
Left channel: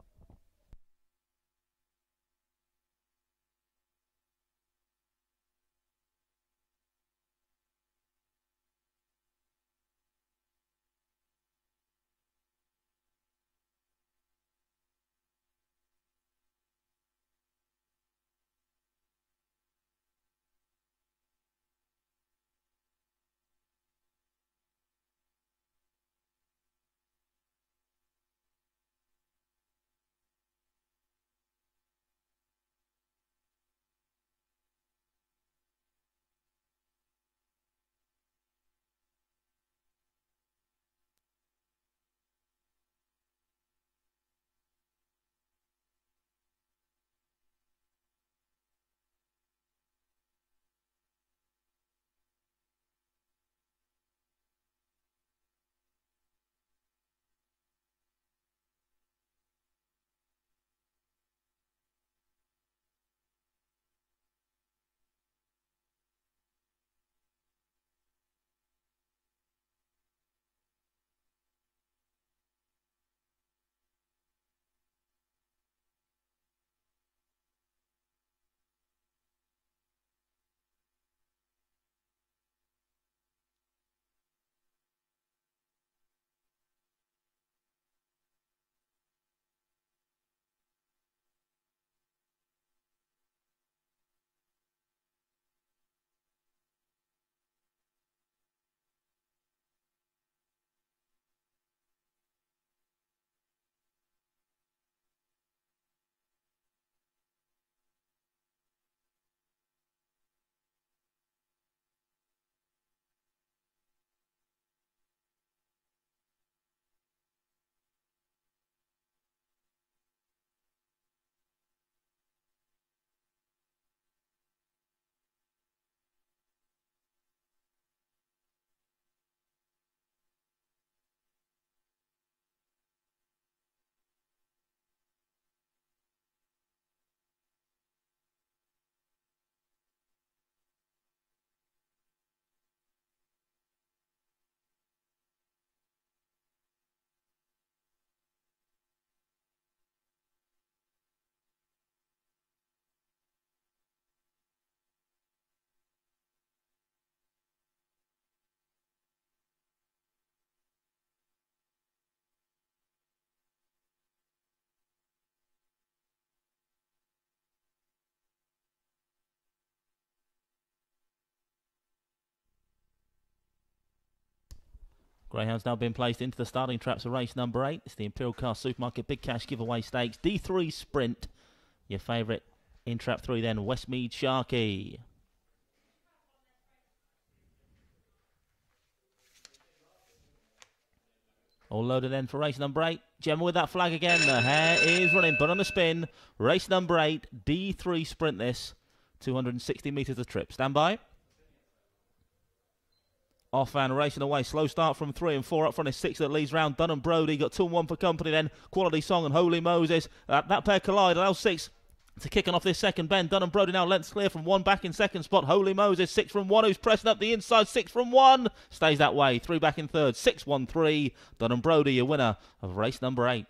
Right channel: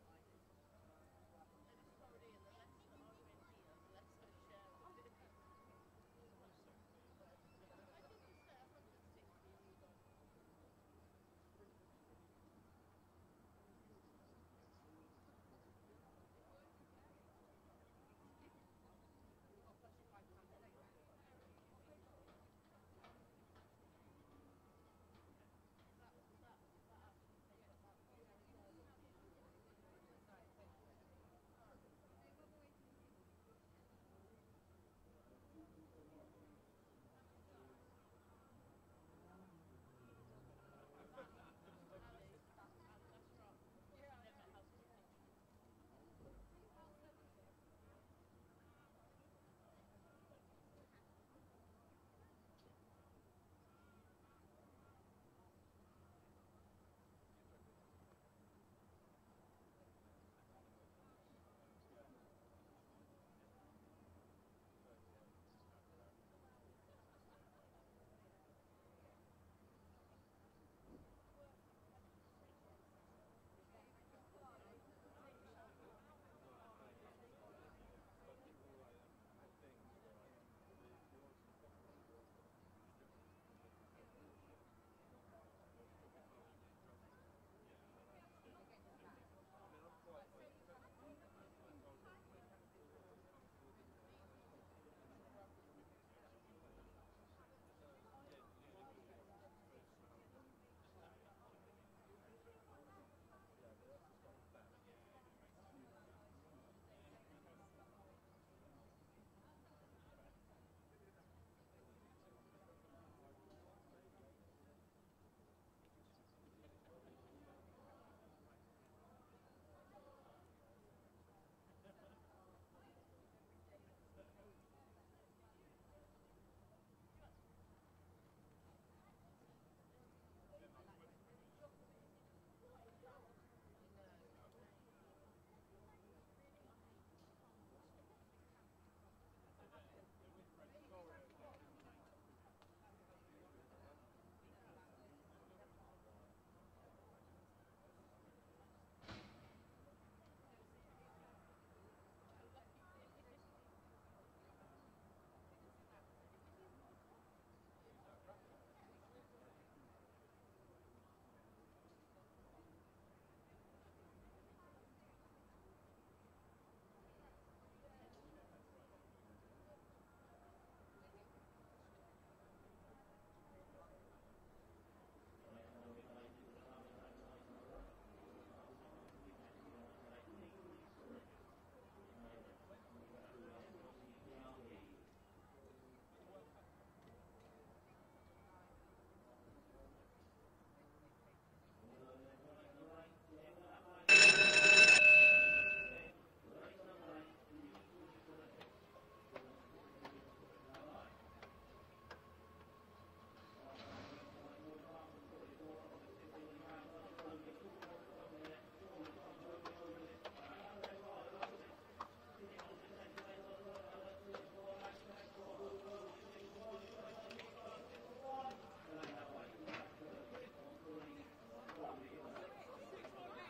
Greyhound's now been placed into the starting traps of race number 8. It's the Imperial Car Supermarket Big Cash Giveaway Stakes. D3 Sprint. Your favourite in trap 3 then, Westmead Sharkey. All loaded then for race number 8. Gemma with that flag again. The hare is running, but on the spin. Race number 8, D3 Sprint this. 260 metres of trip. Stand by. Off and racing away. Slow start from 3 and 4. Up front is 6 that leads round. Dunham Brody got 2 and 1 for company then. Quality Song and Holy Moses. That pair collide. Allows 6 to kicking off this second bend. Dunham Brody now lengths clear from 1 back in second spot. Holy Moses 6 from 1 who's pressing up the inside. 6 from 1. Stays that way. 3 back in third. 6-1-3. Dunham Brody your winner of race number 8.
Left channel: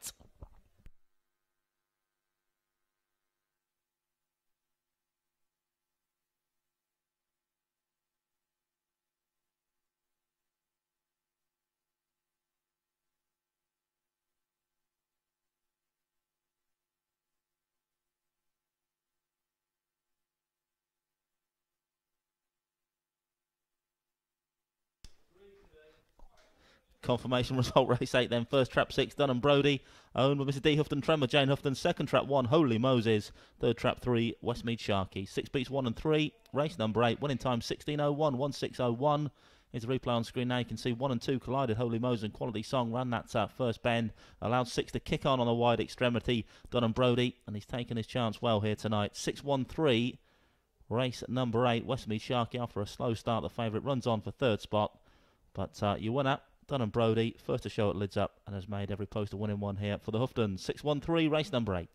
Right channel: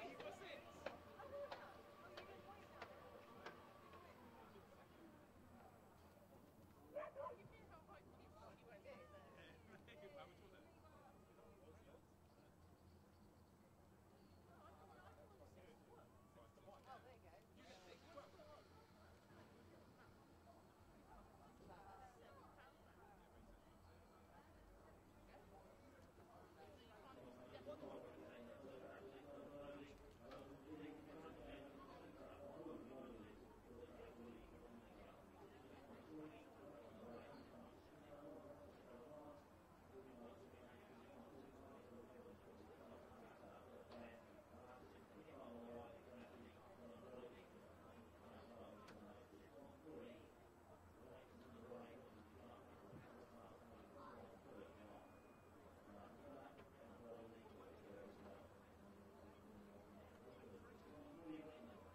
Confirmation result, race 8 then. First trap 6, Dun and Brody. Owned by Mr. D. Houghton Tremor, Jane Houghton. Second trap 1, Holy Moses. Third trap 3, Westmead Sharkey. 6 beats 1 and 3. Race number 8, winning time 16.01, 16.01. Here's the replay on screen now. You can see 1 and 2 collided. Holy Moses and Quality Song ran that first bend. Allowed 6 to kick on the wide extremity. Dun and Brody, and he's taken his chance well here tonight. 6.13. Race number 8, Westmead Sharkey, after a slow start, the favourite runs on for third spot. But your winner, Dun and Brody, first to show it lids up and has made every post a winning one here for the Houghton. 6.13, race number 8.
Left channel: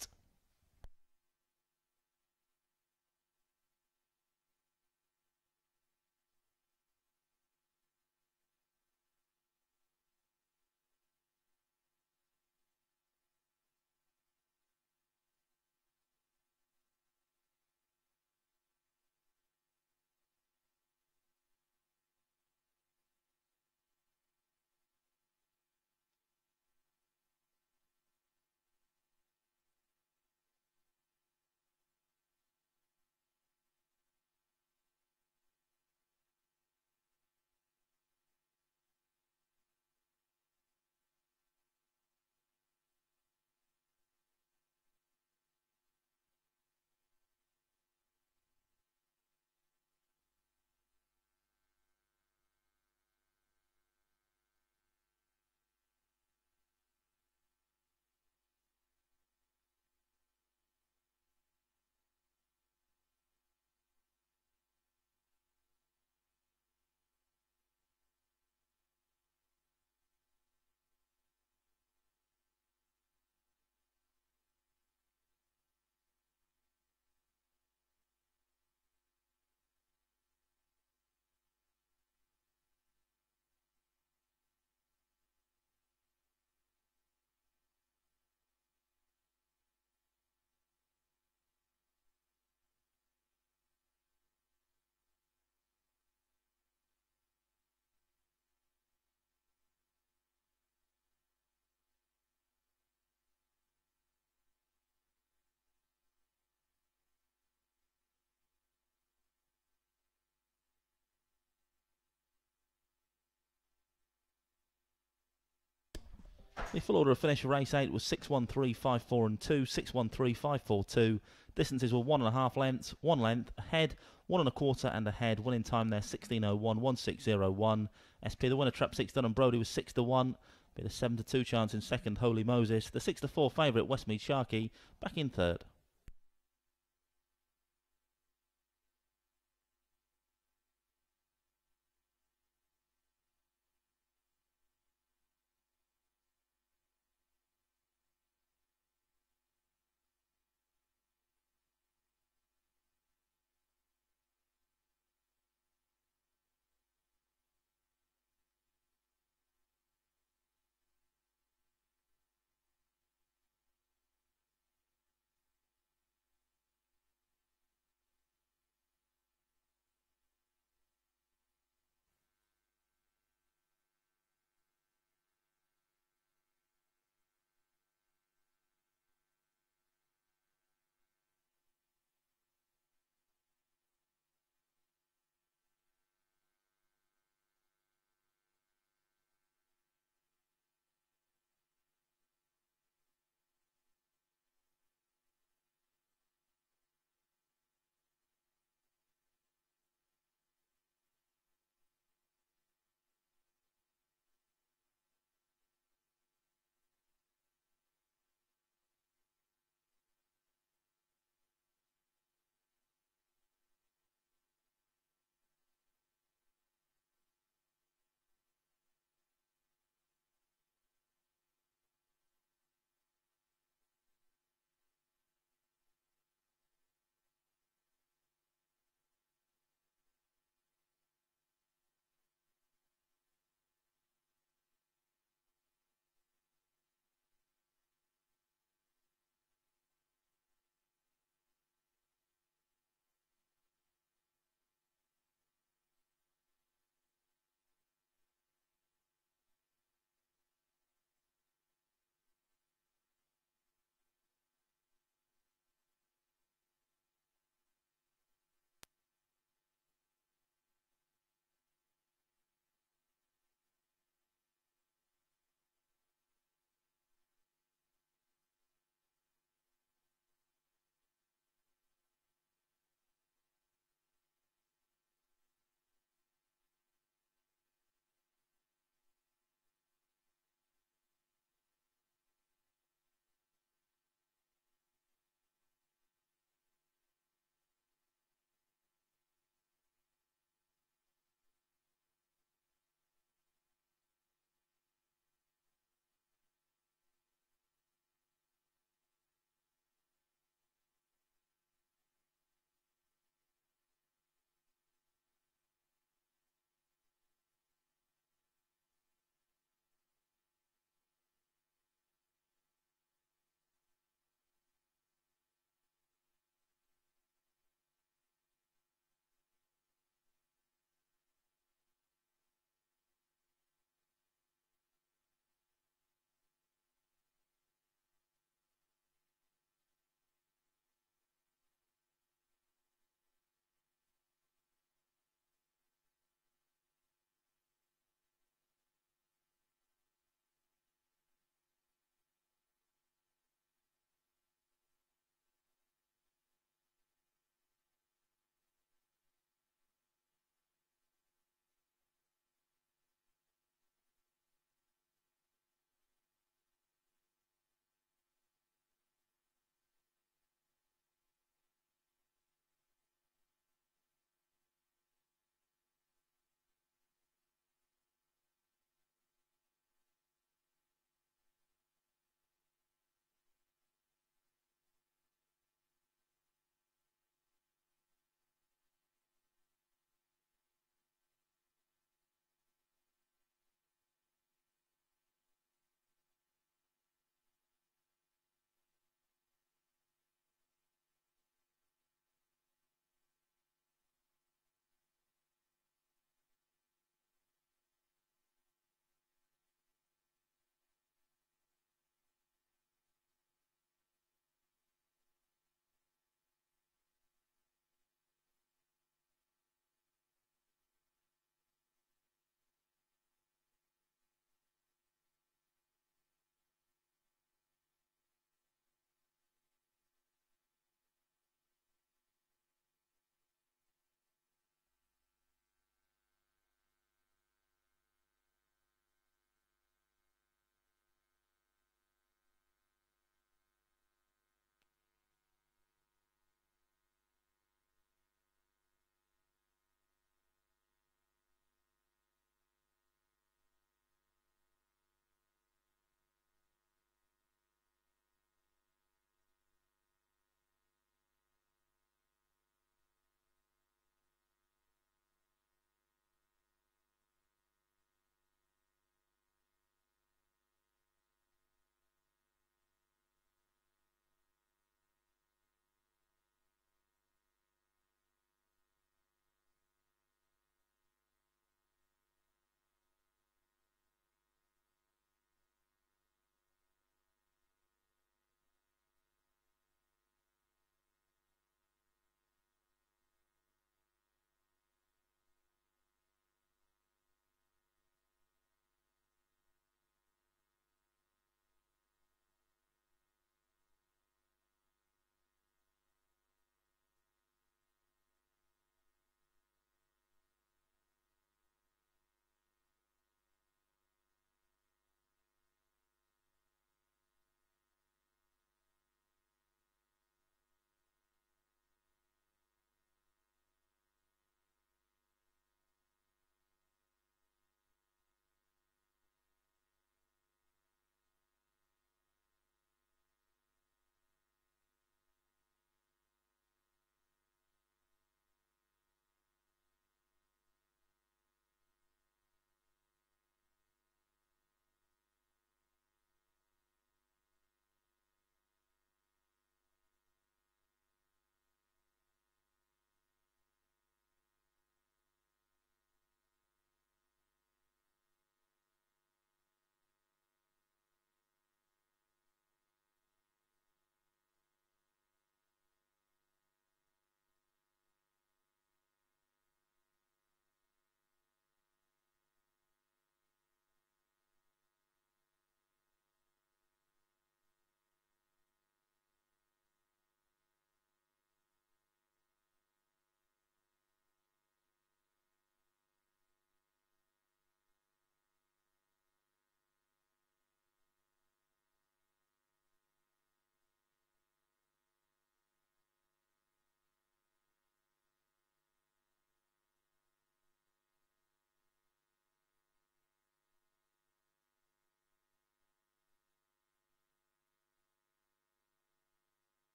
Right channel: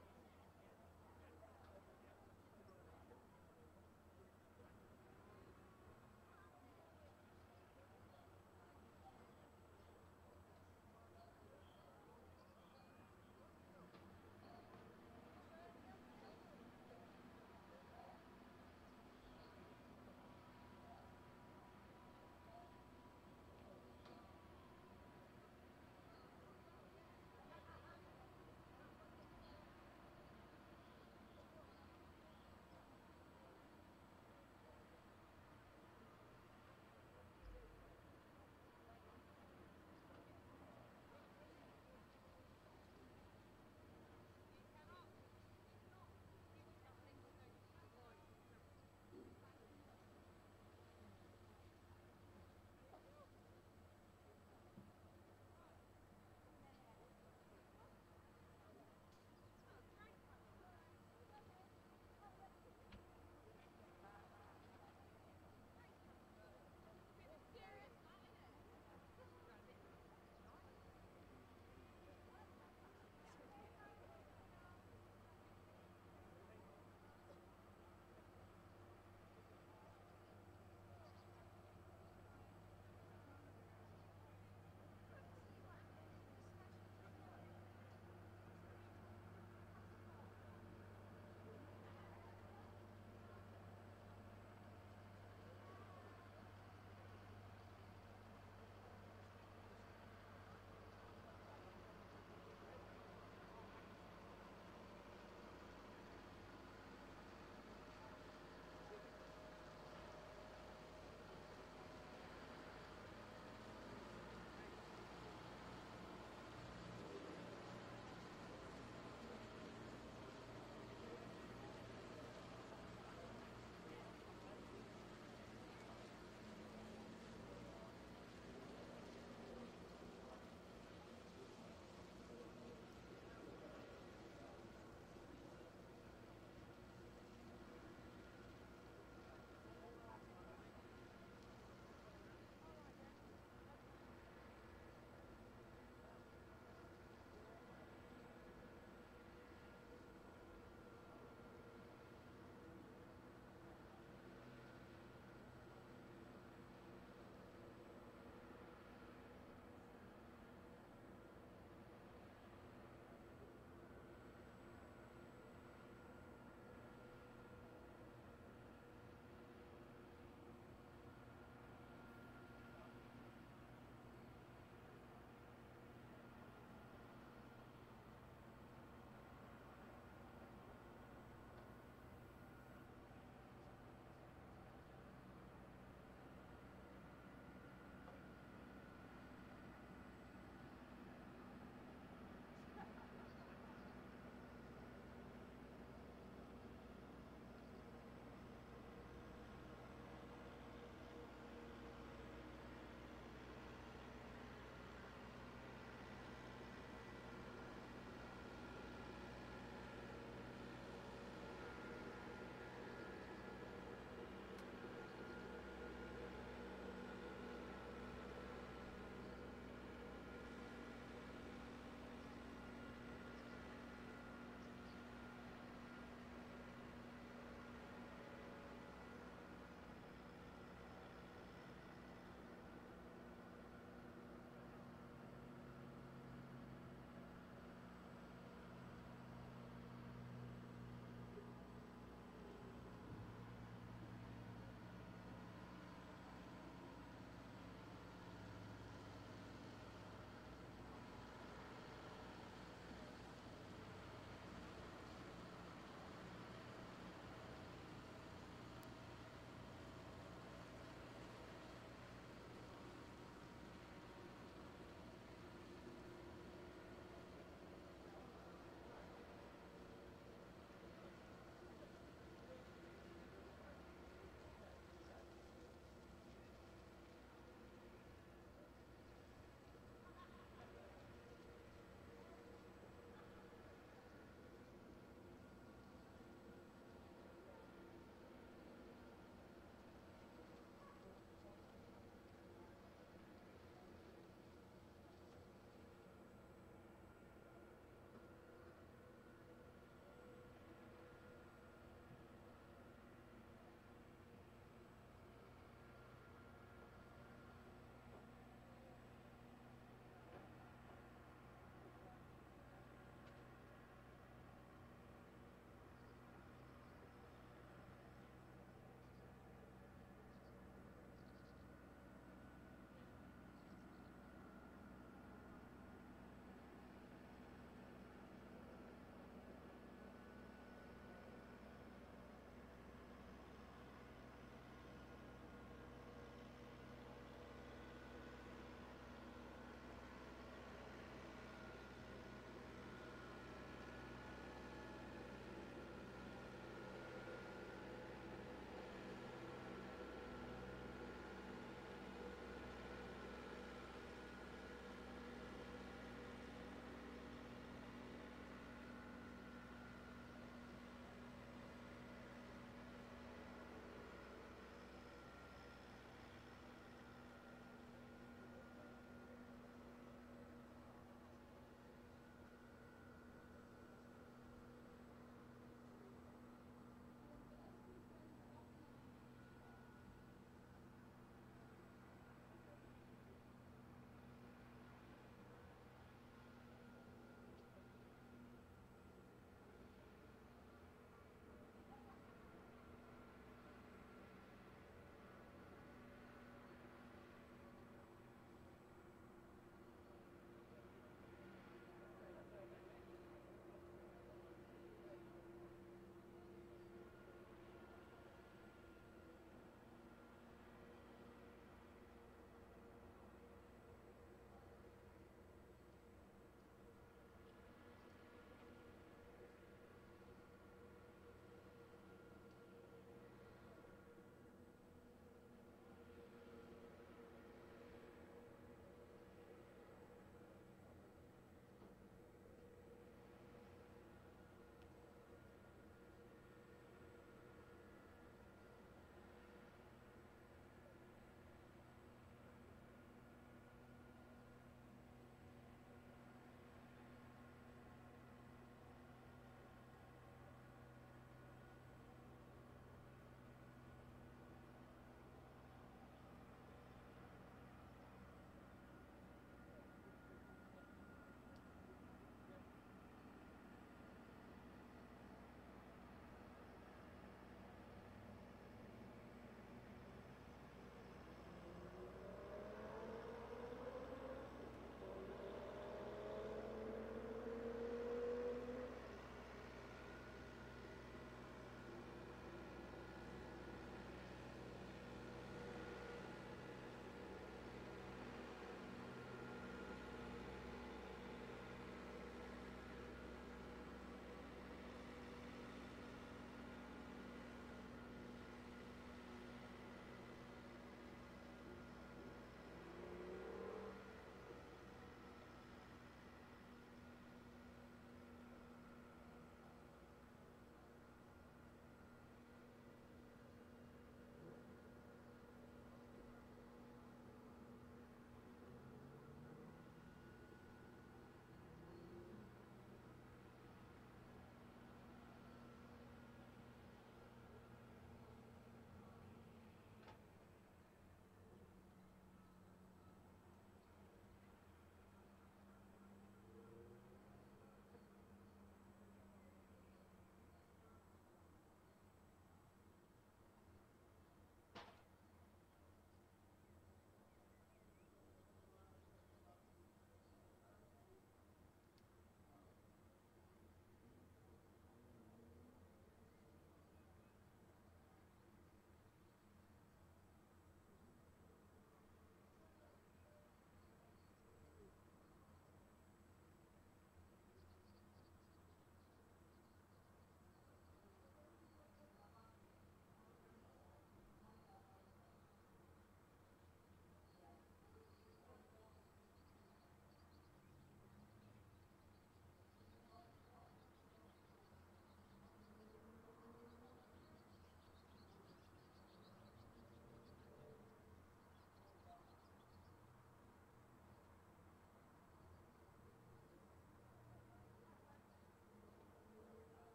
The full order of finish for race 8 was 6.13, 5.4 and 2, 6.13, 5.4, 2. Distances were 1.5 lengths, 1 length, ahead, 1 1/4 and ahead. Winning time there 16.01, 16.01. SP, the winner, trap 6, Dun and Brody, was 6 to 1. Bit a 7 to 2 chance in second, Holy Moses. The 6 to 4 favourite, Westmead Sharkey, back in third.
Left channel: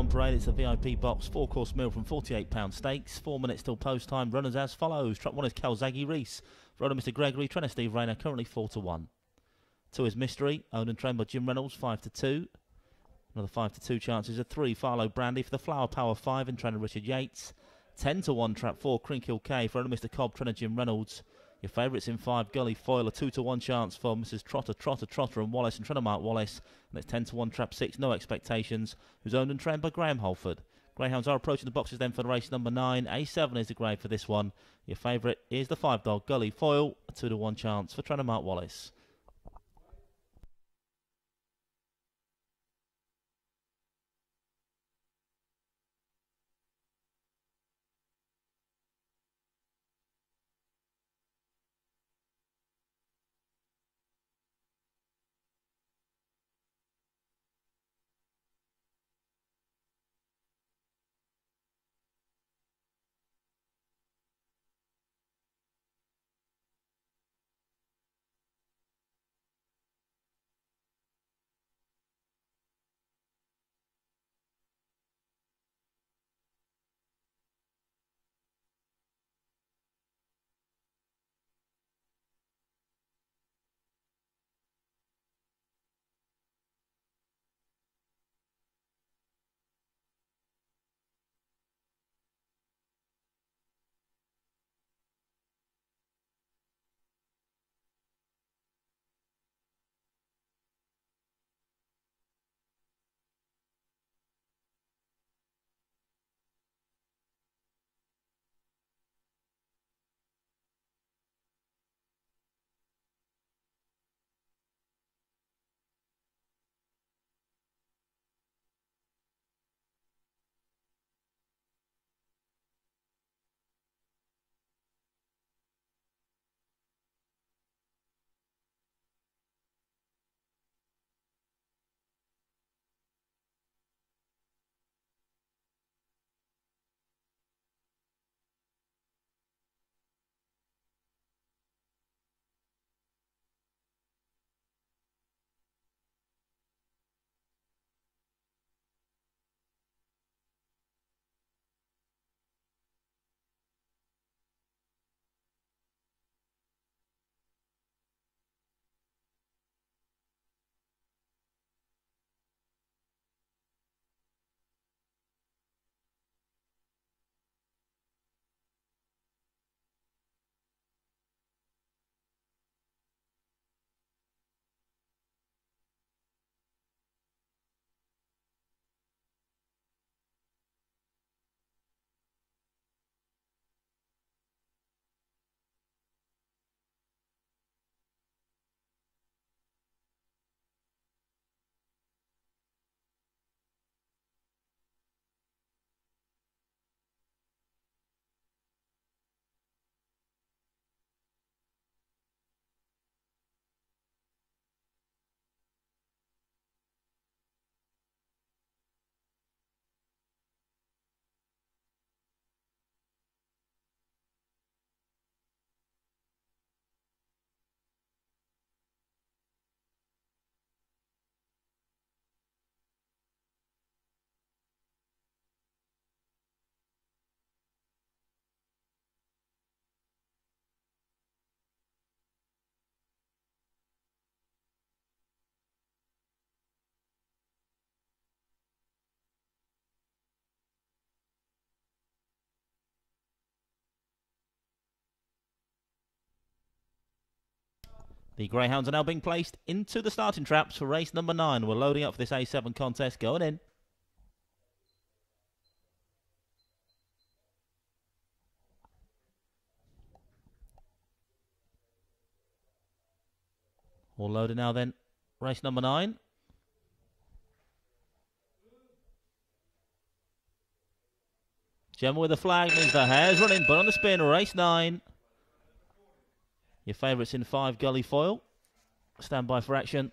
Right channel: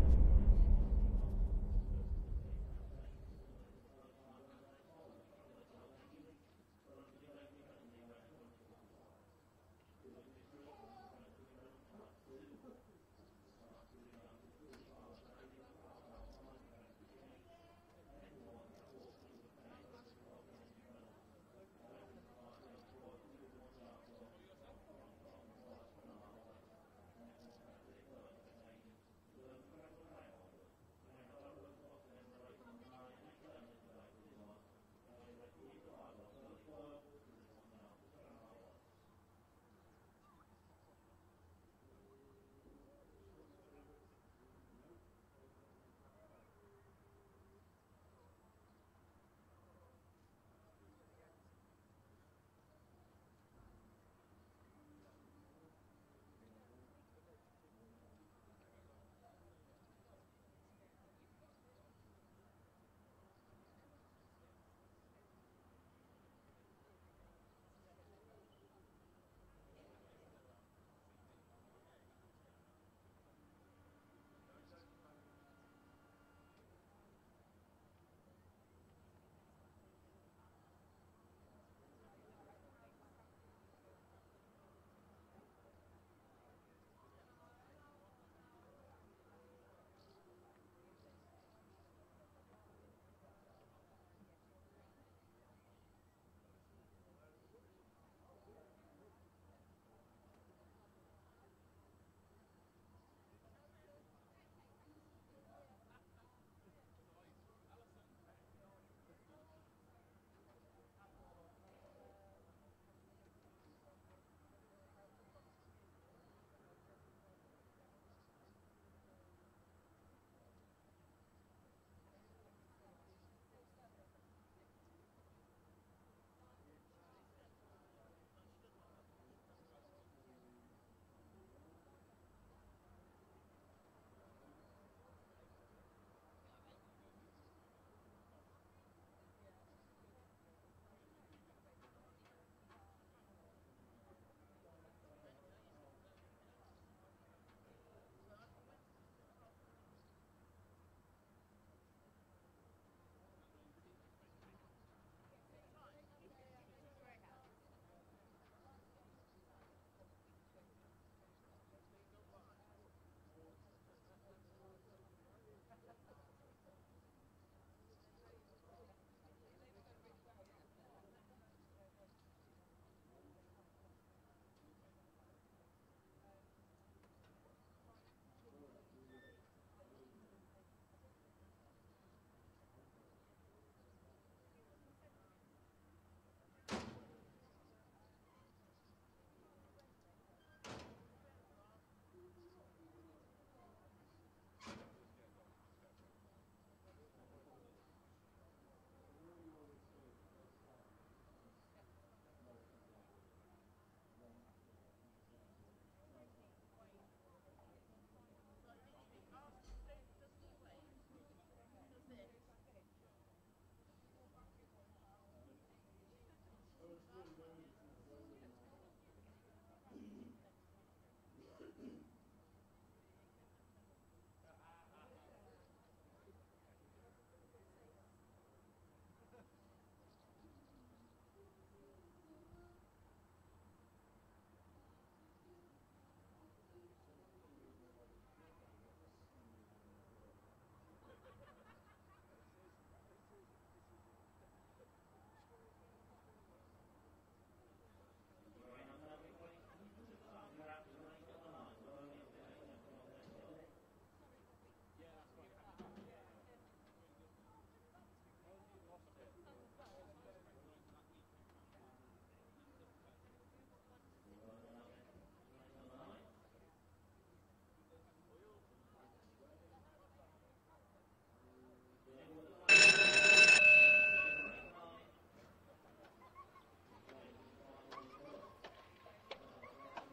on parade. It's a VIP box, 4-course meal from £48 stakes. 4 minutes till post time. Runners as follows. Trap 1 is Calzaghe Reese. Runner Mr. Gregory. Trainer Steve Rayner, currently 4-1. 2 is Mystery, owned and trained by Jim Reynolds, 5-2. Another 5-2 chances of 3. Farlow Brandy for the Flower Power 5 and trainer Richard Yates. 10-1 trap 4, Crinkhill K for owner Mr. Cobb, trainer Jim Reynolds. Your favourites in 5, Gully Foil, a 2-1 chance for Mrs. Trotter and Wallace and trainer Mark Wallace. And it's 10-1 trap 6, No Expectations, who's owned and trained by Graham Holford. Greyhounds are approaching the boxes then for the race number 9. A7 is the grade for this one. Your favourite is the 5 dog, Gully Foil, a 2-1 chance for trainer Mark Wallace. The Greyhounds are now being placed into the starting traps for race number 9. We're loading up for this A7 contest. Going in. All loaded now then. Race number 9. Gemma with the flag means the hare's running, but on the spin, race 9. Your favourites in 5, Gully Foil. Stand by for action.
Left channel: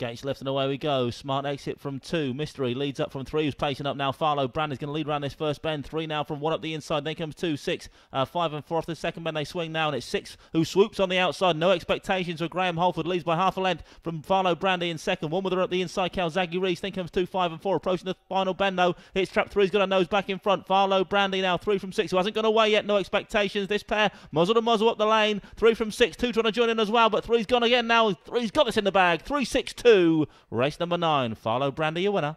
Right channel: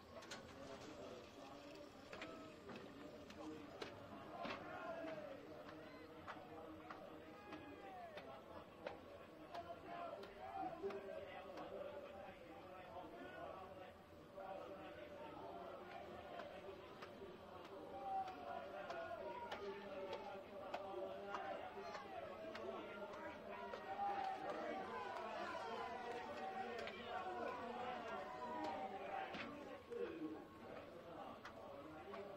Gates left and away we go. Smart exit from 2. Mystery leads up from 3. Who's pacing up now. Farlow Brand is going to lead around this first bend. 3 now from 1 up the inside. Then comes 2, 6, 5 and 4 off the second bend. They swing now, and it's 6 who swoops on the outside. No expectations for Graham Holford. Leads by half a length from Farlow Brandy in second. 1 with her up the inside. Calzaghe Reese. Then comes 2, 5 and 4. Approaching the final bend though. It's trap 3's got a nose back in front. Farlow Brandy now 3 from 6. Who hasn't gone away yet. No expectations. This pair muzzle to muzzle up the lane. 3 from 6. 2 trying to join in as well, but 3's gone again now. 3's got this in the bag. 3, 6, 2. Race number 9. Farlow Brandy, your winner.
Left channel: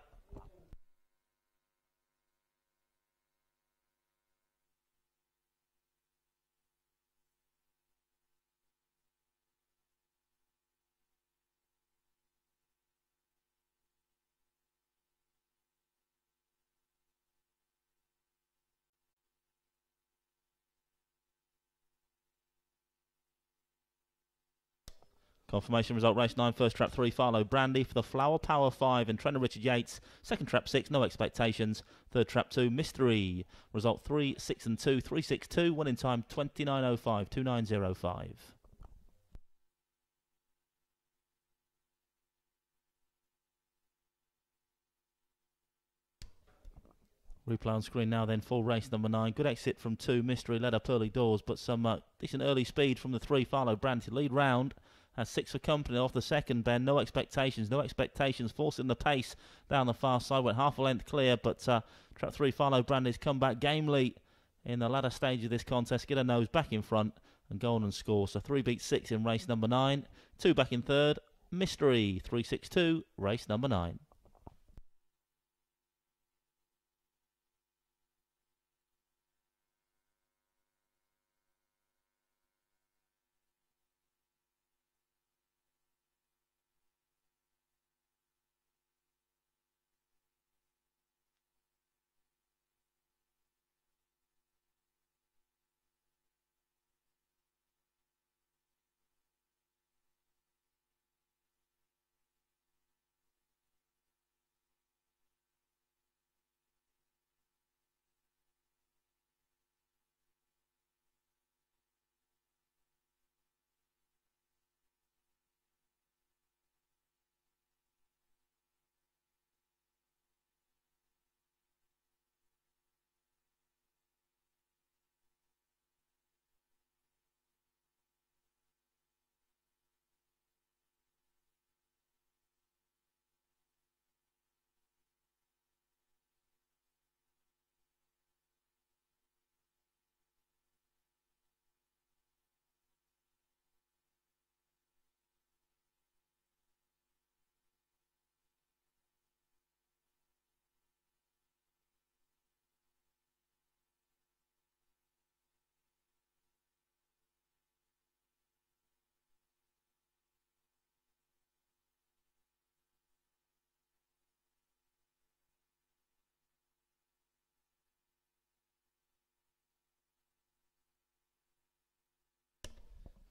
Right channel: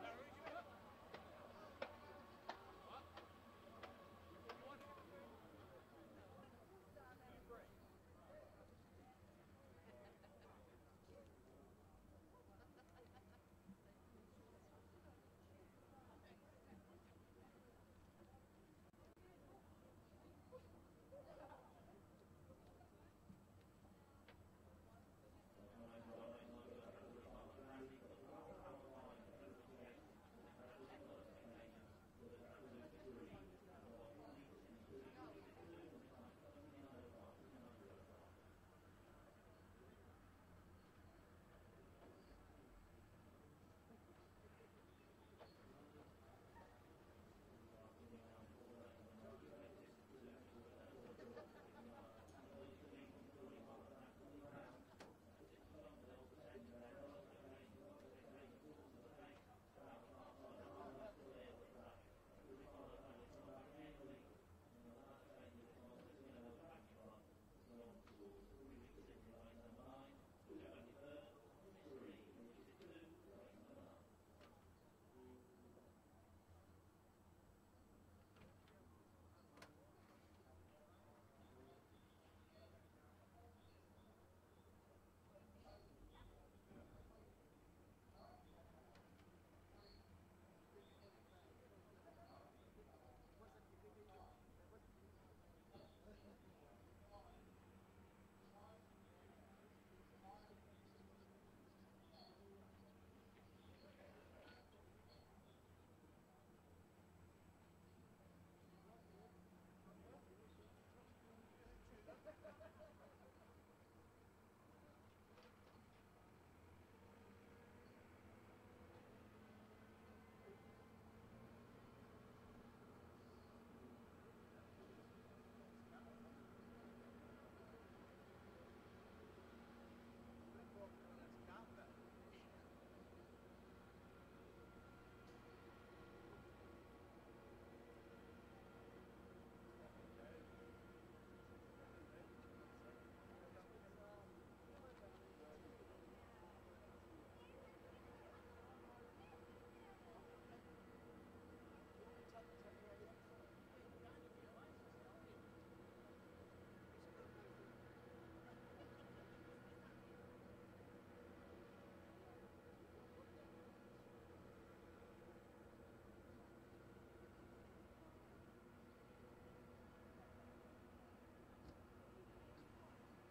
Confirmation result, race 9, first trap 3, Farlow Brandy for the Flower Power 5 and trainer Richard Yates. Second trap 6, no expectations. Third trap 2, Mystery. Result 3, 6 and 2, 3, 6, 2. Winning time 29.05, 29.05. Replay on screen now then, full race number 9. Good exit from 2, Mystery led up early doors, but some decent early speed from the 3, Farlow Brandy to lead round. Has 6 for company off the second bend. No expectations, forcing the pace down the far side. Went half a length clear, but trap 3, Farlow Brandy's come back gamely in the latter stage of this contest. Get a nose back in front and go on and score. So 3 beats 6 in race number 9. 2 back in third. Mystery, 3, 6, 2, race number 9.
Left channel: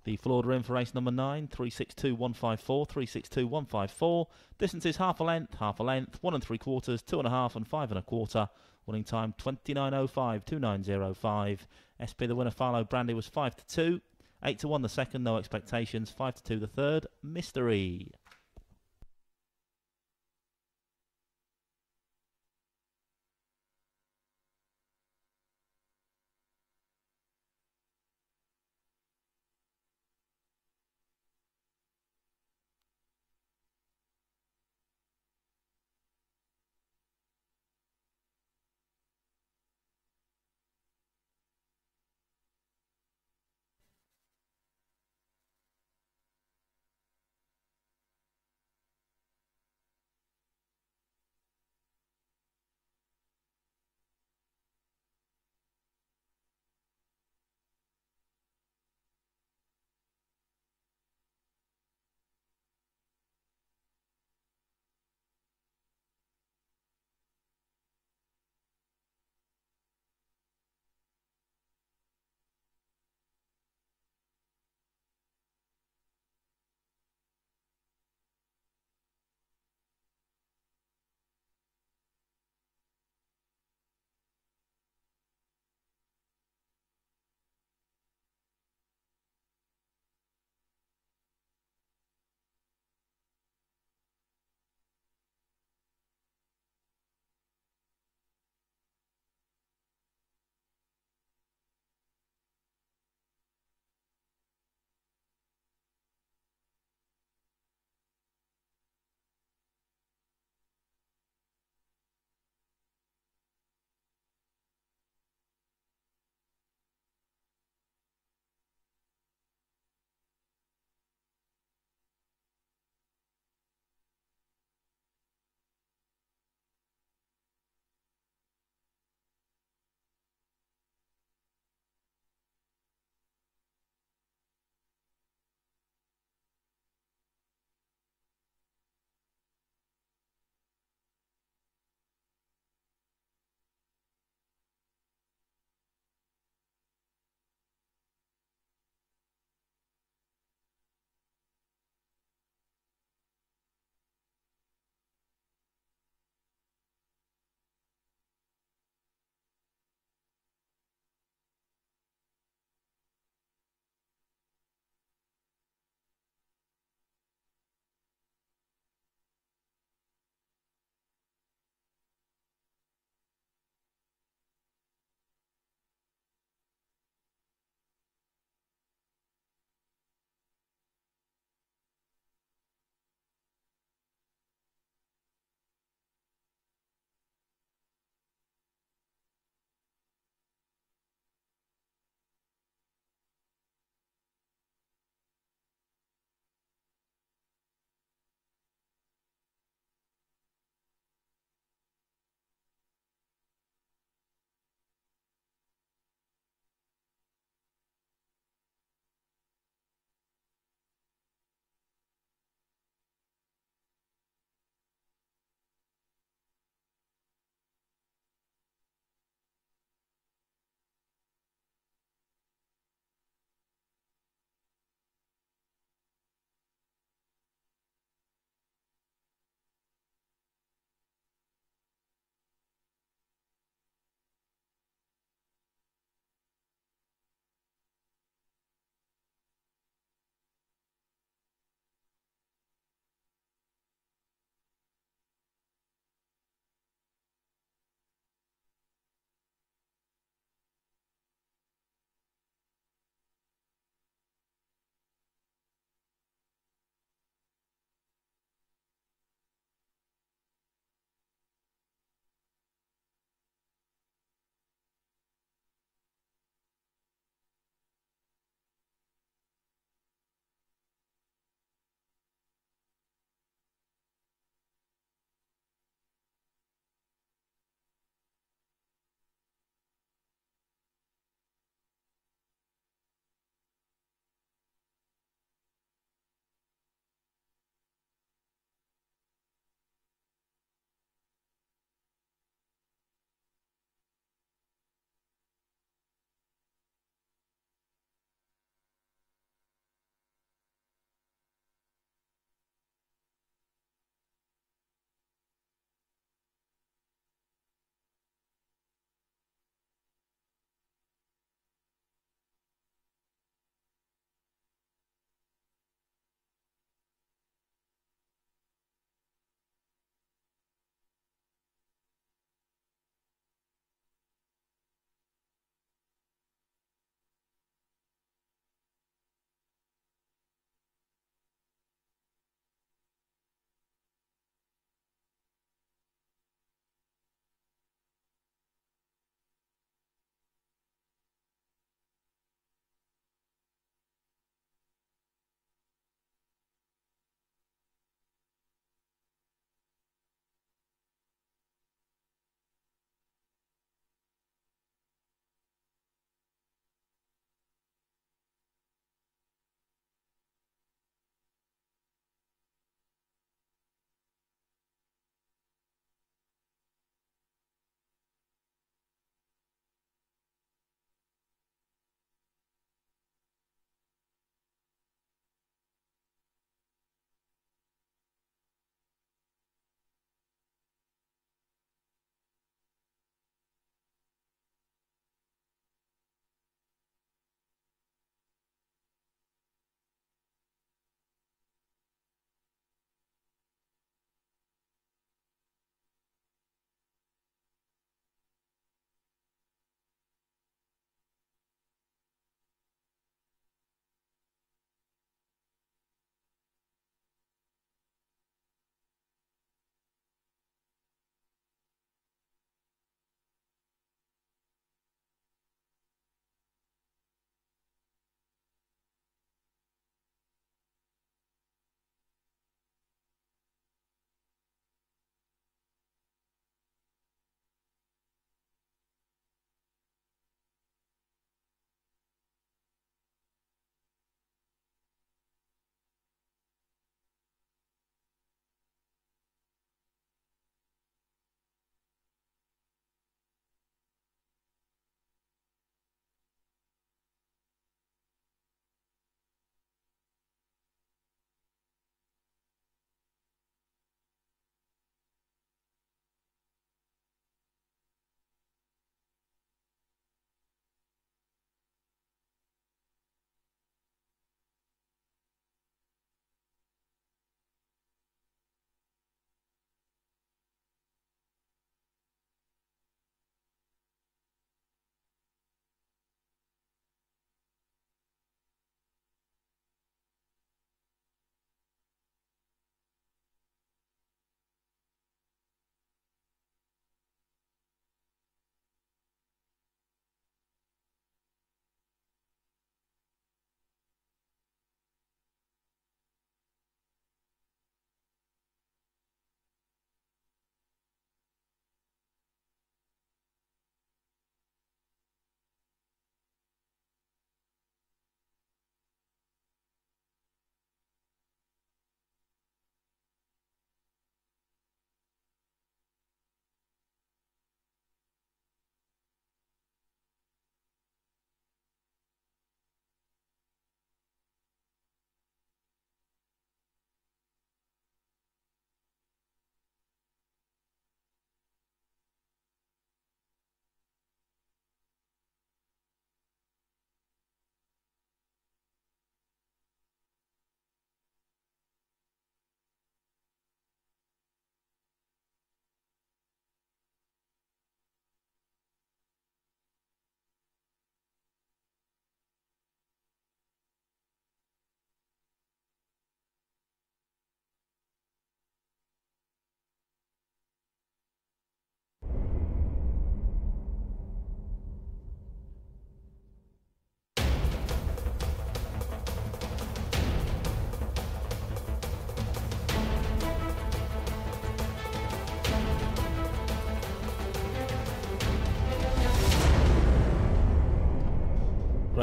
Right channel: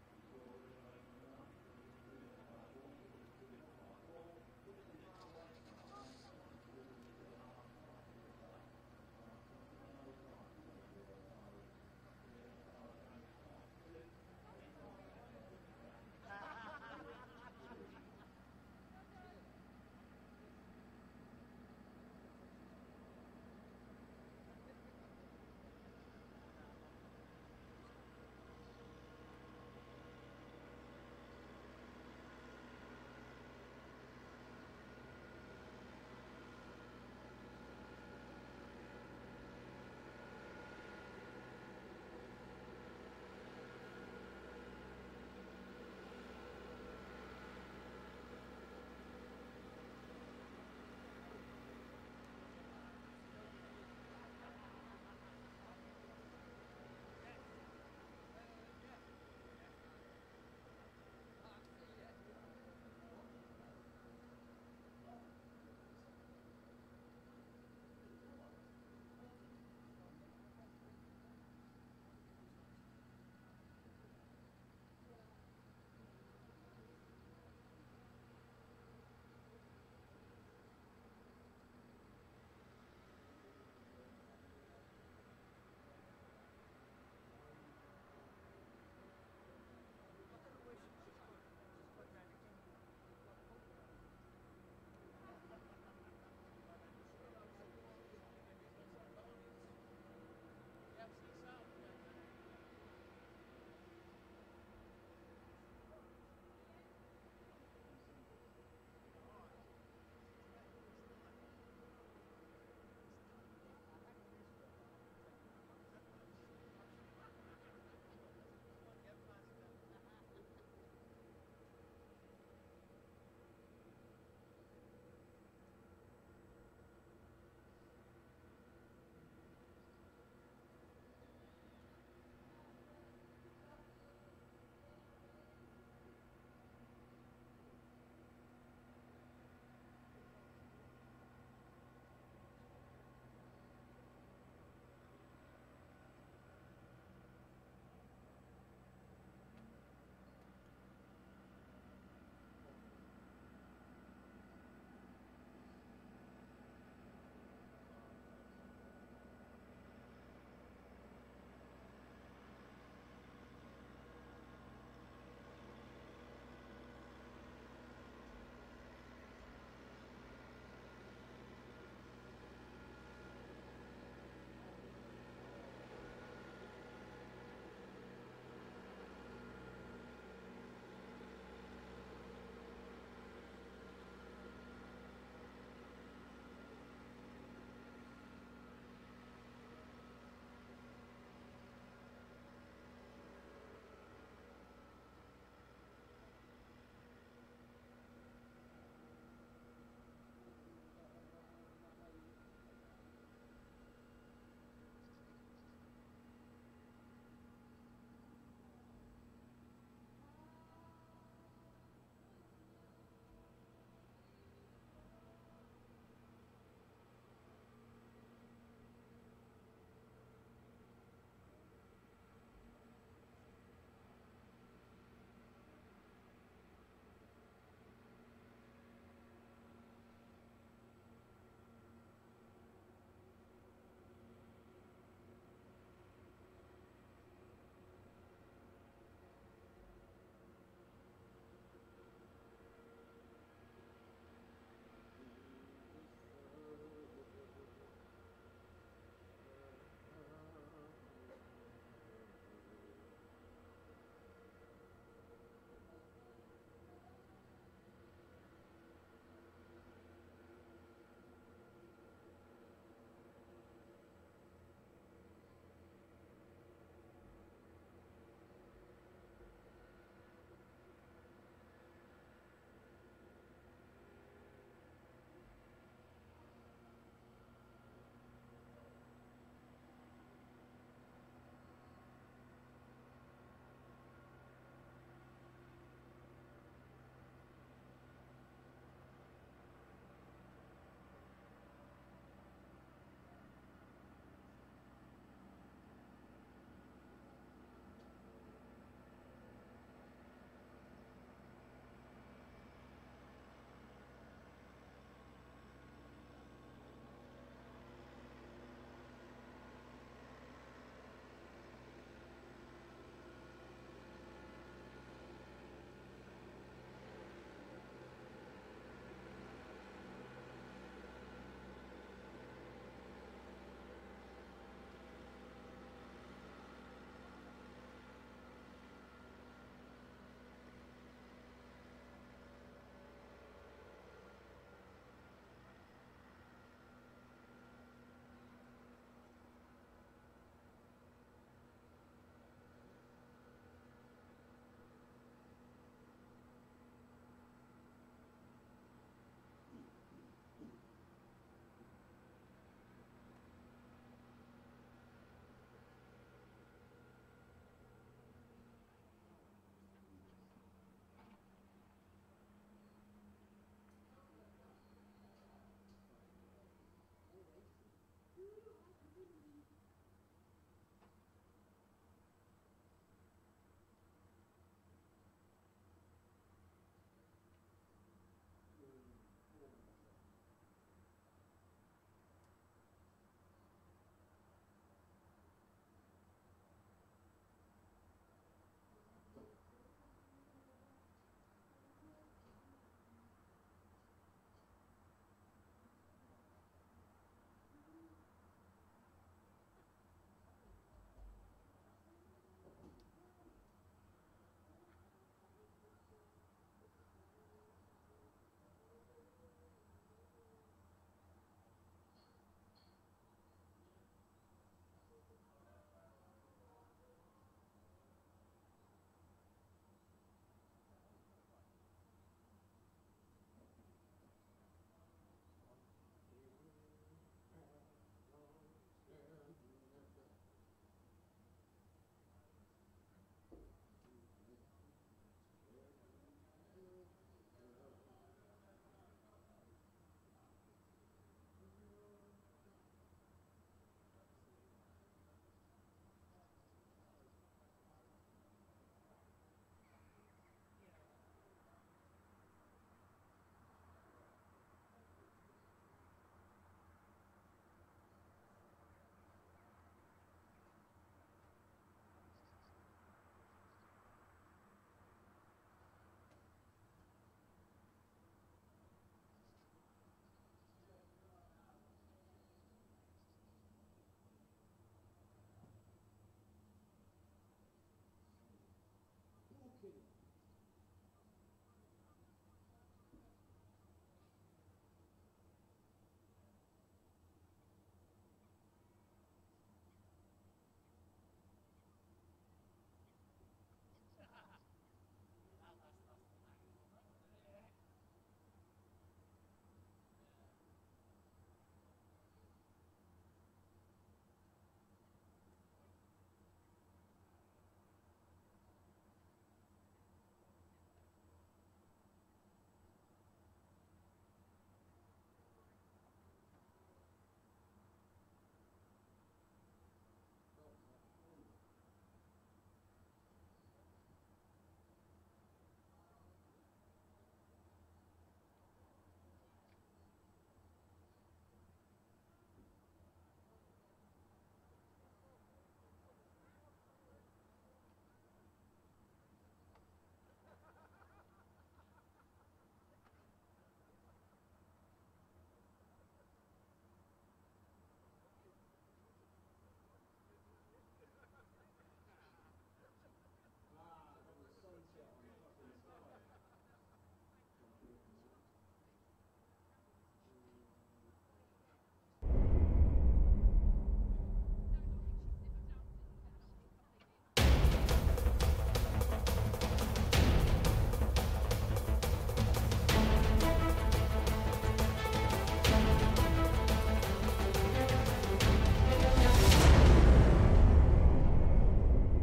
The full order in for race number 9, 362.154, 362.154. Distance is half a length, 1 3/4, 2 1/2 and 5 1/4. Winning time 29.05, 29.05. SP the winner, Farlow Brandy, was 5 to 2, 8 to 1 the second, no expectations, 5 to 2 the third, Mystery.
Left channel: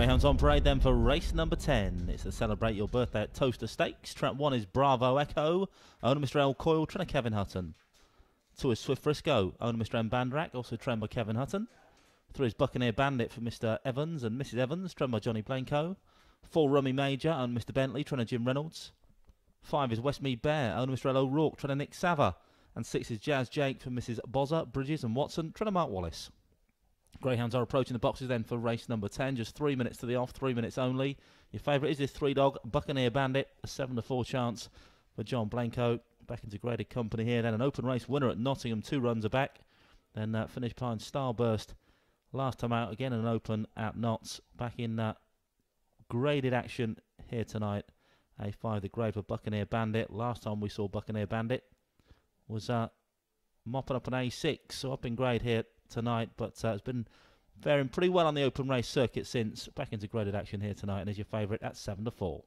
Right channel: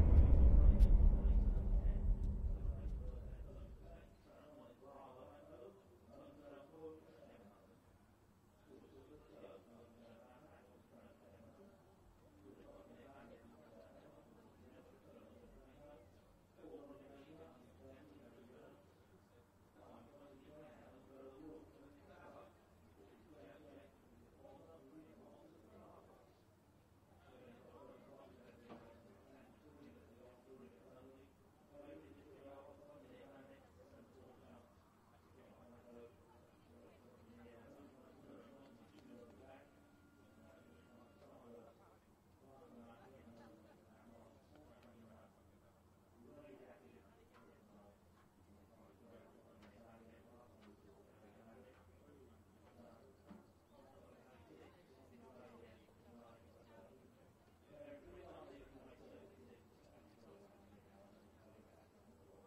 Greyhounds on parade then for race number 10. It's to celebrate your birthday at Towcester Stakes. Trap 1 is Bravo Echo, owner Mr. L. Coyle, trainer Kevin Hutton. 2 is Swift Frisco, owner Mr. M. Bandrak, also trained by Kevin Hutton. 3 is Buccaneer Bandit for Mr. Evans and Mrs. Evans, trained by Johnny Blanco. 4 Rummy Major, owner Mr. Bentley, trainer Jim Reynolds. 5 is Westmead Bear, owner Mr. L. O'Rourke, trainer Nick Sava. And 6 is Jazz Jake for Mrs. Bozza, Bridges and Watson, trainer Mark Wallace. Greyhounds are approaching the boxes then for race number 10. Just 3 minutes to the off, 3 minutes only. Your favourite is this 3-dog, Buccaneer Bandit, a 7-4 chance for John Blanco. Back into graded company here. Then an open race winner at Nottingham, 2 runs are back. Then finished behind Starburst last time out. Again an open at Notts. Back in graded action here tonight. A5, the grade for Buccaneer Bandit. Last time we saw Buccaneer Bandit was mopping up an A6. So up in grade here tonight, but it's been faring pretty well on the open race circuit since. Back into graded action here tonight, and is your favourite at 7-4.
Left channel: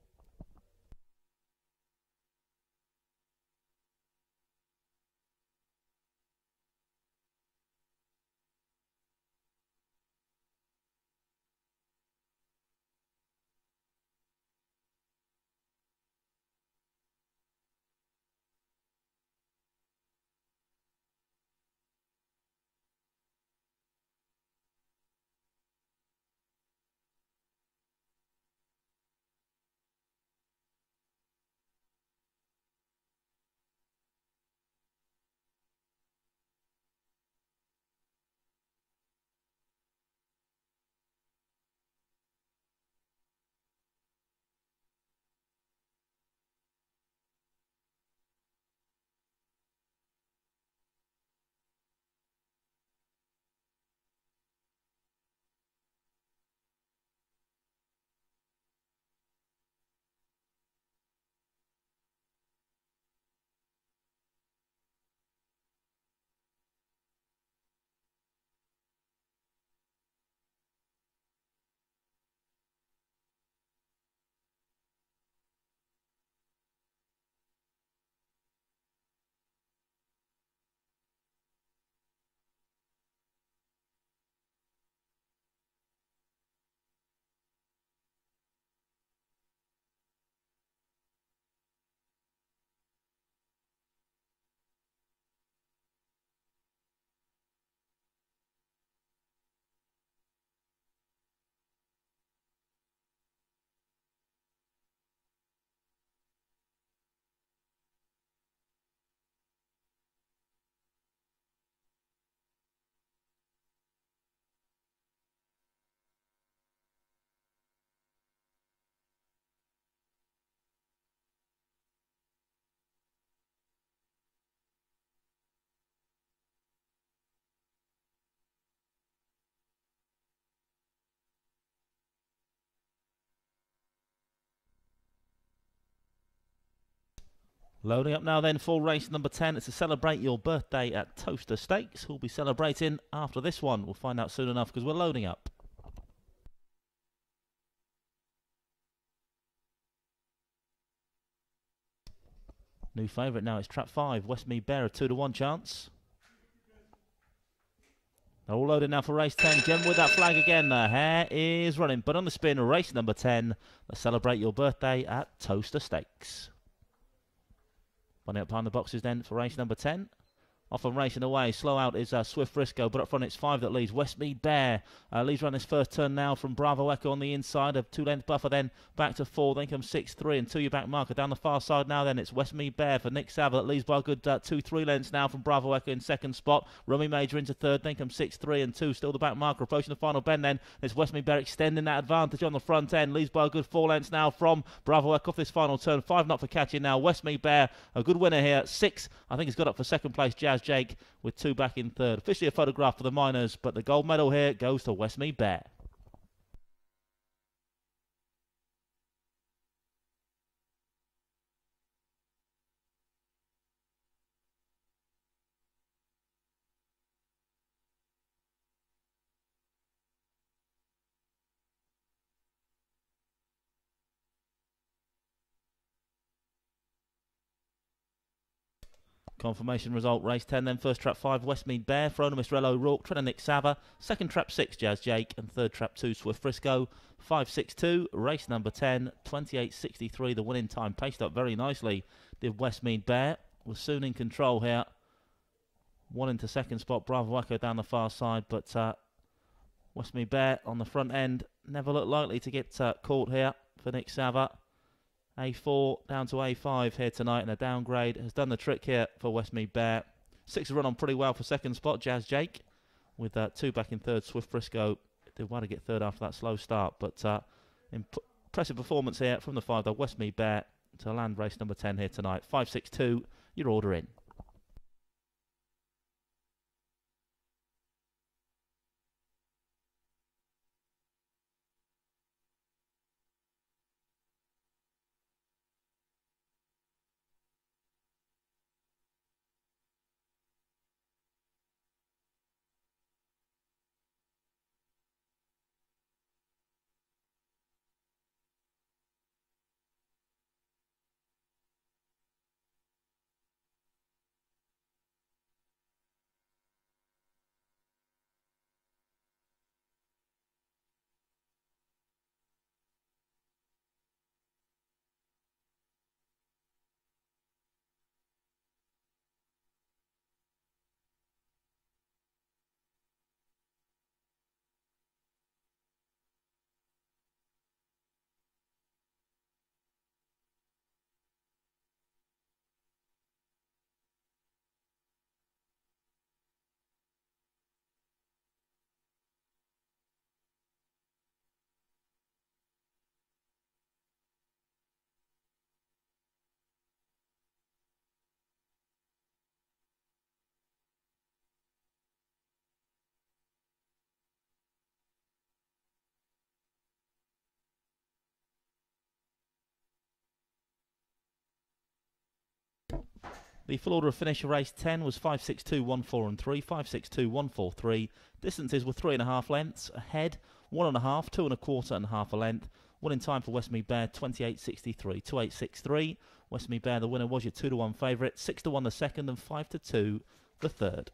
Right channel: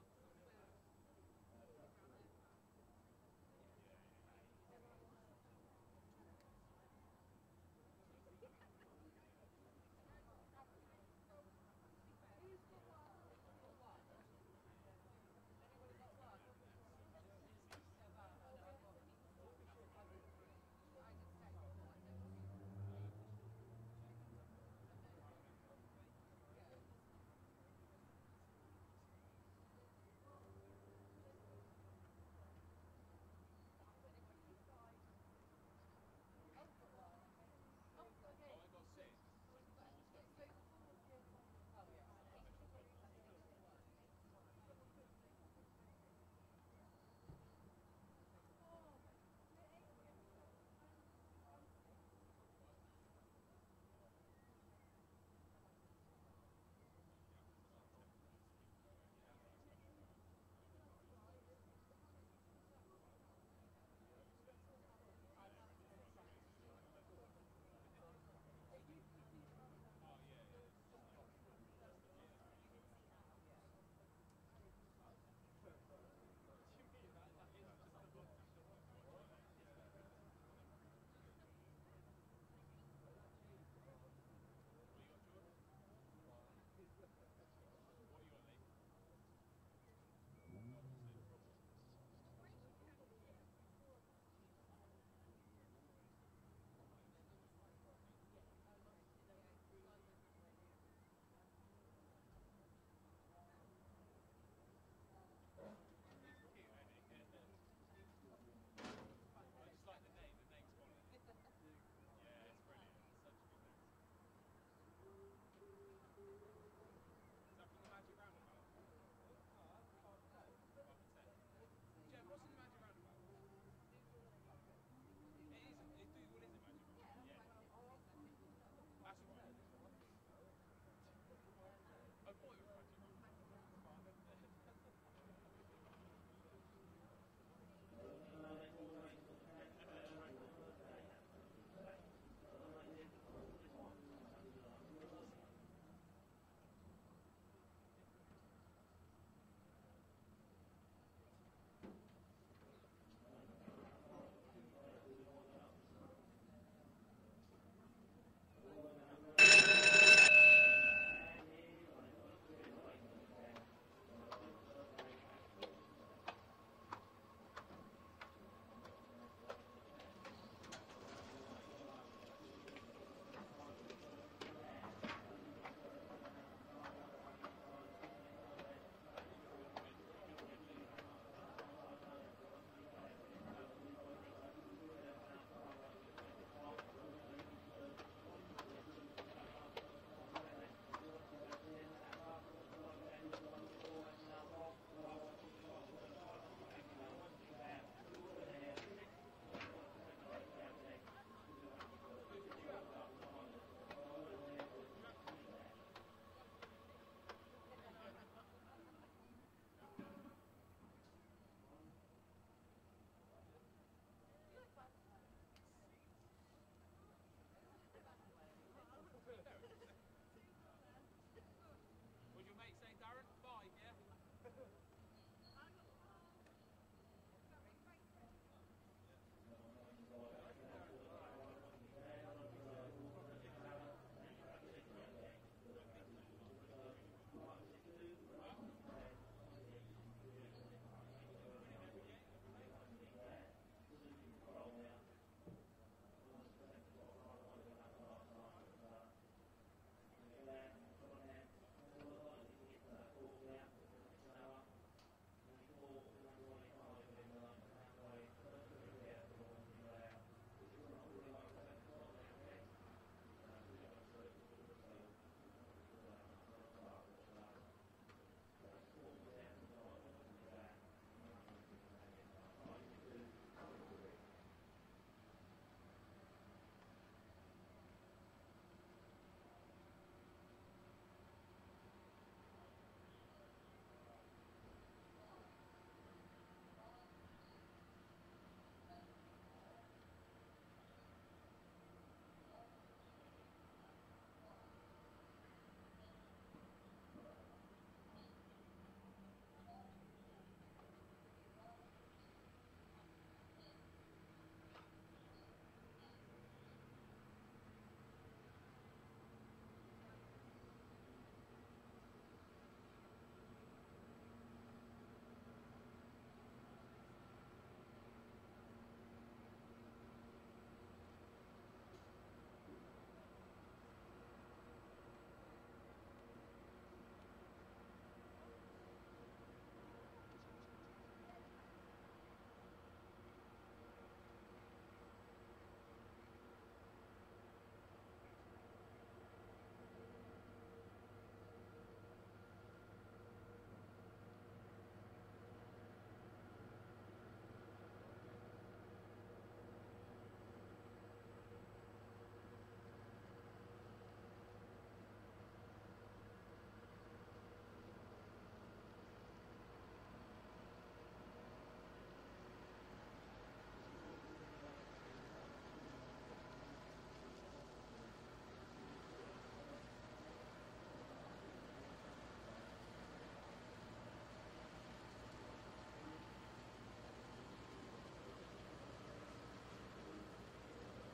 Loading up now then for race number 10. It's to celebrate your birthday at Towcester Stakes. Who'll be celebrating after this one? We'll find out soon enough because we're loading up. New favourite now, it's trap 5, Westmead Bear, a 2-1 chance. They're all loaded now for race 10. Jim with that flag again. The hare is running, but on the spin, race number 10. Let's celebrate your birthday at Towcester Stakes. Running up behind the boxes then for race number 10. Off and racing away. Slow out is Swift Frisco, but up front it's 5 that leads. Westmead Bear leads around this first turn now from Bravo Echo on the inside. A 2-length buffer then back to 4. Then comes 6-3 and 2 your back marker. Down the far side now then it's Westmead Bear for Nick Sava that leads by a good 2-3 lengths now from Bravo Echo in second spot. Rummy Major into third. Then comes 6-3 and 2. Still the back marker. Approaching the final bend then. It's Westmead Bear extending that advantage on the front end. Leads by a good 4 lengths now from Bravo Echo off this final turn. 5 not for catching now. Westmead Bear, a good winner here. 6, I think he's got up for second place. Jazz Jake with 2 back in third. Officially a photograph for the minors, but the gold medal here goes to Westmead Bear. Confirmation result, race 10 then. First trap 5, Westmead Bear, for owner Mr. L. O'Rourke, trainer Nick Sava. Second trap 6, Jazz Jake, and third trap 2, Swift Frisco. 5.62, race number 10, 28.63, the winning time. Paced up very nicely, did Westmead Bear. Was soon in control here. One into second spot, Bravo Echo down the far side, but Westmead Bear on the front end never looked likely to get caught here for Nick Sava. A4 down to A5 here tonight, and a downgrade has done the trick here for Westmead Bear. 6 run on pretty well for second spot, Jazz Jake, with 2 back in third. Swift Briscoe did well to get third after that slow start, but impressive performance here from the 5, though. Westmead Bear to land race number 10 here tonight. 5.62, your order in. The full order of finish of race 10 was 5.62, 1.4 and 3, 5.62, 1.4, 3. Distances were 3.5 lengths. Ahead, 1.5, 2.25 and half a length. Winning time for Westmead Bear, 28.63, 2.863. Westmead Bear, the winner, was your 2-to-1 favourite, 6-to-1 the second and 5-to-2 the third.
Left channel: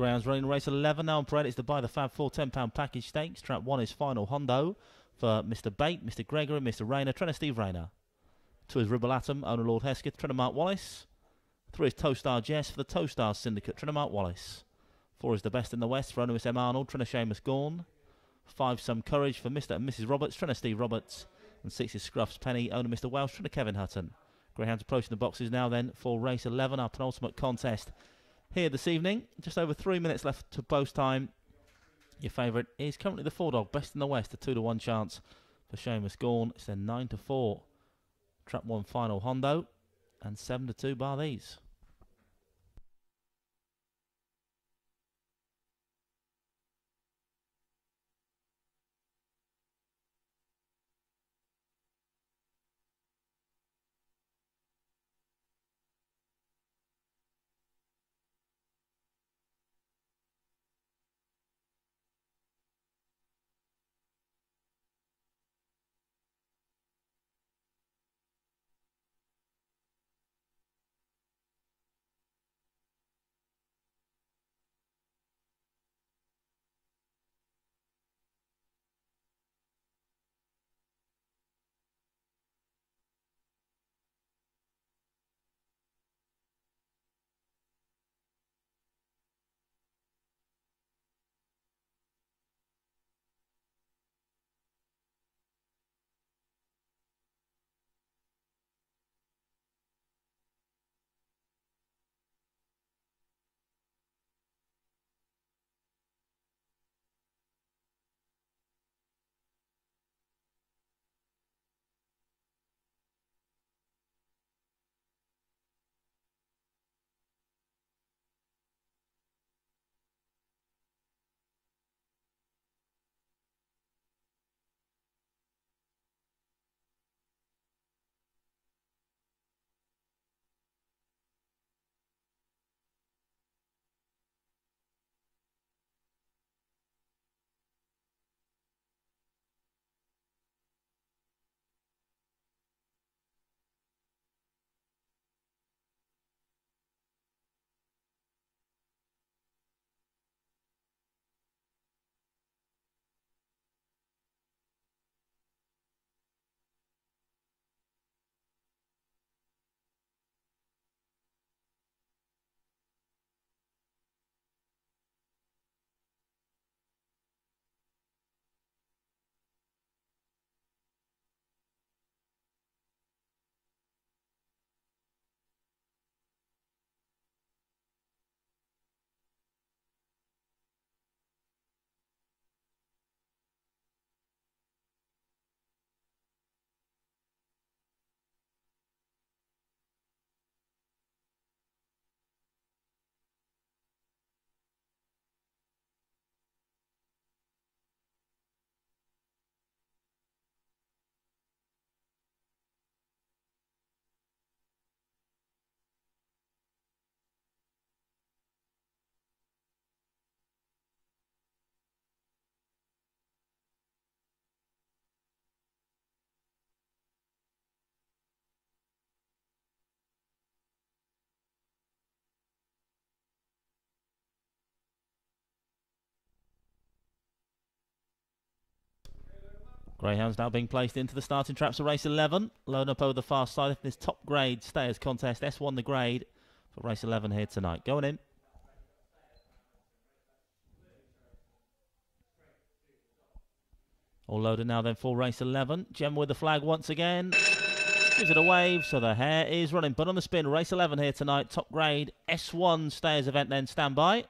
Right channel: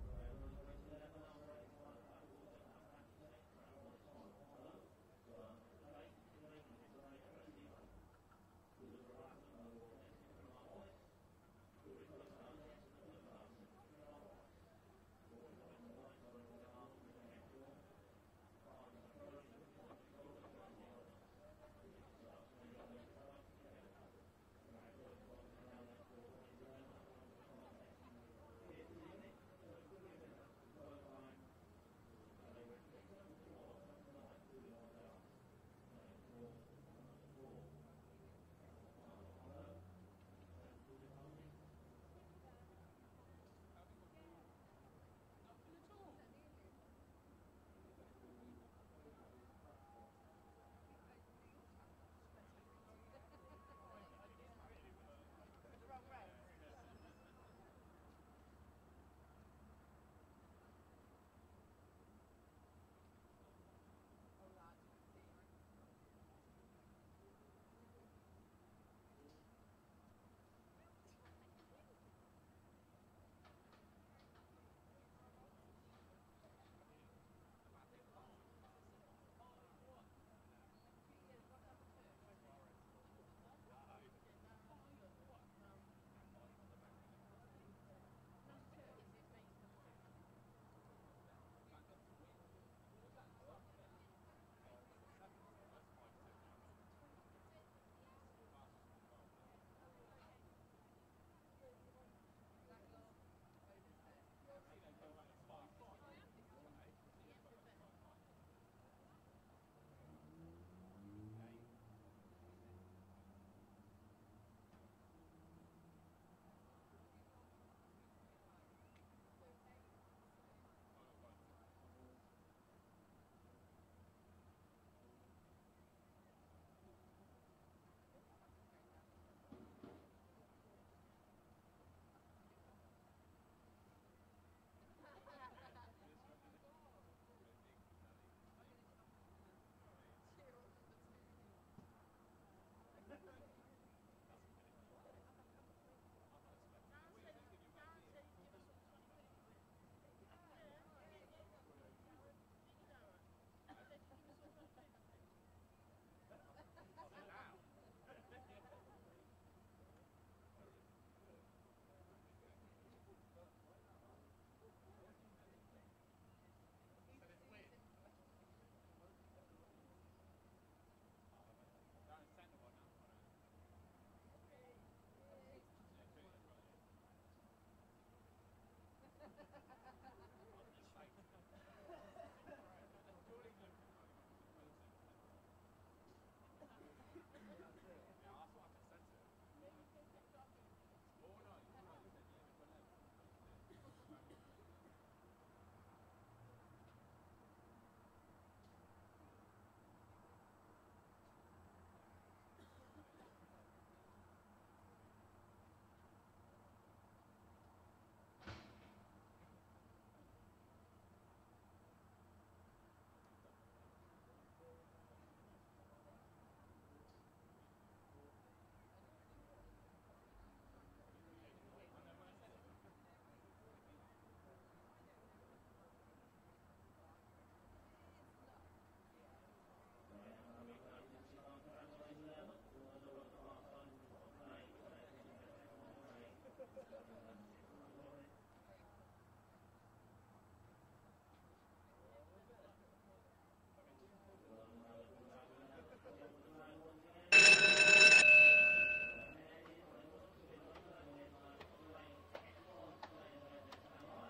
Greyhounds running race 11 now on parade. It's to buy the Fab 4 £10 package stakes. Trap 1 is Final Hondo for Mr. Bate, Mr. Gregory, Mr. Rayner, trainer Steve Rayner. 2 is Ribble Atom, owner Lord Hesketh, trainer Mark Wallace. 3 is Towstar Jess for the Towstar Syndicate, trainer Mark Wallace. 4 is The Best in the West for owner Miss M. Arnold, trainer Seamus Gorn. 5 Some Courage for Mr. and Mrs. Roberts, trainer Steve Roberts. And 6 is Scruff's Penny, owner Mr. Welsh, trainer Kevin Hutton. Greyhounds approaching the boxes now then for race 11, our penultimate contest here this evening. Just over 3 minutes left to post time. Your favourite is currently the 4 dog, Best in the West, a 2-to-1 chance for Seamus Gorn. It's then 9-4. Trap 1 Final Hondo and 7-2 bar these. Greyhounds now being placed into the starting traps of race 11. Load up over the far side of this top grade stayers contest. S1 the grade for race 11 here tonight. Going in. All loaded now then for race 11. Gem with the flag once again. Gives it a wave, so the hare is running. But on the spin, race 11 here tonight. Top grade S1 stayers event then. Stand by.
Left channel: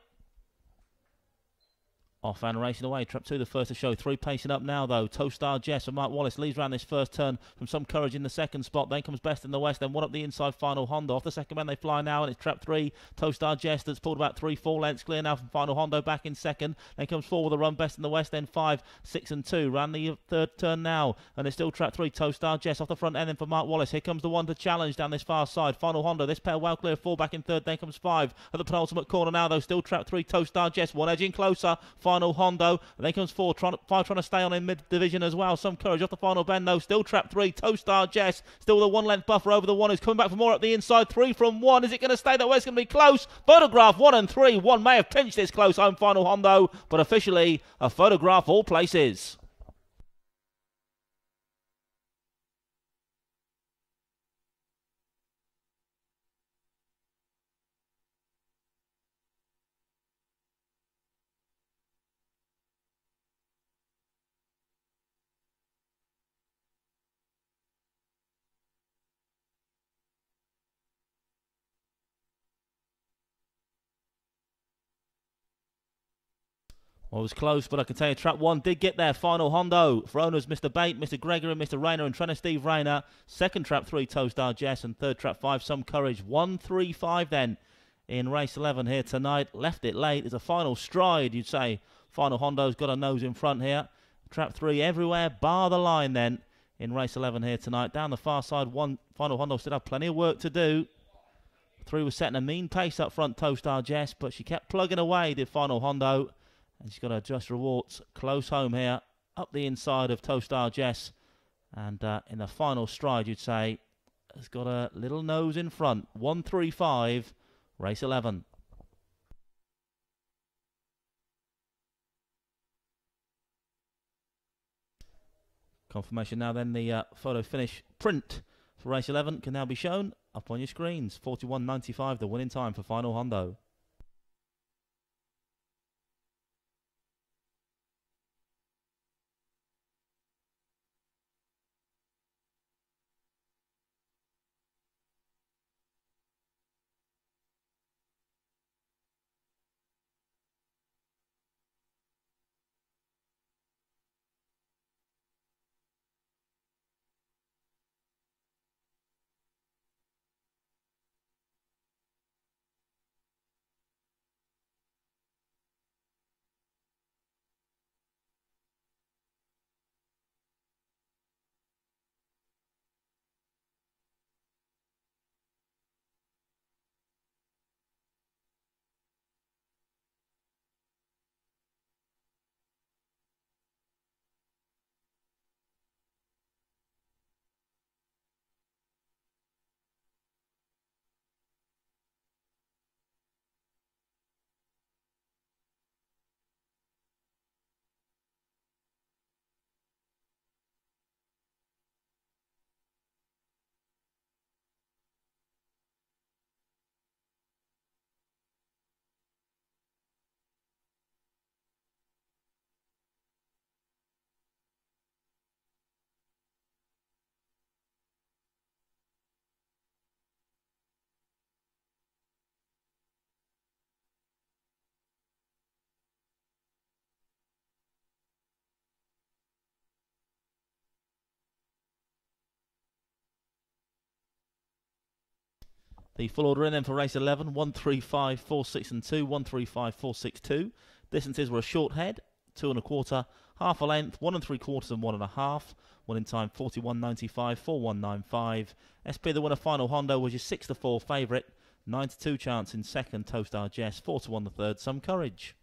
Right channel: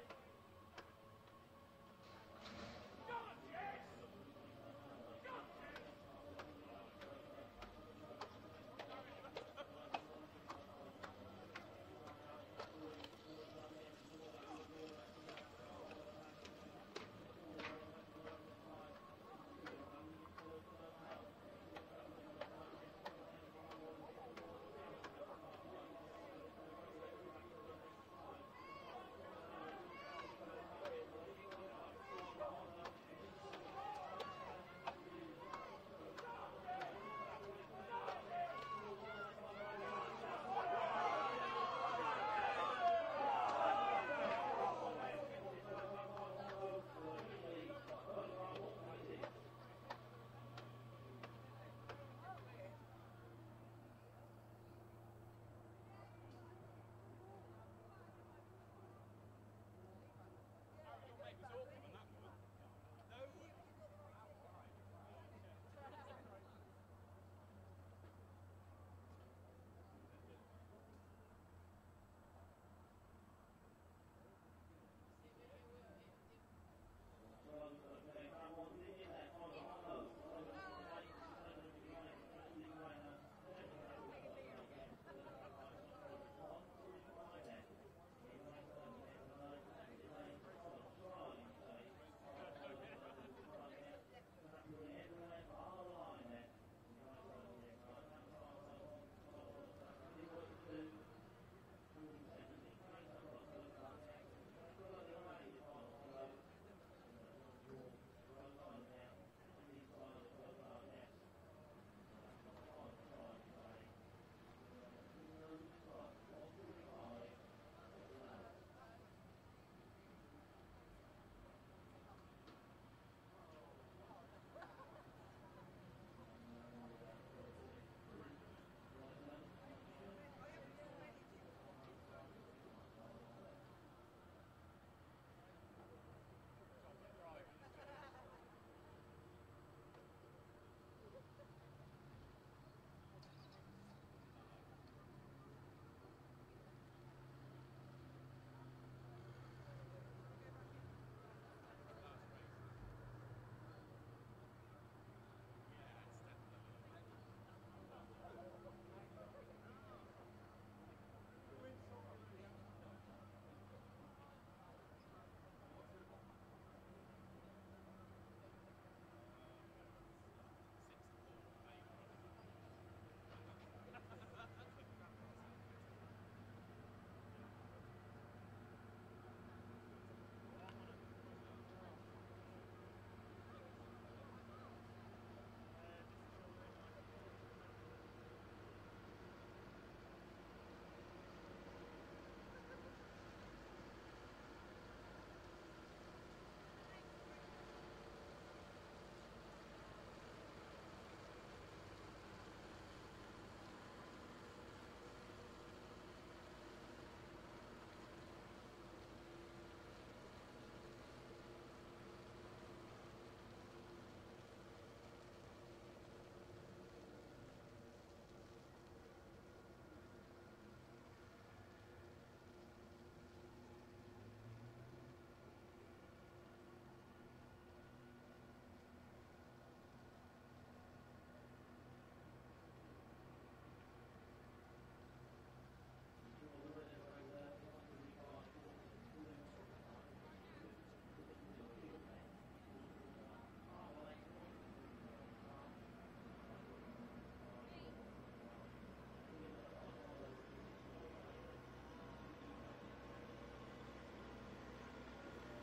Off and racing away. Trap 2 the first to show. 3 pacing up now though. Towstar Jess and Mark Wallace leads around this first turn from Some Courage in the second spot. Then comes Best in the West. Then one up the inside Final Hondo. Off the second man they fly now and it's Trap 3. Towstar Jess that's pulled about 3-4 lengths clear now from Final Hondo back in second. Then comes 4 with a run Best in the West. Then 5, 6 and 2. Round the third turn now and it's still Trap 3. Towstar Jess off the front end then for Mark Wallace. Here comes the one to challenge down this far side. Final Hondo. This pair well clear. 4 back in third. Then comes 5 at the penultimate corner now though. Still Trap 3. Towstar Jess. One edging closer. final Hondo. And then comes 5 trying to stay on in mid-division as well. Some courage off the final bend though. Still trap 3. Towcester Jess. Still the 1 length buffer over the 1 who's coming back for more up the inside. 3 from 1. Is it going to stay that way? It's going to be close. Photograph 1 and 3. 1 may have pinched this close home final Hondo, but officially a Photograph all places. Well, it was close, but I can tell you trap 1 did get there. Final Hondo for owners Mr. Bate, Mr. Gregory, Mr. Rayner and trainer Steve Rayner. Second trap 3, Towstar Jess, and third trap 5, Some Courage. 1-3-5 then in race 11 here tonight. Left it late. It's a final stride, you'd say. Final Hondo's got a nose in front here. Trap 3 everywhere, bar the line then in race 11 here tonight. Down the far side, Final Hondo still have plenty of work to do. 3 was setting a mean pace up front, Towstar Jess, but she kept plugging away, did Final Hondo. And she's got to adjust her warts close home here, up the inside of Towstar Jess. And in the final stride, you'd say, has got a little nose in front. 1-3-5, race 11. Confirmation now then, the photo finish print for race 11 can now be shown up on your screens. 41.95, the winning time for Final Hondo. The full order in then for race 11, 1-3-5, 4-6 and 2, 1-3-5, 4-6, 2. Distances were a short head, 2 1/4, half a length, 1 3/4 and 1 1/2. Winning time 41.95, 41.95. SP the winner final Hondo was your 6-4 favourite, 9-2 chance in second Towstar Jess, 4-1 the third, Some Courage.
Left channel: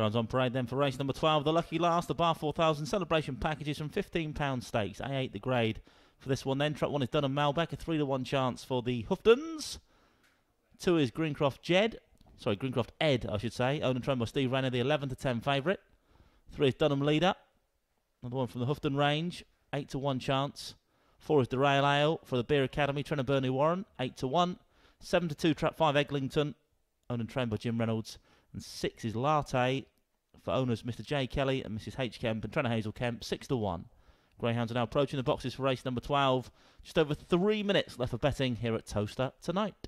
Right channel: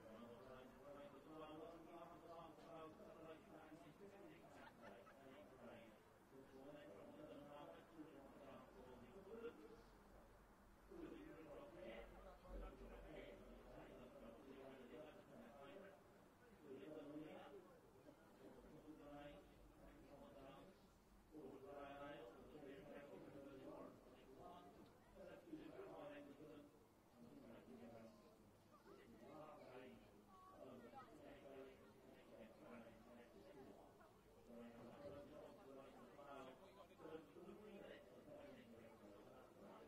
Grounds on parade then for race number 12, the lucky last, the Bar 4000 celebration packages from £15 stakes. A8 the grade for this one then. Track 1 is Dunham Malbec, a 3-to-1 chance for the Hoofdens. 2 is Greencroft Ed, I should say. Owned and trained by Steve Rayner, the 11-to-10 favourite. 3 is Dunham Leader, another one from the Hoofden range, 8-to-1 chance. 4 is the Rail Ale for the Beer Academy, Trenna Burnley Warren, 8-to-1. 7-to-2, Trap 5 Eglinton, owned and trained by Jim Reynolds. And 6 is Latte for owners Mr. J. Kelly and Mrs. H. Kemp and Trenna Hazel Kemp, 6-to-1. Greyhounds are now approaching the boxes for race number 12. Just over 3 minutes left for betting here at Towcester tonight.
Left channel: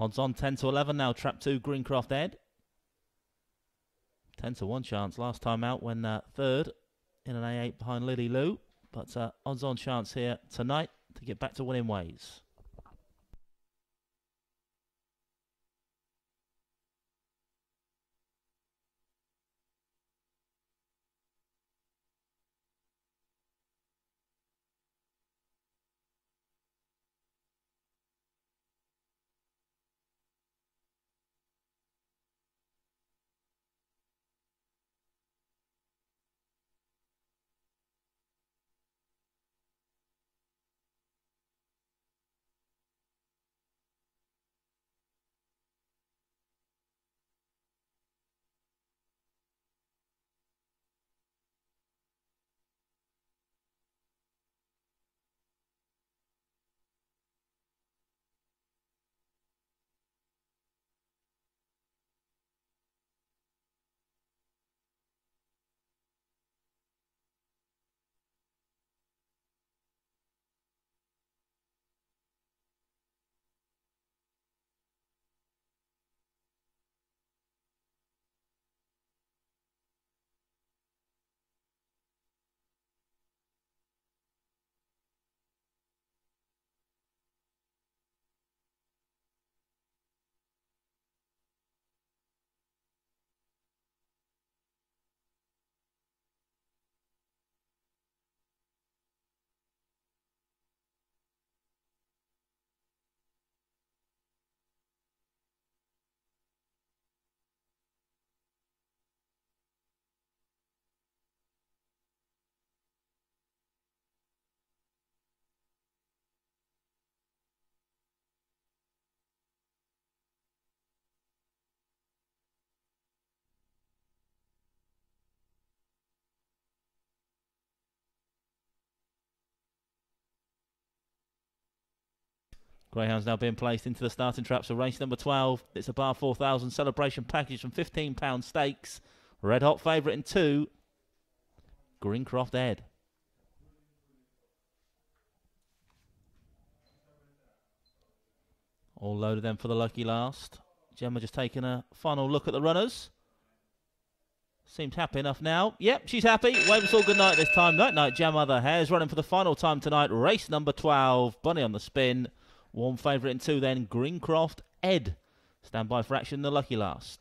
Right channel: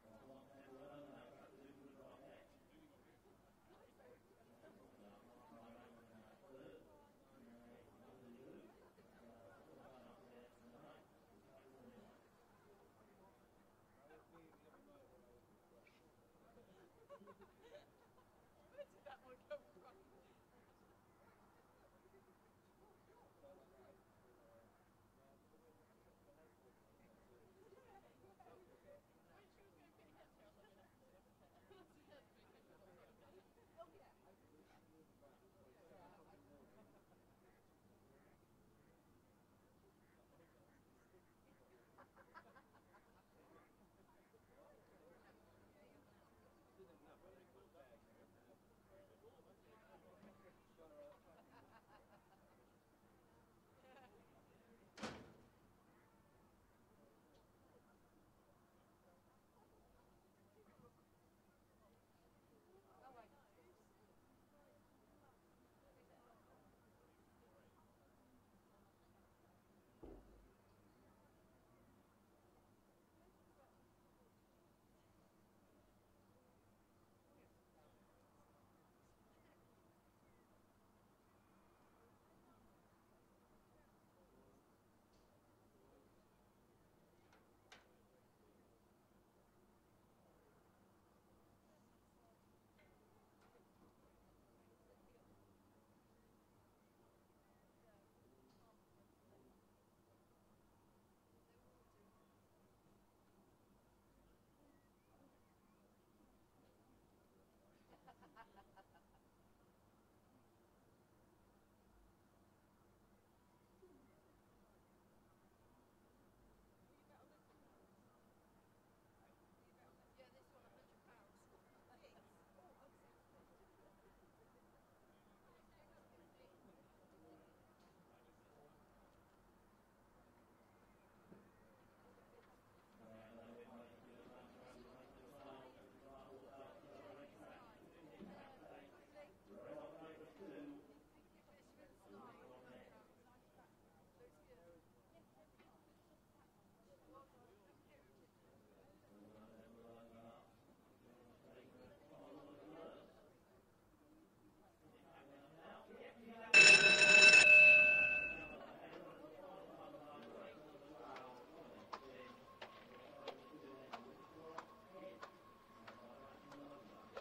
Odds on 10-to-11 now. Trap 2, Greencroft Ed. 10-to-1 chance last time out when third in an A8 behind Lily Lou. But odds on chance here tonight to get back to winning ways. Greyhounds now being placed into the starting traps of race number 12. It's a Bar 4000 celebration package from £15 stakes. Red hot favourite in 2, Greencroft Ed. All loaded then for the lucky last. Gemma just taking a final look at the runners. Seems happy enough now. Yep, she's happy. Wave us all good night this time. Night night, Gemma. The hare's running for the final time tonight. Race number 12. Bunny on the spin. Warm favourite in 2 then, Greencroft Ed. Stand by for action, the lucky last.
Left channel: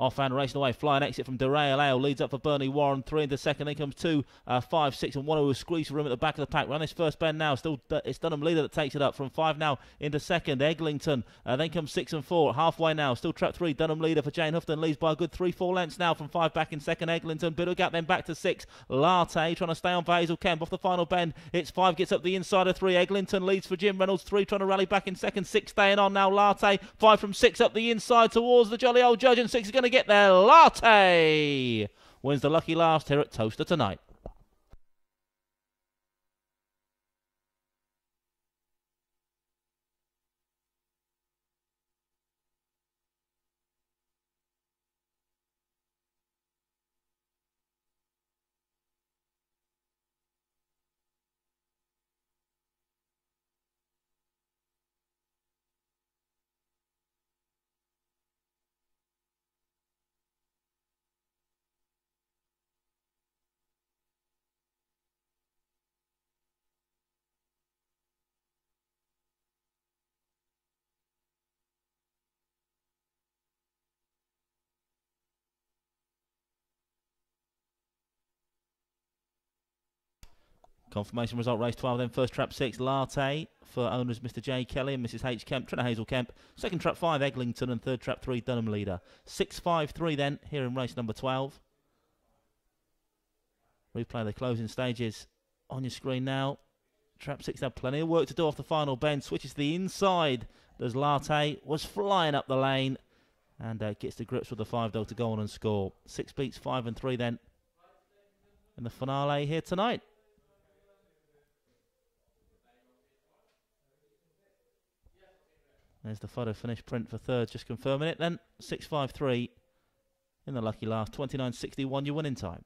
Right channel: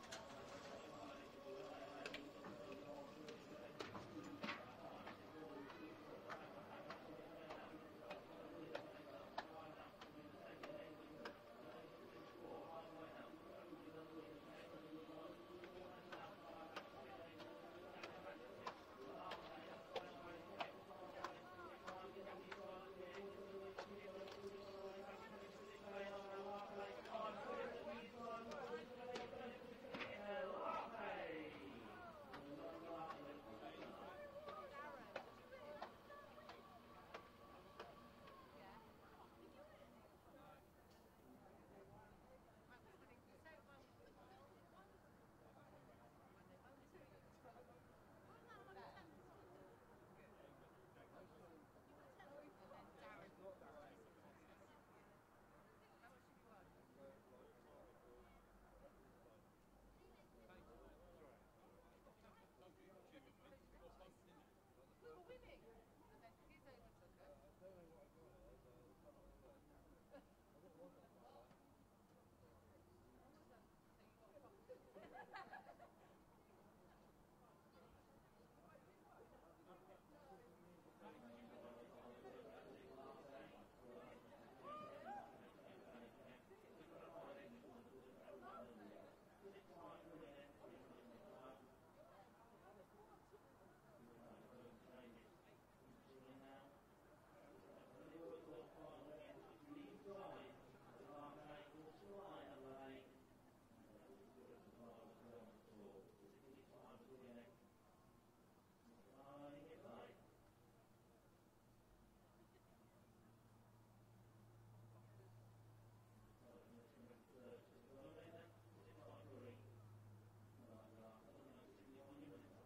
Offhand racing away, flying exit from Derail Ale, leads up for Bernie Warren, 3 into second, then comes 2, 5, 6 and 1 who will squeeze for room at the back of the pack. Round this first bend now, still it's Dunham Leader that takes it up from 5 now into second, Eglinton, then comes 6 and 4, halfway now, still trap 3, Dunham Leader for Jane Houghton, leads by a good 3-4 lengths now from 5 back in second, Eglinton, bit of a gap then back to 6, Latte trying to stay on for Hazel Kemp off the final bend, it's 5 gets up the inside of 3, Eglinton leads for Jim Reynolds, 3 trying to rally back in second, 6 staying on now, Latte, 5 from 6 up the inside towards the jolly old judge, and 6 is going to get there, Latte wins the lucky last here at Towcester tonight. Confirmation result, race 12, then first trap 6, Latte for owners Mr. J. Kelly and Mrs. H. Kemp, Trina Hazel Kemp. Second trap 5, Eglinton, and third trap 3, Dunham Leader. 6-5-3 then, here in race number 12. Replay the closing stages on your screen now. Trap 6 had plenty of work to do off the final bend, switches to the inside as Latte was flying up the lane and gets to grips with the 5 though to go on and score. 6 beats 5 and 3 then in the finale here tonight. There's the photo finish print for third, just confirming it then. 6-5-3 in the lucky last, 29.61 your winning time.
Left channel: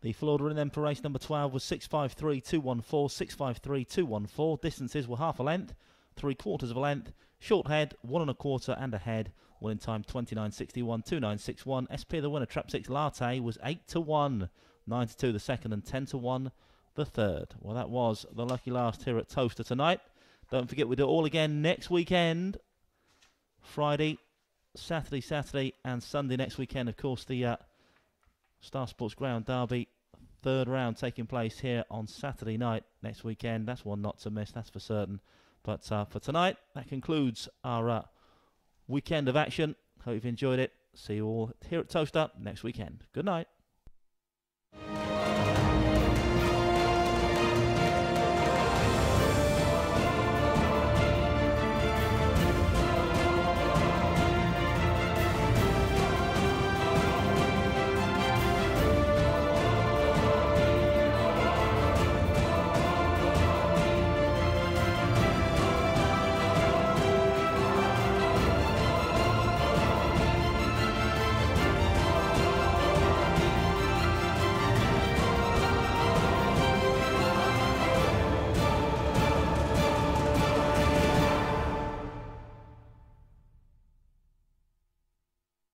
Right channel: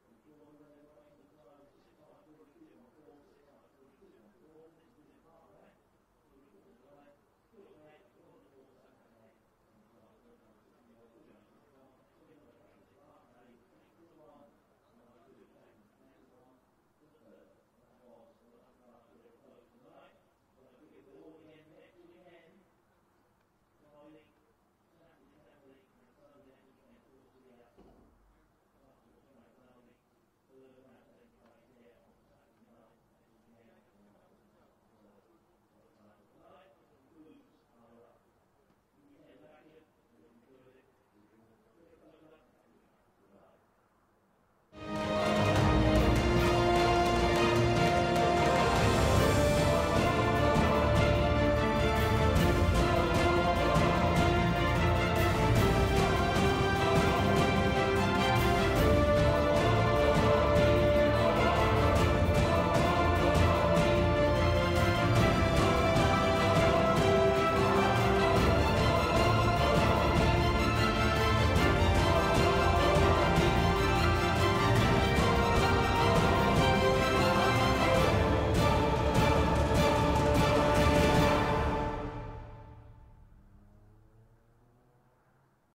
The full order in then for race number 12 was 6-5-3-2-1-4, 6-5-3-2-1-4. Distances were half a length, 3/4 of a length, short head, 1 1/4 and a head. Winning time 29.61, 29.61. SP the winner, trap 6 Latte was 8-1, 9-2 the second and 10-1 the third. Well, that was the lucky last here at Towcester tonight. Don't forget we do it all again next weekend. Friday, Saturday and Sunday next weekend. Of course, the Star Sports Greyhound Derby, third round taking place here on Saturday night next weekend. That's one not to miss, that's for certain. But for tonight, that concludes our weekend of action. Hope you've enjoyed it. See you all here at Towcester next weekend. Good night.